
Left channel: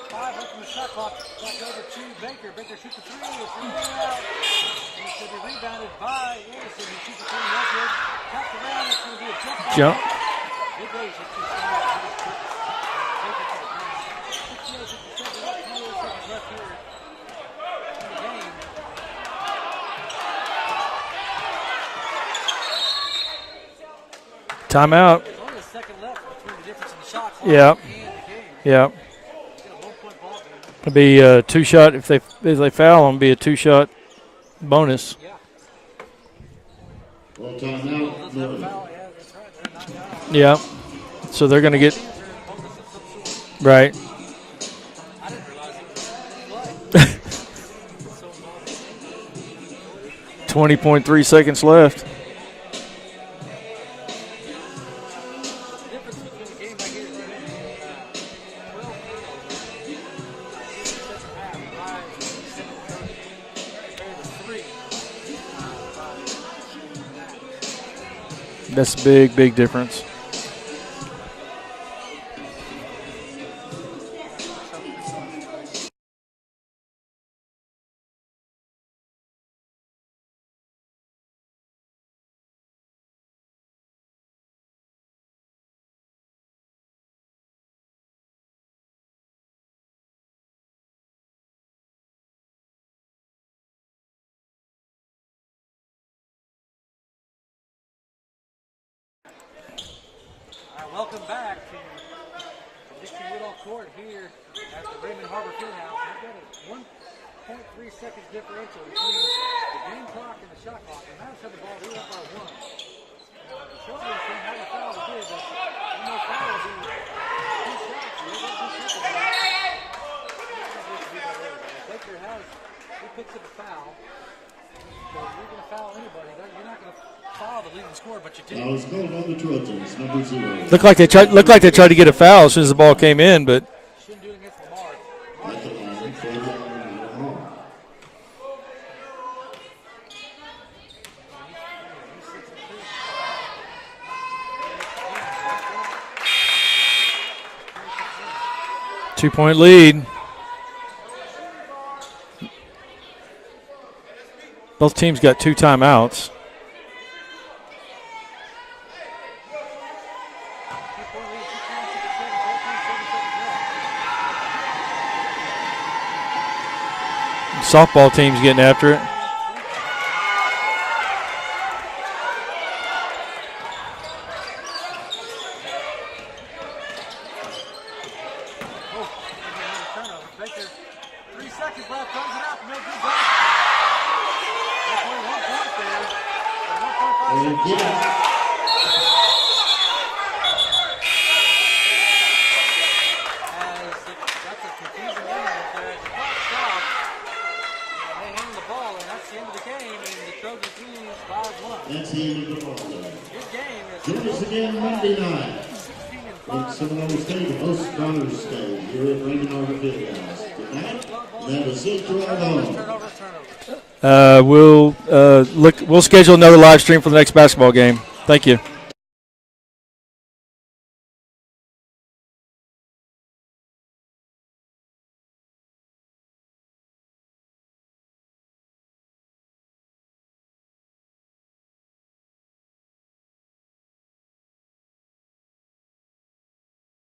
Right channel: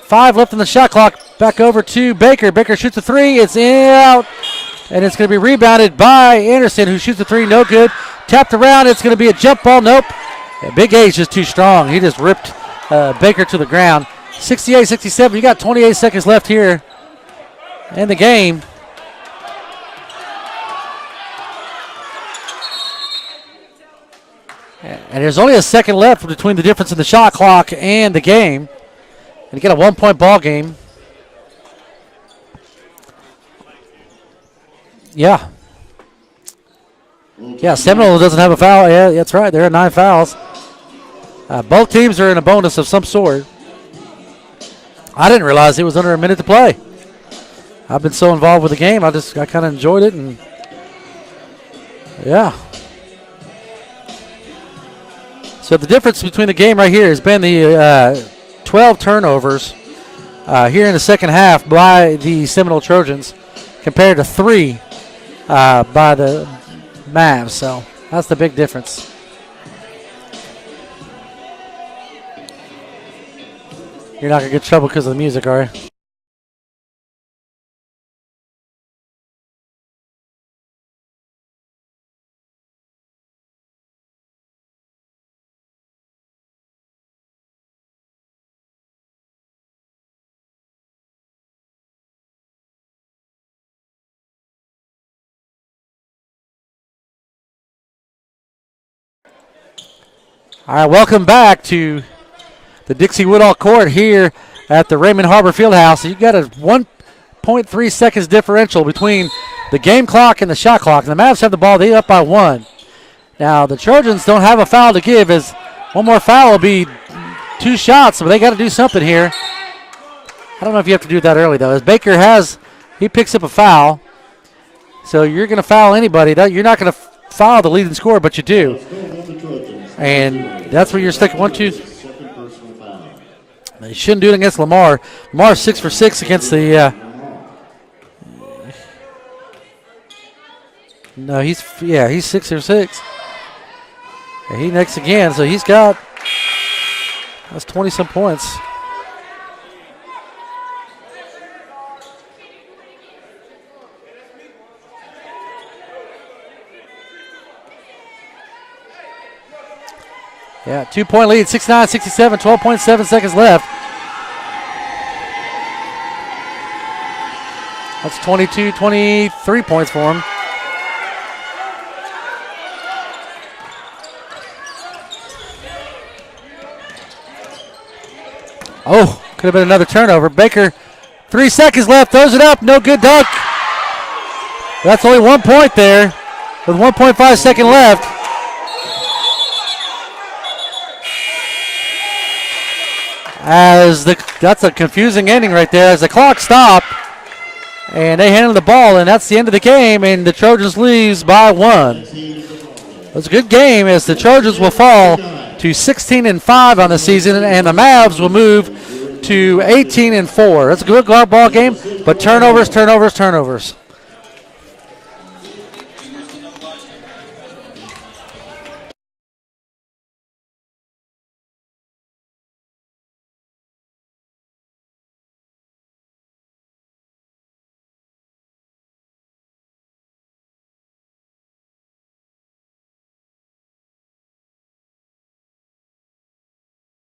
5 left in the shot clock. Back over to Baker. Baker shoots a 3. It's in, out. And it's going to be rebounded by Anderson, who shoots a 3. No good. Tapped around. It's going to be a jump ball. Nope. And Big A's just too strong. He just ripped Baker to the ground. 68-67. You got 28 seconds left here in the game. Timeout. And there's only a second left between the difference in the shot clock and the game. Yeah. And you get a 1-point ball game. It'll be a 2-shot. If they foul them, it'll be a 2-shot bonus. Yeah. Yeah, Seminole doesn't have a foul. Yeah, that's right. They're at 9 fouls. Yeah. So they're going to both teams are in a bonus of some sort. Right. I didn't realize it was under a minute to play. I've been so involved with the game, I kind of enjoyed it. And 20.3 seconds left. Yeah. So the difference between the game right here has been the 12 turnovers here in the second half by the Seminole Trojans compared to 3 by the Mavs. So that's the big difference. That's the big difference. You're not going to get in trouble because of the music, are you? All right, welcome back to the Dixie Woodall Court here at the Raymond Harbor Fieldhouse. You've got a 1.3 seconds differential between the game clock and the shot clock. And the Mavs have the ball. They're up by 1. Now, the Trojans don't have a foul to give, as one more foul will be 2 shots, but they got to do something here. I don't know if you have to do that early, though. As Baker he picks up a foul. So you're going to foul anybody. You're not going to foul the leading scorer, but you do. And looked like they tried to get a foul as soon as the ball came in, but they shouldn't do it against Lamar. Lamar's 6 for 6 against the. No, he's 6 for 6. And he next again, so that's 20-some points. 2-point lead. Both teams got 2 timeouts. Yeah, 2-point lead, 69-67, 12.7 seconds left. Softball team's getting after 23 points for him. Oh, could have been another turnover. Baker, 3 seconds left, throws it up, no good dunk. That's only 1 point there with 1.5 seconds left. That's a confusing ending right there as the clock stopped and they handled the ball, and that's the end of the game, and the Trojans leaves by 1. It was a good game as the Trojans will fall to 16-5 on the season, and the Mavs will move to 18-4. That's a good ball game, but turnovers. We'll schedule another live stream for the next basketball game. Thank you.